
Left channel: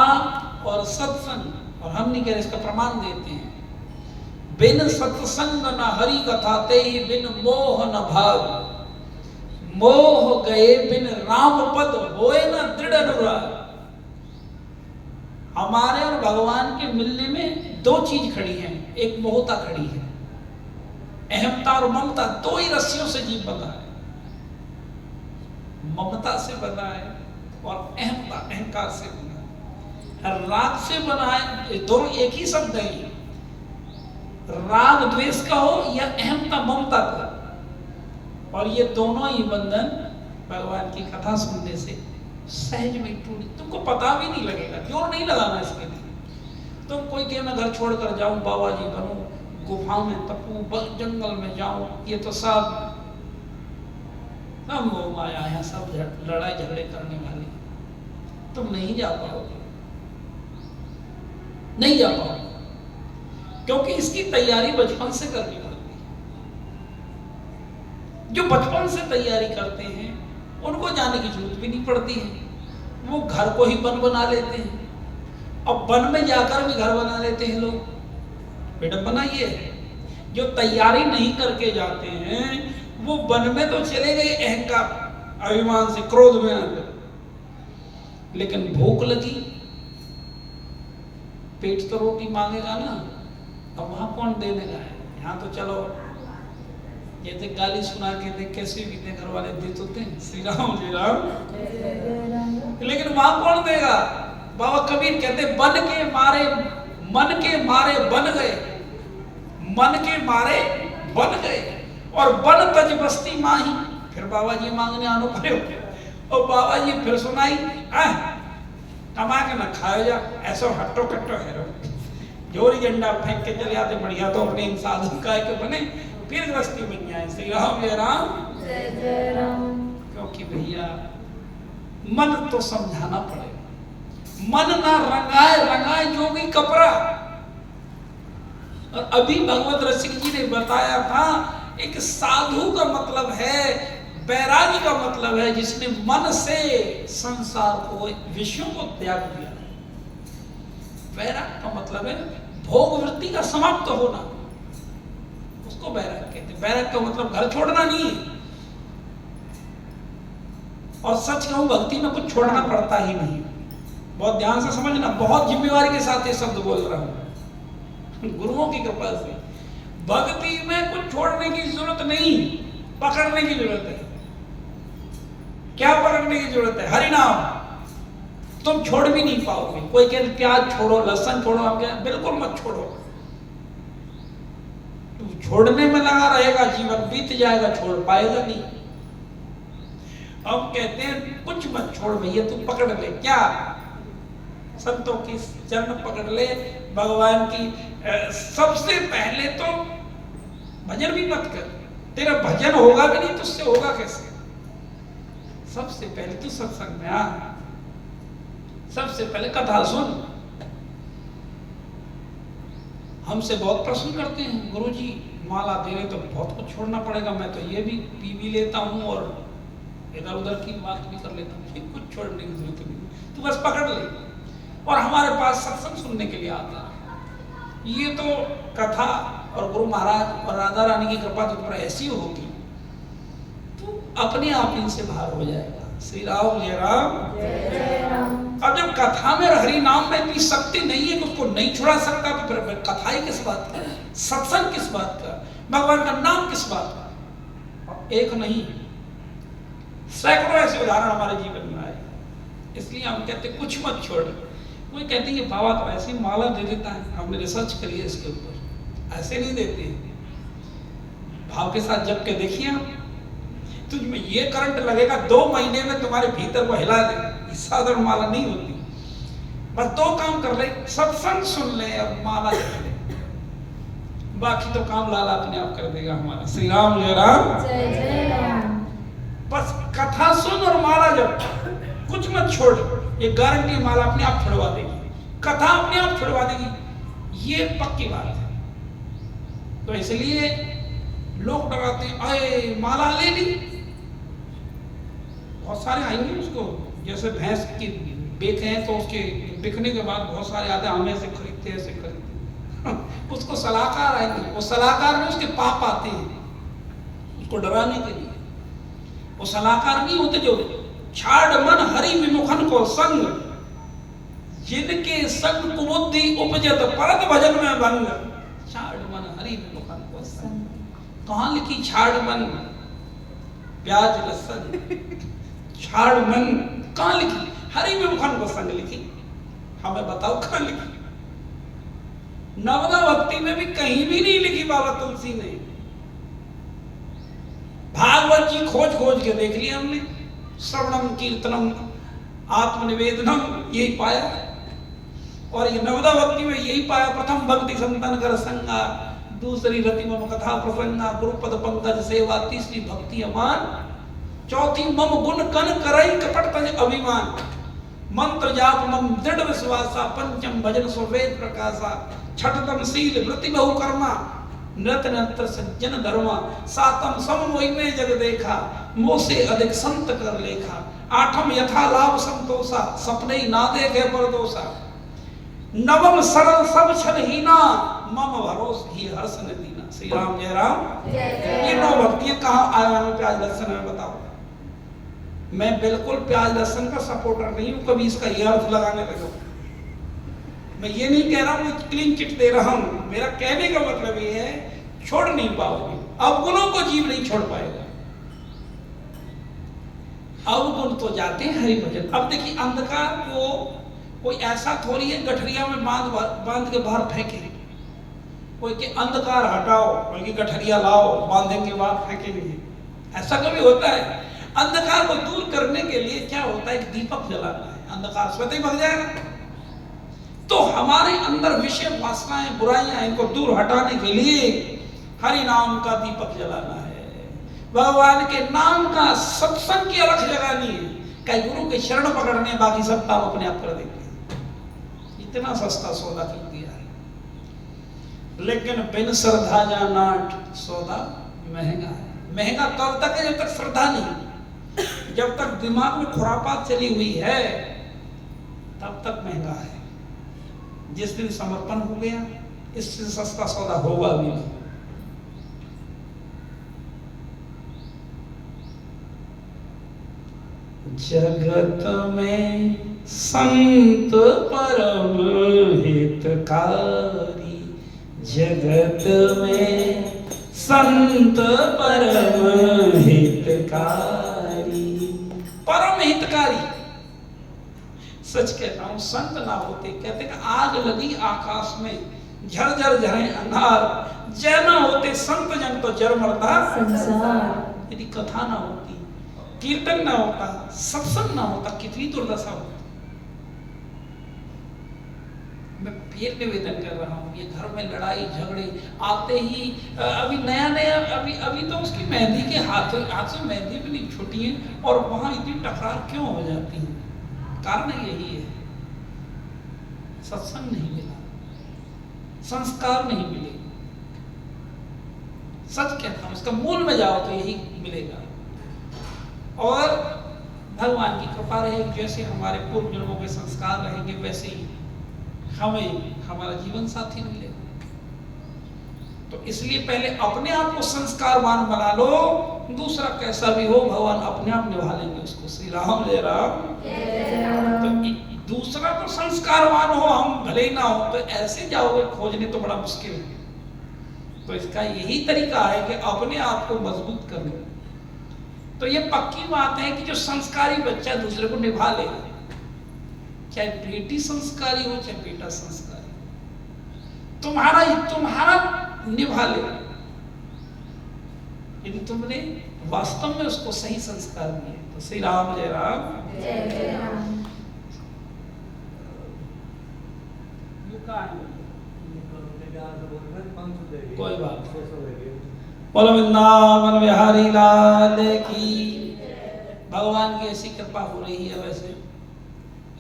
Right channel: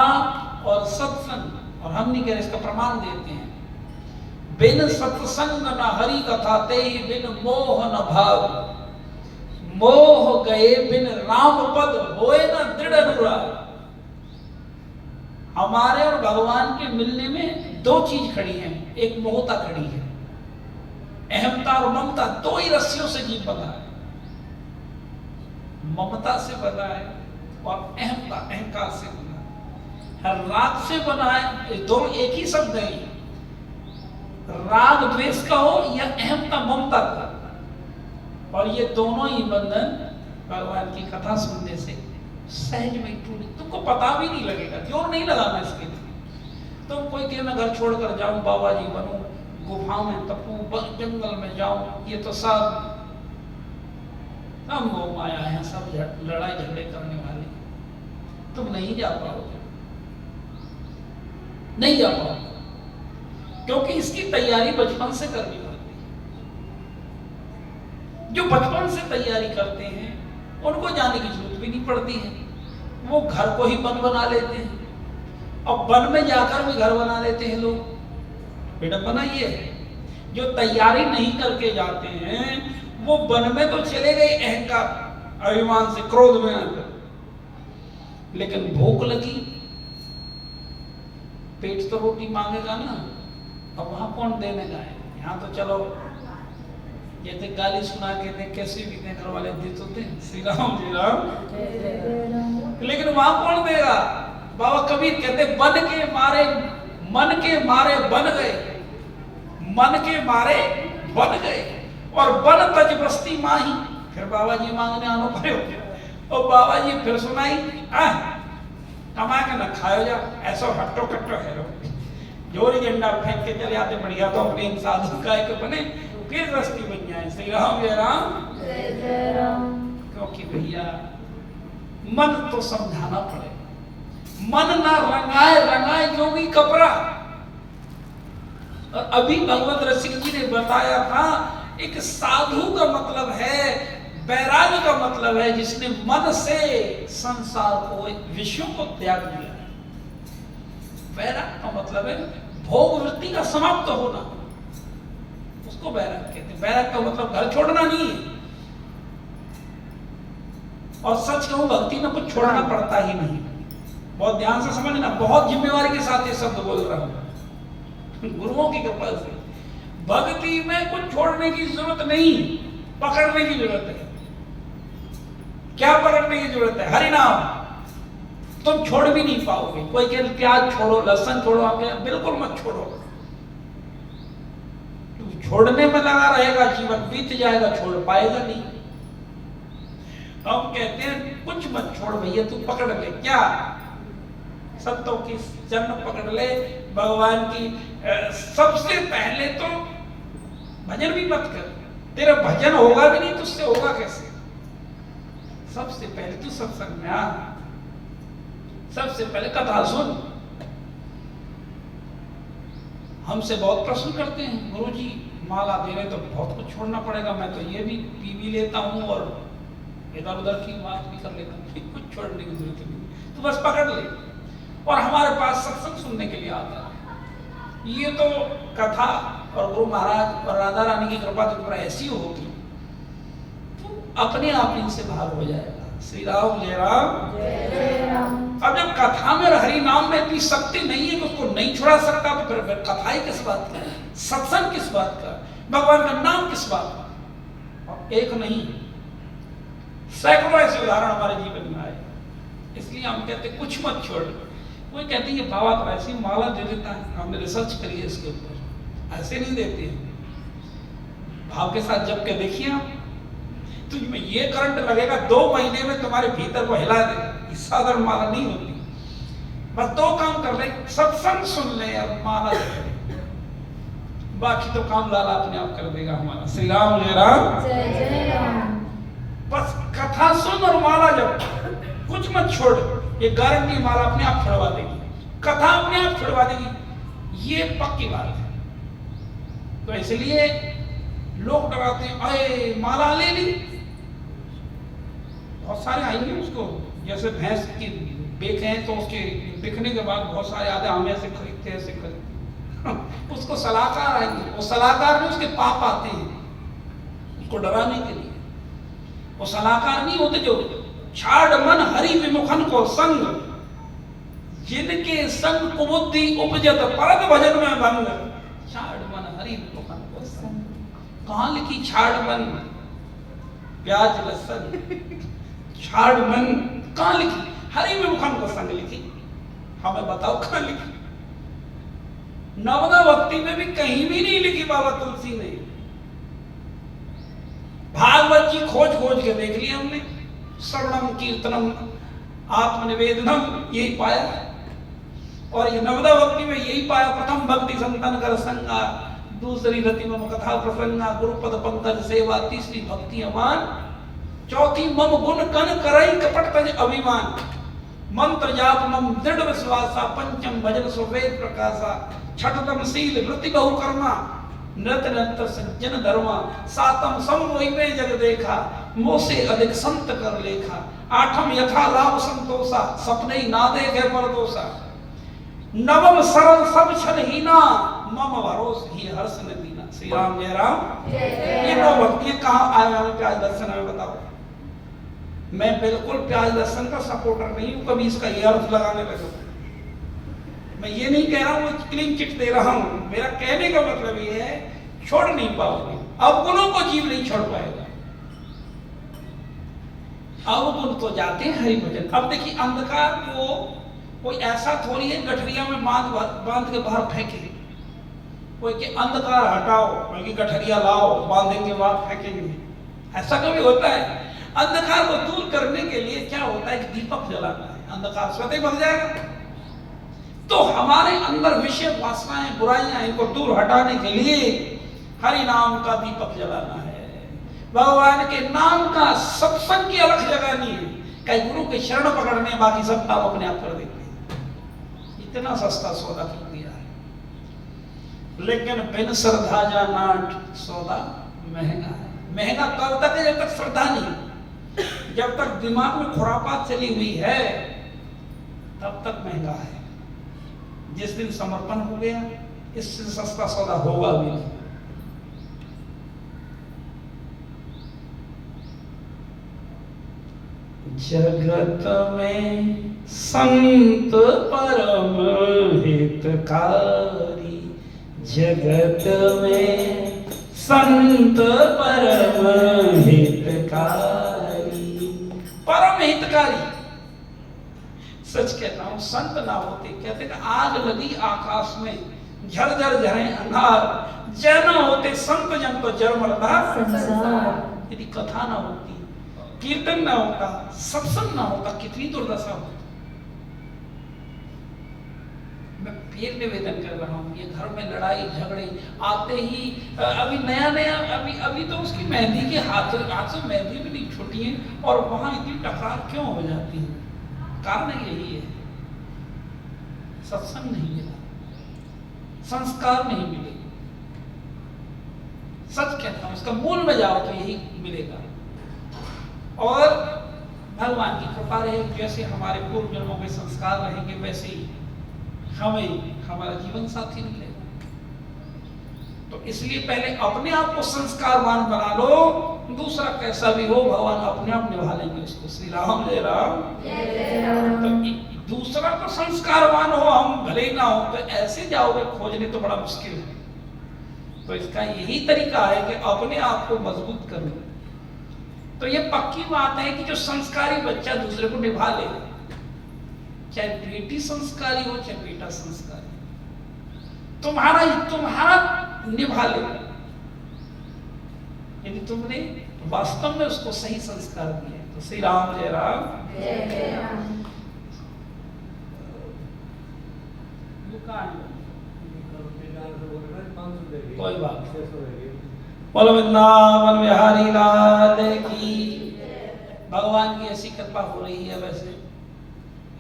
और सत्संग, और हम नहीं कह रहे, इसका प्रमाण देते हैं। बिन सत्संग न हरि कथा ते, बिन मोह न भाव, मोह गए बिन राम पद होए न दृढ़ अनुराग। हमारे और भगवान के मिलने में दो चीज खड़ी हैं, एक मोहता खड़ी है, अहमता और ममता, दो ही रस्सियों से जीव बंधा है। ममता से बना है और अहमता, अहंकार से बना है। राग से बना है, दोनों एक ही शब्द है, राग द्वेष का हो या अहमता ममता का, और ये दोनों ही बंधन भगवान की कथा सुनने से सहज में टूट, तुमको पता भी नहीं लगेगा, जोर नहीं लगाना इसके लिए। तुम कोई कहे मैं घर छोड़कर जाऊं, बाबा जी बनूं, गुफाओं में तपू, जंगल में जाऊं, ये तो सब हम लोग आया है, सब लड़ाई झगड़े करने वाले, तुम नहीं जा पाओगे, नहीं जा पाओगे, क्योंकि इसकी तैयारी बचपन से करनी पड़ती है। जो बचपन से तैयारी करते हैं उनको जाने की जरूरत भी नहीं पड़ती है, वो घर को ही वन बना लेते हैं और वन में जाकर भी घर बना लेते हैं लोग। विडंबना ये है, जो तैयारी नहीं करके जाते हैं वो वन में तो चले गए अहंकार अभिमान से, क्रोध में आकर, लेकिन भूख लगी, पेट तो रोटी मांगेगा ना, अब वहां कौन देने का है। यहाँ तो चलो जैसे गाली सुना के दे, कैसे भी दे, घर वाले देते होते हैं, श्री राम जय राम, लेकिन वहां कौन देगा। बाबा कबीर कहते बन के मारे, मन के मारे बन गए, मन के मारे बन गए, और बन तज बस्ती माही। फिर बाबा जी मांगने आनो पड़े, और बाबा जी फिर सुनाई, कमा के न खाओ जा, ऐसा हट्टो कट्टो है रो, जोरी झंडा फेंक के चले आते, बढ़िया तो अपने साधु काय के बने, फिर रस्ती बन जाए। श्री राम जय राम, जय राम। क्योंकि भैया मन तो समझाना पड़ेगा, मन ना रंगाए रंगाए जोगी कपड़ा। और अभी भगवत रसिक जी ने बताया था, एक साधु का मतलब है, वैराग्य का मतलब है जिसने मन से संसार को, विषयों को त्याग दिया। वैराग्य का मतलब है भोग वृत्ति का समाप्त होना, उसको वैराग्य कहते हैं। वैराग्य का मतलब घर छोड़ना नहीं है, और सच कहूं भक्ति में कुछ छोड़ना पड़ता ही नहीं। बहुत ध्यान से समझना, बहुत जिम्मेवारी के साथ ये शब्द बोल रहा हूं, गुरुओं की कृपा से। भक्ति में कुछ छोड़ने की जरूरत नहीं, पकड़ने की जरूरत है। क्या पकड़ने की जरूरत है? हरि नाम। तुम छोड़ भी नहीं पाओगे। कोई कहे प्याज छोड़ो, लहसुन छोड़ो, आप बिल्कुल मत छोड़ो। तुम छोड़ने में लगा रहेगा, जीवन बीत जाएगा, छोड़ पाएगा नहीं। अब कहते हैं कुछ मत छोड़ भैया, तू पकड़ ले। क्या? संतों की चरण पकड़ ले, भगवान की। सबसे पहले तो भजन भी मत कर, तेरा भजन होगा भी नहीं, तुझसे होगा कैसे? सबसे पहले तू सत्संग में आ, सबसे पहले कथा सुन। हमसे बहुत प्रश्न करते हैं, गुरुजी माला दे रहे तो बहुत कुछ छोड़ना पड़ेगा, मैं तो ये भी पी भी लेता हूँ और इधर उधर की बात भी कर लेता हूँ, कुछ छोड़ने की जरूरत नहीं, तू बस पकड़ ले। और हमारे पास सत्संग सुनने के लिए आता है। ये तो कथा और गुरु महाराज और राधा रानी की कृपा तुम पर ऐसी होगी, तो अपने आप इनसे बाहर हो जाएगा। श्री राम जय राम, जय राम। अब जब कथा में हरि नाम में इतनी शक्ति नहीं है कि उसको नहीं छुड़ा सकता, तो फिर कथा ही किस बात का, सत्संग किस बात का, भगवान का नाम किस बात का। एक नहीं, सैकड़ों ऐसे उदाहरण हमारे जीवन में आए। इसलिए हम कहते कुछ मत छोड़। कोई कहते हैं बाबा तो ऐसी माला दे देता है, हमने रिसर्च करी है इसके ऊपर, ऐसे नहीं देते। भाव के साथ जब के देखिए, तुझमें ये करंट लगेगा 2 महीने में तुम्हारे भीतर को हिला देगा। साधारण माला नहीं होती। बस 2 काम कर ले, सत्संग सुन ले और माला जप ले, बाकी तो काम लाला अपने आप कर देगा हमारा। श्री राम जय राम, जय राम। बस कथा सुन और माला जप, कुछ मत छोड़। ये गारंटी, माला अपने आप छुड़वा देगी, कथा अपने आप छुड़वा देगी, ये पक्की बात है। तो इसलिए लोग डराते हैं, अरे माला ले ली। बहुत सारे आएंगे उसको, जैसे भैंस की बेचे हैं तो उसके बिकने के बाद बहुत सारे आते, हम ऐसे खरीदते ऐसे खरीदते उसको सलाहकार आएंगे, वो सलाहकार में उसके पाप आते हैं उसको डराने के लिए। वो सलाहकार नहीं होते जो छाड़ मन हरि विमुखन को संग, जिनके संग कुबुद्धि उपजत परत भजन में भंग। छाड़ मन हरि विमुखन को संग, कहाँ लिखी छाड़ मन? प्याज लहसुन छाड़ मन कहाँ लिखी? हरि विमुखन को संग लिखी। हमें बताओ कहाँ लिखी? नवदा भक्ति में भी कहीं भी नहीं लिखी बाबा तुलसी ने। भागवत जी खोज खोज के देख लिया हमने, श्रवणम कीर्तनम आत्मनिवेदनम, यही पाया। और ये नवदा भक्ति में यही पाया, प्रथम भक्ति संतन कर संगा, दूसरी रति मम कथा प्रसंगा, गुरुपद पंकज सेवा, तीसरी भक्ति अमान, चौथी मम गुण कन करई कपट तज अभिमान, मंत्र जाप मम दृढ़ विश्वासा, पंचम भजन सुवेद प्रकाशा, छठतम शील वृत्ति बहु कर्मा, नृत नृत्य सज्जन धर्मा, सातम सम मोहि में जग देखा, मोह से अधिक संत कर लेखा, आठम यथा लाभ संतोषा, सपने ही ना देखे परदोषा, नवम सरल सब छल हीना, मम भरोस ही हर्ष न दीना। श्री राम जय राम। ये नौ भक्ति कहाँ आया हूँ प्याज दर्शन में, बताओ। मैं बिल्कुल प्याज दर्शन का सपोर्टर नहीं हूँ, कभी इसका ये अर्थ लगाने लगा। मैं ये नहीं कह रहा हूँ क्लीन चिट दे रहा हूँ, मेरा कहने का मतलब ये है छोड़ नहीं पाओगे, अवगुणों को जीव नहीं छोड़ पाएगा। अवगुण तो जाते हैं हरि भजन। अब देखिए अंधकार को कोई ऐसा थोड़ी है गठरिया में बांध के बाहर फेंके, कोई के अंधकार हटाओ बल्कि गठरिया लाओ, बांधेंगे बाहर फेंकेंगे, ऐसा कभी होता है? अंधकार को दूर करने के लिए क्या होता है, एक दीपक जलाना है, अंधकार स्वतः ही भग जाएगा। तो हमारे अंदर विषय वासनाएं बुराइयां इनको दूर हटाने के लिए हरि नाम का दीपक जलाना है, भगवान के नाम का सत्संग की अलख जगानी है। कई गुरु के शरण पकड़ने, बाकी सब काम अपने आप कर देंगे। इतना सस्ता सौदा कर दिया है। लेकिन बिन श्रद्धा जा नाट सौदा महंगा है। महंगा तब तक है जब तक श्रद्धा नहीं, जब तक दिमाग में खुरापात चली हुई है तब तक महंगा है। जिस दिन समर्पण हो गया इससे सस्ता सौदा होगा भी नहीं। जगत में संत परम हितकारी, जगत में संत परम हितकारी, परम हितकारी। सच कहता हूं, संत ना होते, कहते कि आग लगी आकाश में झरझर झरे अंधार, जय न होते संत जन तो जर मरता संसार। यदि कथा ना होती, कीर्तन ना होता, सत्संग ना होता, कितनी दुर्दशा होती। मैं फिर निवेदन कर रहा हूँ, ये घर में लड़ाई झगड़े आते ही, अभी नया नया अभी तो उसकी मेहंदी के हाथ से मेहंदी भी नहीं छूटी है और वहां इतनी टकरार क्यों हो जाती है? कारण यही है, सत्संग नहीं मिला, संस्कार नहीं मिले। सच कहता हूं, इसका मूल में जाओ तो यही मिलेगा। और भगवान की कृपा रहेगी, जैसे हमारे पूर्व जन्मों के संस्कार रहेंगे वैसे ही हमें हमारा जीवन साथी मिलेगा। तो इसलिए पहले अपने आप को संस्कारवान बना लो, दूसरा कैसा भी हो भगवान अपने आप निभा लेंगे उसको। श्री राम जय राम। तो दूसरा तो संस्कारवान हो, हम भले ही ना हो, तो ऐसे जाओगे खोजने तो बड़ा मुश्किल है। तो इसका यही तरीका है कि अपने आप को मजबूत कर लो। तो ये पक्की बात है कि जो संस्कारी बच्चा दूसरे को निभा लेगा, चाहे बेटी संस्कारी हो चाहे बेटा संस्कारी, तुम्हारा निभा लेगा यदि तुमने वास्तव में उसको सही संस्कार दिए। तो श्री राम जय राम। जय राम। कोई बात, बोलो वृंदावन बिहारी लाल की। भगवान की ऐसी कृपा हो रही है। वैसे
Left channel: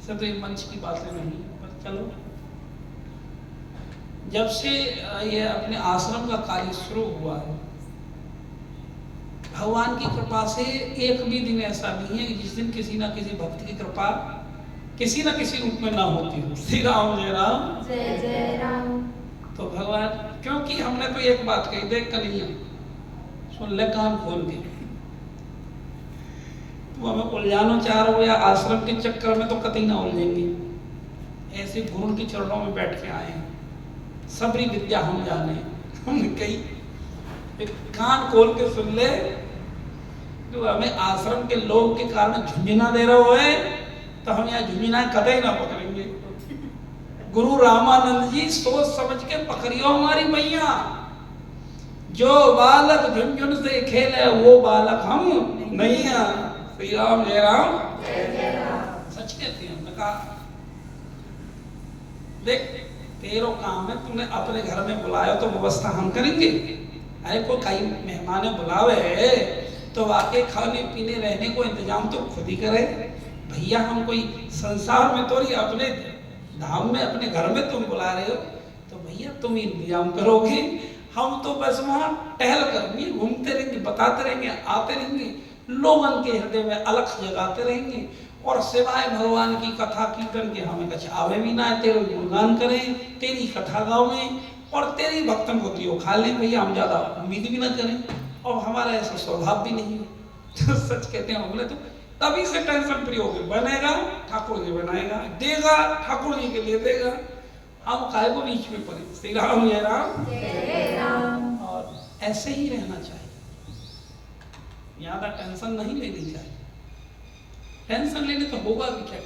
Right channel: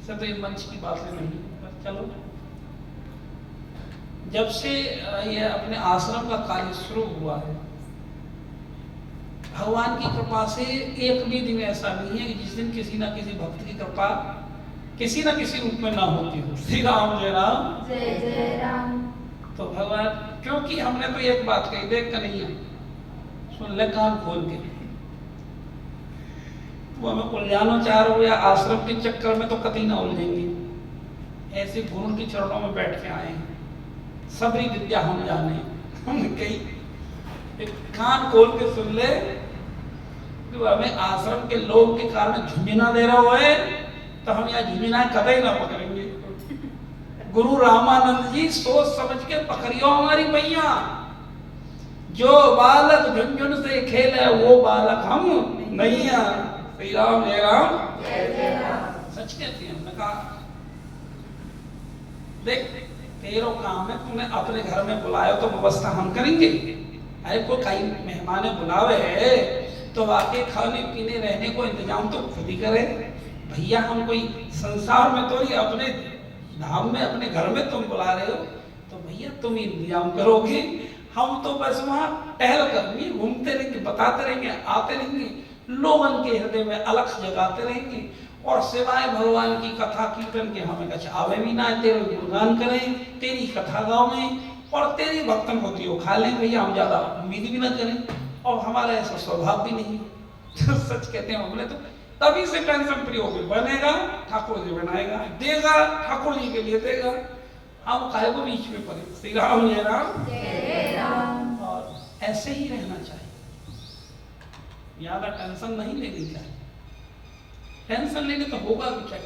तो ये मंच की बातें नहीं, पर चलो, जब से ये अपने आश्रम का कार्य शुरू हुआ है, भगवान की कृपा से एक भी दिन ऐसा नहीं है कि जिस दिन किसी ना किसी भक्त की कृपा किसी ना किसी रूप में ना होती हो। श्री राम जय राम। जय जय राम। तो भगवान, क्योंकि हमने तो एक बात कही, देख कन्हैया सुन ले कान खोल के, वो हमें उलझाना चाह रहे हो या आश्रम के चक्कर में, तो कतई ना उलझेंगे। ऐसे गुरु के चरणों में बैठ के आए, सबरी विद्या हम जाने। हमने कही कान खोल के सुन ले, तो हमें आश्रम के लोग के कारण झुंझुना दे रहे हो, तो हम यहाँ झुंझुना कतई ना पकड़ेंगे। गुरु रामानंद जी सोच समझ के पकड़ियो हमारी मैया, जो बालक झुनझुन से खेले वो बालक हम नहीं है। श्री राम जय राम। जय जय राम। सच कहती है। कहा देख तेरो काम है, तूने अपने घर में बुलाया तो व्यवस्था हम करेंगे। अरे कोई कई मेहमान बुलावे तो वाकई खाने पीने रहने को इंतजाम तो खुद ही करे भैया। हम कोई संसार में तो नहीं, अपने धाम में अपने घर में तुम बुला रहे हो, तो भैया तुम इंतजाम करोगे। हम तो बस वहां टहल कर घूमते रहेंगे, बताते रहेंगे, आते रहेंगे, लोगों के हृदय में अलख जगाते रहेंगे, और सिवाय भगवान की कथा कीर्तन के हमें कुछ आवे भी ना है। तेरे गुणगान करें, तेरी कथा गावें और तेरी भक्तन होती हो खा लें भैया, हम ज्यादा उम्मीद भी ना करें। और हमारा ऐसा स्वभाव भी नहीं है। तो सच कहते हैं बोले तो तभी से टेंशन फ्री हो गई। बनेगा ठाकुर जी बनाएगा, देगा ठाकुर जी के लिए देगा, हम काय को बीच में पड़े। श्री राम जय राम जय राम। और ऐसे ही रहना चाहिए, ज्यादा टेंशन नहीं लेनी चाहिए। टेंशन लेने तो होगा भी क्या।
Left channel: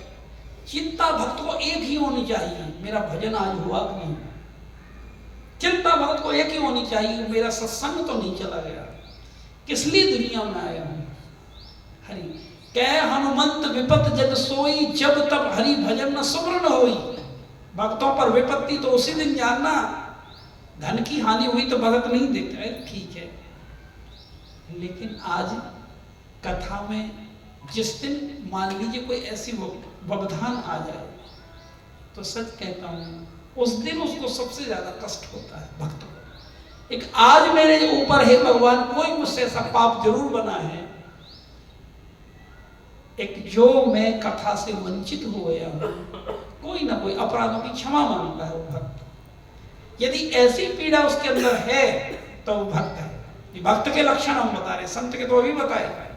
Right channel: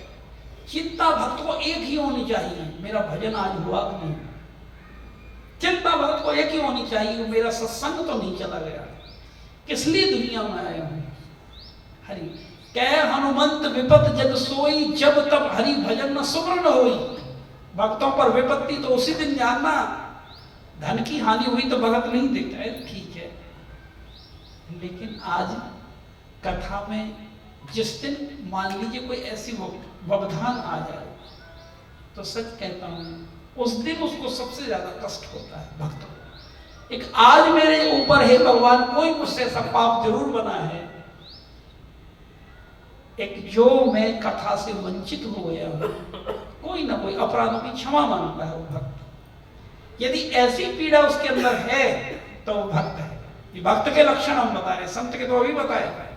चिंता भक्त को एक ही होनी चाहिए, मेरा भजन आज हुआ कि नहीं। चिंता भक्त को एक ही होनी चाहिए, मेरा सत्संग तो नहीं चला गया। किस लिए दुनिया में आया हूं? हरि कह हनुमंत विपत जब सोई, जब तब हरि भजन न सुमरन होई। भक्तों पर विपत्ति तो उसी दिन जानना, धन की हानि हुई तो भगत नहीं देखता है, ठीक है। लेकिन आज कथा में जिस दिन मान लीजिए कोई ऐसी व्यवधान आ जाए, तो सच कहता हूं उस दिन उसको सबसे ज्यादा कष्ट होता है भक्त को। एक आज मेरे ऊपर है भगवान, कोई मुझसे ऐसा पाप जरूर बना है, एक जो मैं कथा से वंचित हो गया हूं, कोई ना कोई अपराधों की क्षमा मांगता है वो भक्त। यदि ऐसी पीड़ा उसके अंदर है तो वो भक्त है। ये भक्त के लक्षण हम बता रहे, संत के तो अभी बताए।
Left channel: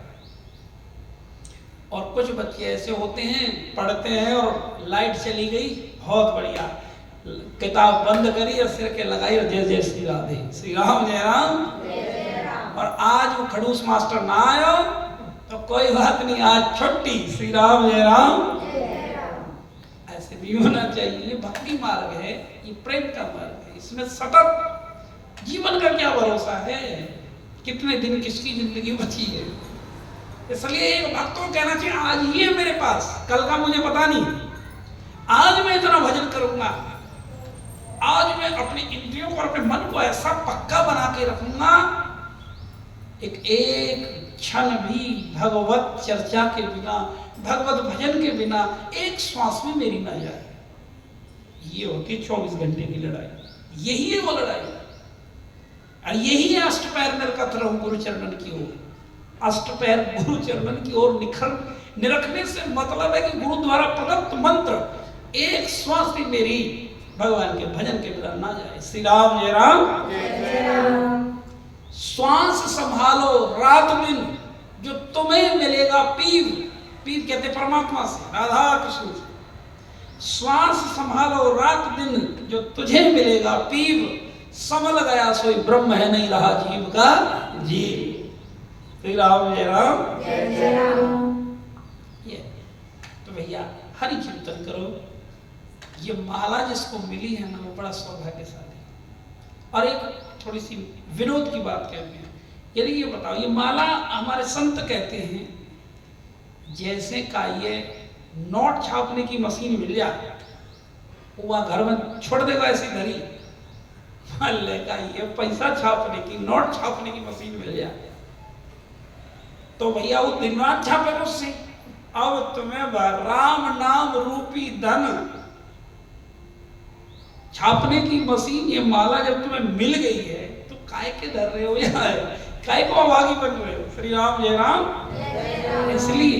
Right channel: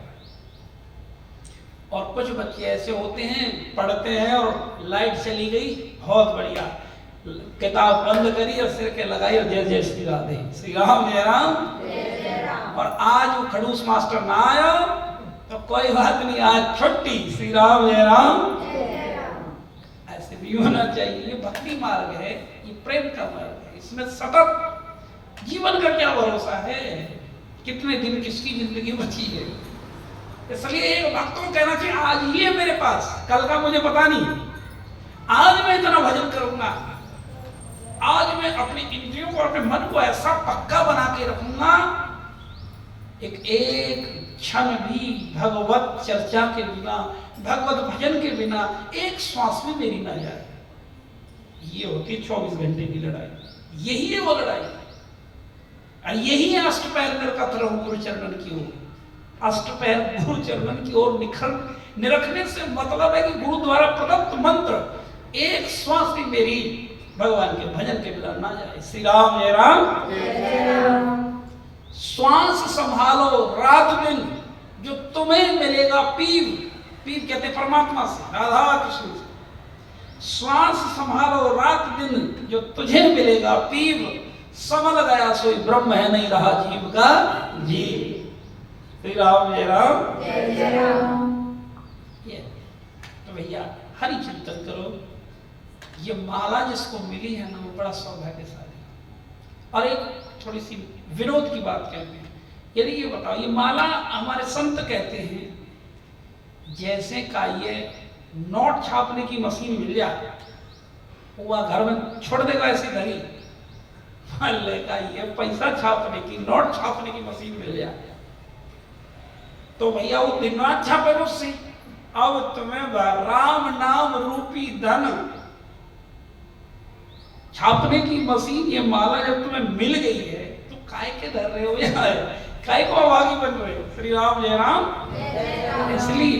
और कुछ बच्चे ऐसे होते हैं, पढ़ते हैं और लाइट चली गई, बहुत बढ़िया, किताब बंद करी और सिर के लगाई और जय जय श्री राधे, श्री राम जय राम जय जय राम। और आज वो खड़ूस मास्टर ना आयो तो कोई बात नहीं, आज छुट्टी, श्री राम जय राम जय जय राम। ऐसे नहीं होना चाहिए। ये भक्ति मार्ग है, ये प्रेम का मार्ग है, इसमें सतत जीवन का क्या भरोसा है, कितने दिन किसकी जिंदगी बची है। इसलिए एक भक्त को कहना चाहिए आज ही है मेरे पास, कल का मुझे पता नहीं, आज मैं इतना भजन करूंगा, आज मैं अपनी इंद्रियों को, अपने मन को ऐसा पक्का बना के रखूंगा, एक क्षण भी भगवत चर्चा के बिना, भगवत भजन के बिना एक श्वास में मेरी ना जाए। ये होती 24 घंटे की लड़ाई, यही है वो लड़ाई। और यही है अष्टपैर निर्कत रहूं गुरु चरणन की ओर। अष्टपैर गुरु चरणन की ओर निरखने से मतलब है कि गुरु द्वारा प्रदत्त मंत्र एक श्वास भी मेरी भगवान के भजन के बिना ना जाए। श्री राम जय राम जय जय राम। श्वास संभालो रात दिन, जो तुम्हें मिलेगा पीव, पीव कहते परमात्मा से, राधा कृष्ण से। श्वास संभालो रात दिन, जो तुझे मिलेगा पीव, समल गया सोई ब्रह्म है, नहीं रहा जीव का जीव। श्री राम जय राम जय जय राम। ये तो भैया हरि चिंतन करो। ये माला जिसको मिली है ना, वो बड़ा सौभाग्यशाली। और एक थोड़ी सी विनोद की बात कहते हैं, यदि ये बताओ, ये माला हमारे संत कहते हैं जैसे का ये नोट छापने की मशीन मिल जाए, वो घर में छोड़ देगा ऐसी घड़ी, मान लेगा ये पैसा छापने की, नोट छापने की मशीन मिल जाए तो भैया वो दिन रात छापेगा उससे। अब तुम्हें राम नाम रूपी धन छापने की मशीन, ये माला जब तुम्हें मिल गई है तो काय के डर रहे हो यार, काय को अभागी बन रहे हो। श्री राम जय राम जय जय राम। इसलिए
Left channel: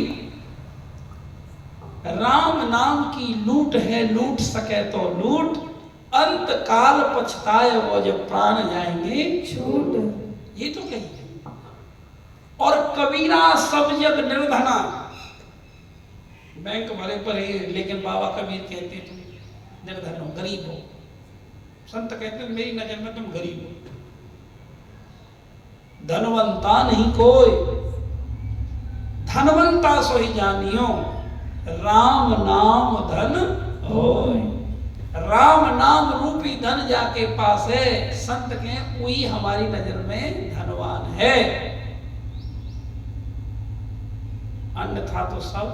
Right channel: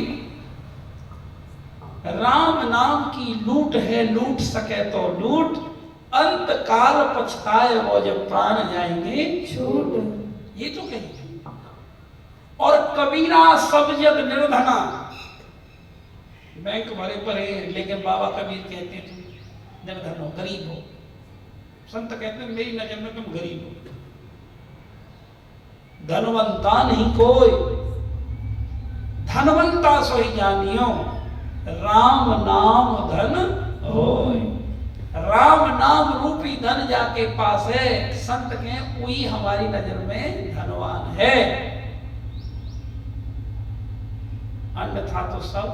राम नाम की लूट है, लूट सके तो लूट, अंत काल पछताए वो जब प्राण जाएंगे छूट। ये तो कही। और कबीरा सब जग निर्धना, बैंक भरे पर है लेकिन बाबा कबीर कहते हैं तुम निर्धन हो, गरीब हो। संत कहते हैं मेरी नजर में तुम गरीब हो। धनवंता नहीं कोई, धनवंता सोई जानियो, राम नाम धन होय। राम नाम रूपी धन जाके पास है, संत के वही हमारी नजर में धनवान है, अन्यथा तो सब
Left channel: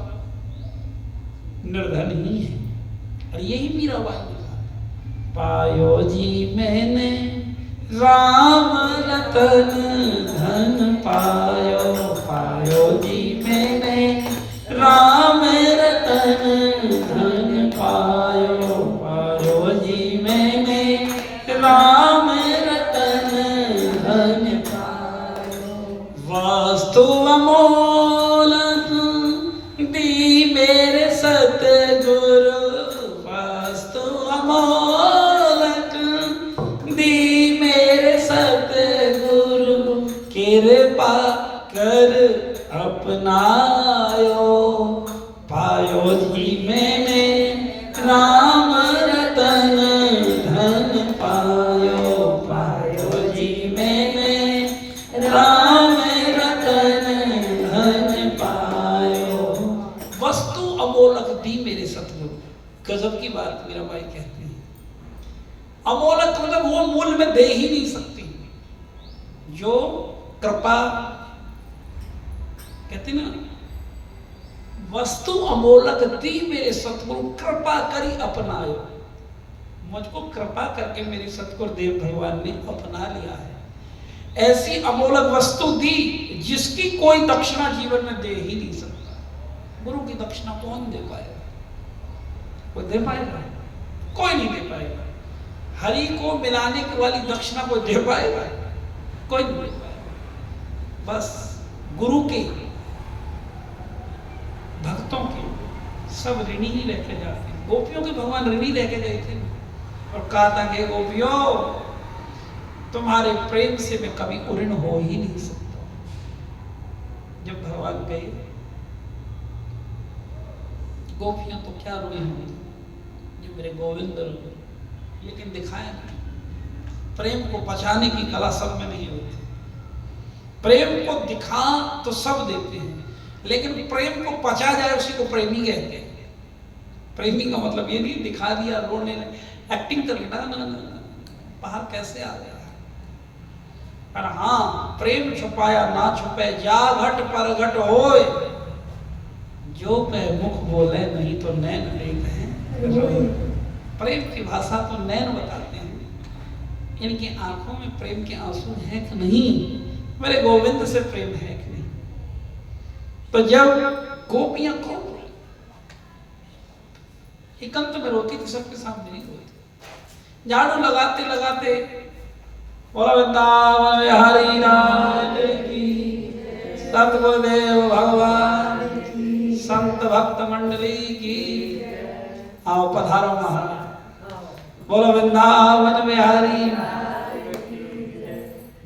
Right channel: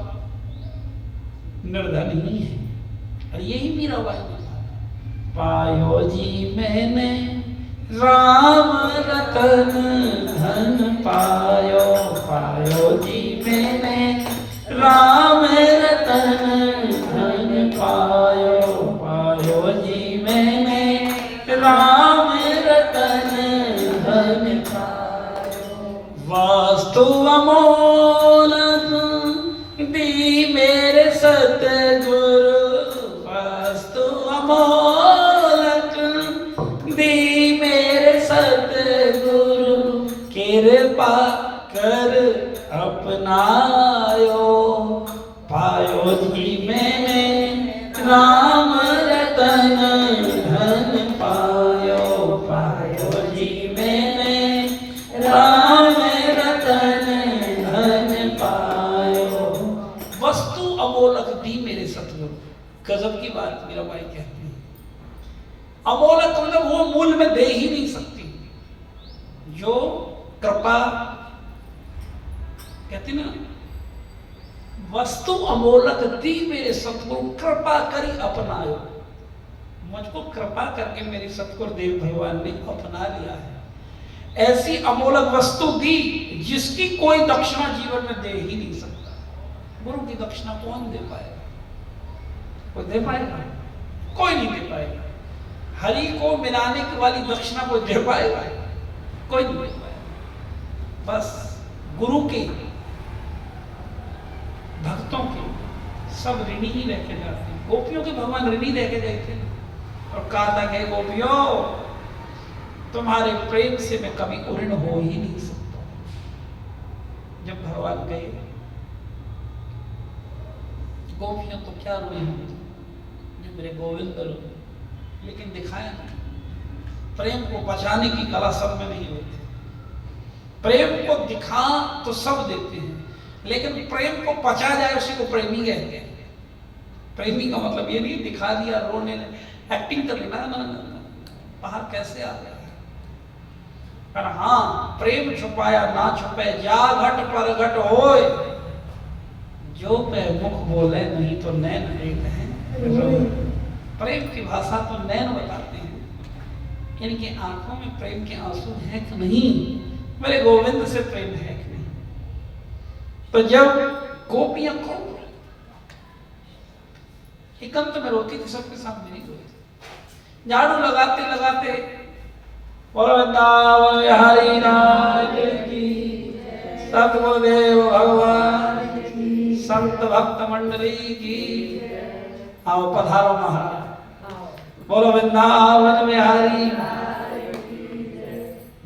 निर्धन ही है। और यही मीरा बाई ने कहा, पायो जी मैंने राम रतन धन पायो, पायो जी मैंने राम रतन धन पायो, पायो जी मैंने राम रतन अपनायो, पायो जी मैंने राम रतन धन पायो, पायो जी मैंने राम रतन धन पायो। वस्तु अमोलक दी मेरे सतगुरु। गजब की बात मेरा भाई कहते हैं। अमोलक मतलब वो मूल्य में दे ही नहीं सकती जो कृपा कहते ना, वस्तु अमोलक दी मेरे सतगुरु कृपा करी अपनायो। मुझको कृपा करके मेरे सतगुरु देव भगवान ने अपना लिया है। ऐसी अमोलक वस्तु दी जिसकी कोई दक्षिणा जीवन में दे ही नहीं सकता। गुरु की दक्षिणा कौन दे पाएगा? कोई दे पाएगा? कोई नहीं दे पाएगा। हरि को मिलाने की वाली दक्षिणा कोई दे पाएगा? कोई नहीं दे पाएगा। बस गुरु के भक्तों के सब ऋणी ही लेके जाते हैं। गोपियों के भगवान ऋणी लेके गए थे और कहा था कि गोपियों, तुम्हारे प्रेम से मैं कभी ऋण हो ही नहीं सकता। जब भगवान गए, गोपियां तो क्या रोए होंगे जो मेरे गोविंद रोए, लेकिन दिखाया नहीं। प्रेम को बचाने की कला सब में नहीं होती। प्रेम को दिखा तो सब देते हैं, लेकिन प्रेम को पचा जाए उसी को प्रेमी कहते हैं। प्रेमी का मतलब ये नहीं दिखा दिया, रोने एक्टिंग कर लेना, ना बाहर कैसे आ गया। पर हाँ, प्रेम छुपाया ना छुपे, जा घट पर घट होए, जो पे मुख बोले नहीं तो नैन देख हैं। प्रेम की भाषा तो नैन बताते हैं। इनकी आंखों में प्रेम के आंसू है कि नहीं? मेरे गोविंद से प्रेम है कि नहीं? तो जब गोपियां को एकांत में रोती थी, सबके साथ नहीं रोती। झाड़ू लगाते लगाते वृंदावन बिहारी राज की, सतगुरुदेव भगवान की, संत भक्त मंडली की। आओ पधारो महाराज। बोलो वृंदावन बिहारी,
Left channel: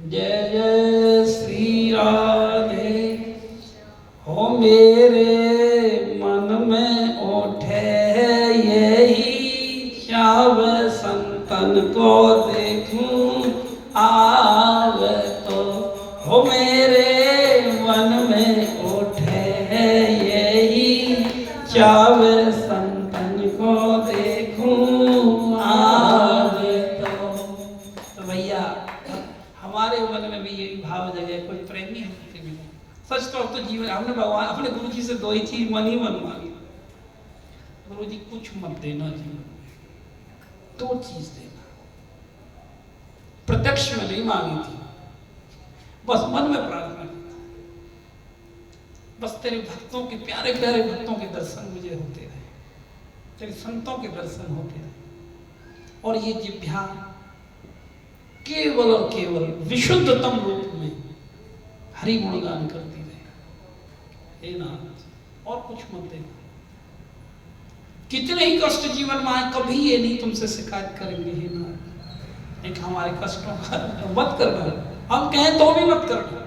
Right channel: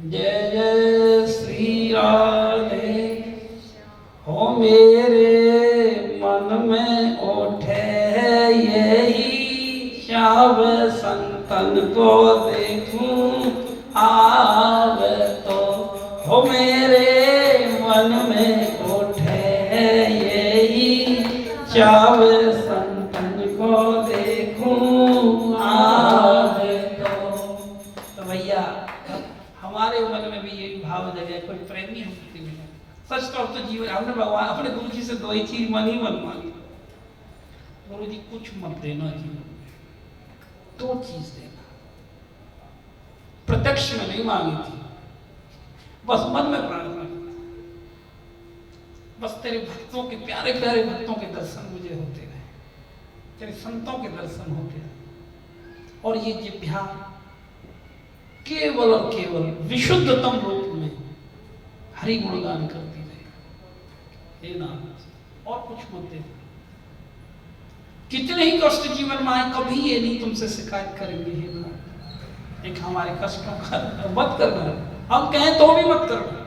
जय जय श्री राधे। हो मेरे मन में उठे यही श्याम संतन को देखूं आव तो। हो मेरे मन में उठे यही श्याम संतन को देखूं आव तो। भैया हमारे मन में भी यही भाव जगे, कोई प्रेमी हमसे मिला। सच तो जीवन हमने भगवान अपने गुरु जी से दो ही चीज मन ही मन मांगी। गुरु जी कुछ मत देना जीवन में, दो चीज देना। प्रत्यक्ष में नहीं मांगी थी, बस मन में प्रार्थना की। बस तेरे भक्तों के प्यारे प्यारे भक्तों के दर्शन मुझे होते रहे, तेरे संतों के दर्शन होते रहे, और ये जिह्वा केवल और केवल विशुद्धतम रूप में हरि गुणगान करती रहे। हे नाथ, और कुछ मत दे। कितने ही कष्ट जीवन में आए, कभी ये नहीं तुमसे शिकायत करेंगे। हे नाथ, एक हमारे कष्टों का मत करना। हम कहें तो भी मत करना।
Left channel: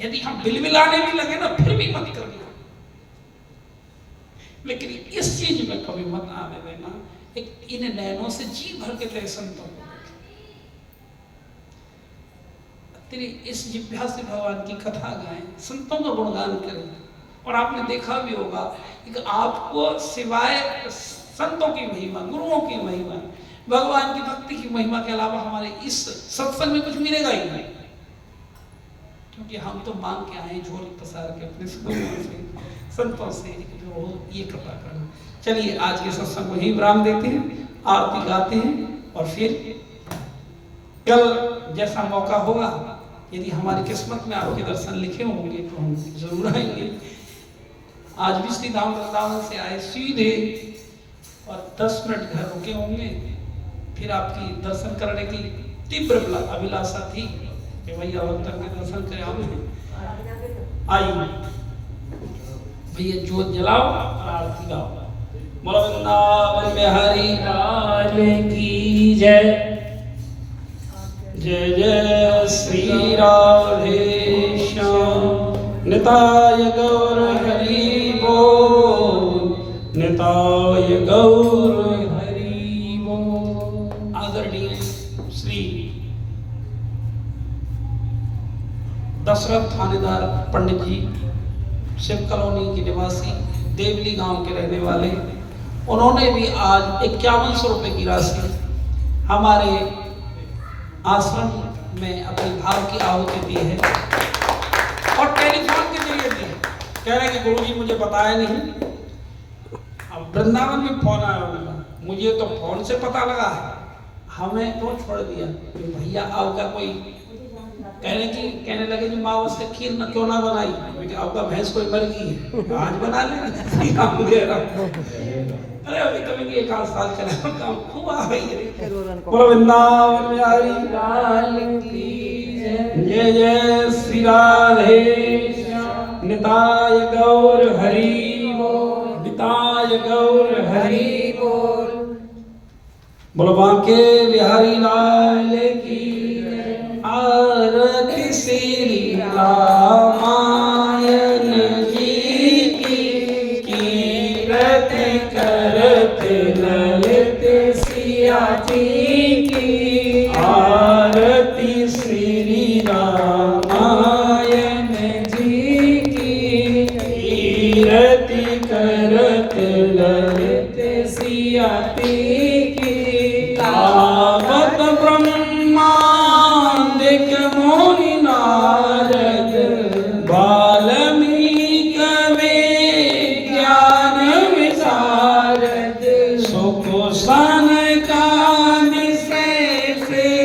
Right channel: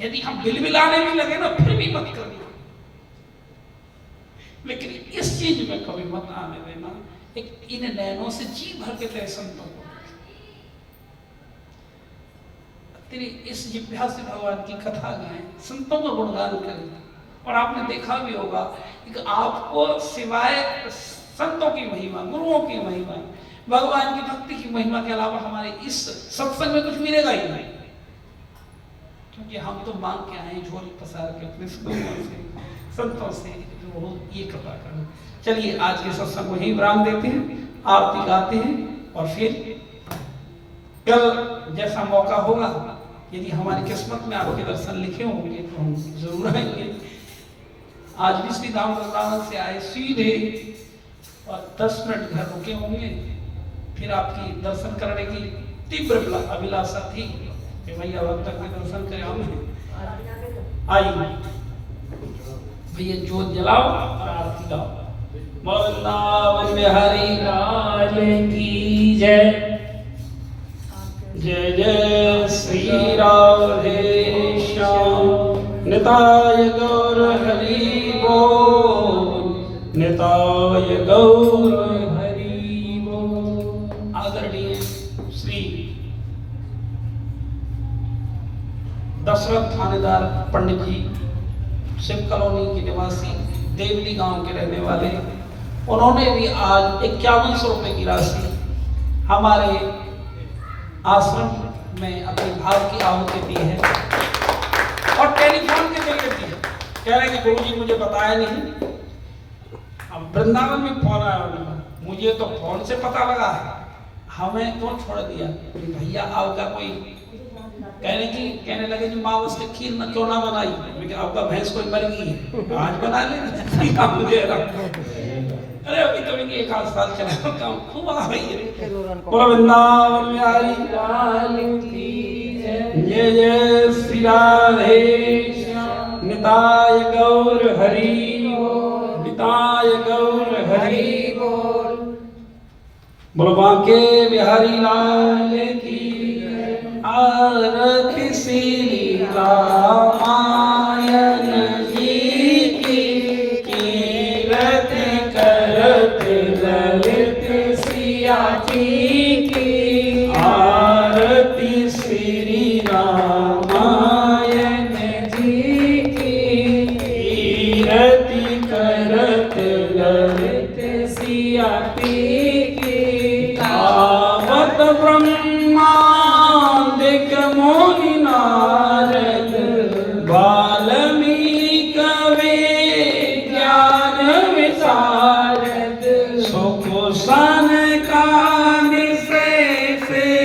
यदि हम बिलबिलाने भी लगे ना, फिर भी मत करना। लेकिन इस चीज में कभी मत आने देना। एक इन नैनों से जी भर के तेरे संतों को, तेरी इस जिह्वा से भगवान की कथा गाएं, संतों का गुणगान करें। और आपने देखा भी होगा कि आपको सिवाय संतों की महिमा, गुरुओं की महिमा, भगवान की भक्ति की महिमा के अलावा हमारे इस सत्संग में कुछ मिलेगा ही नहीं। क्योंकि हम तो मांग के आए झोली पसार के अपने गुरुओं से, संतों से, वो ये कृपा करो। चलिए आज के सत्संग को यही विराम देते हैं, आरती गाते हैं, और फिर कल जैसा मौका होगा, यदि हमारी किस्मत में आपके दर्शन लिखे होंगे तो हम जरूर आएंगे। आज भी श्री धाम वृंदावन से आए सीधे, और 10 मिनट घर रुके होंगे। फिर आपकी दर्शन करने की तीव्र अभिलाषा थी कि भैया अब तक में दर्शन करें। आइए भैया, जोत जलाओ और आरती गाओ। वृंदावन बिहारी लाल की जय। जय जय श्री राधे श्याम। निताय गौर हरि बोल, निताय गौर हरि बोल। आदरणीय श्री दशरथ थानेदार पंडित जी, शिव कॉलोनी के निवासी, देवली गांव के रहने वाले, उन्होंने भी आज 5100 रुपए की राशि हमारे आश्रम में अपनी भाव की आहुति दी है और टेलीफोन के जरिए दी है। कह रहे हैं कि गुरु जी मुझे बताया नहीं। अब वृंदावन में फोन आया उनका, मुझे तो फोन से पता लगा, हमें तो छोड़ दिया। भैया आपका कोई कहने लगे जी माँ उसके खीर में क्यों ना बनाई, आपका भैंस कोई मर गई आज बना ले। अरे अभी कभी एक आध साल चला काम खूब आ गई है। वृंदावन बिहारी लाल की जय, जय श्री राधे, निताय गौर हरि बोल, निताय गौर हरि बोल। बोलो बांके बिहारी लाल की आरती श्री रामायण जी की, कीरत करत ललित सिया जी की, आरती श्री रामायण जी की, कीरति करत ललित सिया जी की। आवत मोहि नारद वाल्मीकि ज्ञान विशारद, सुख सन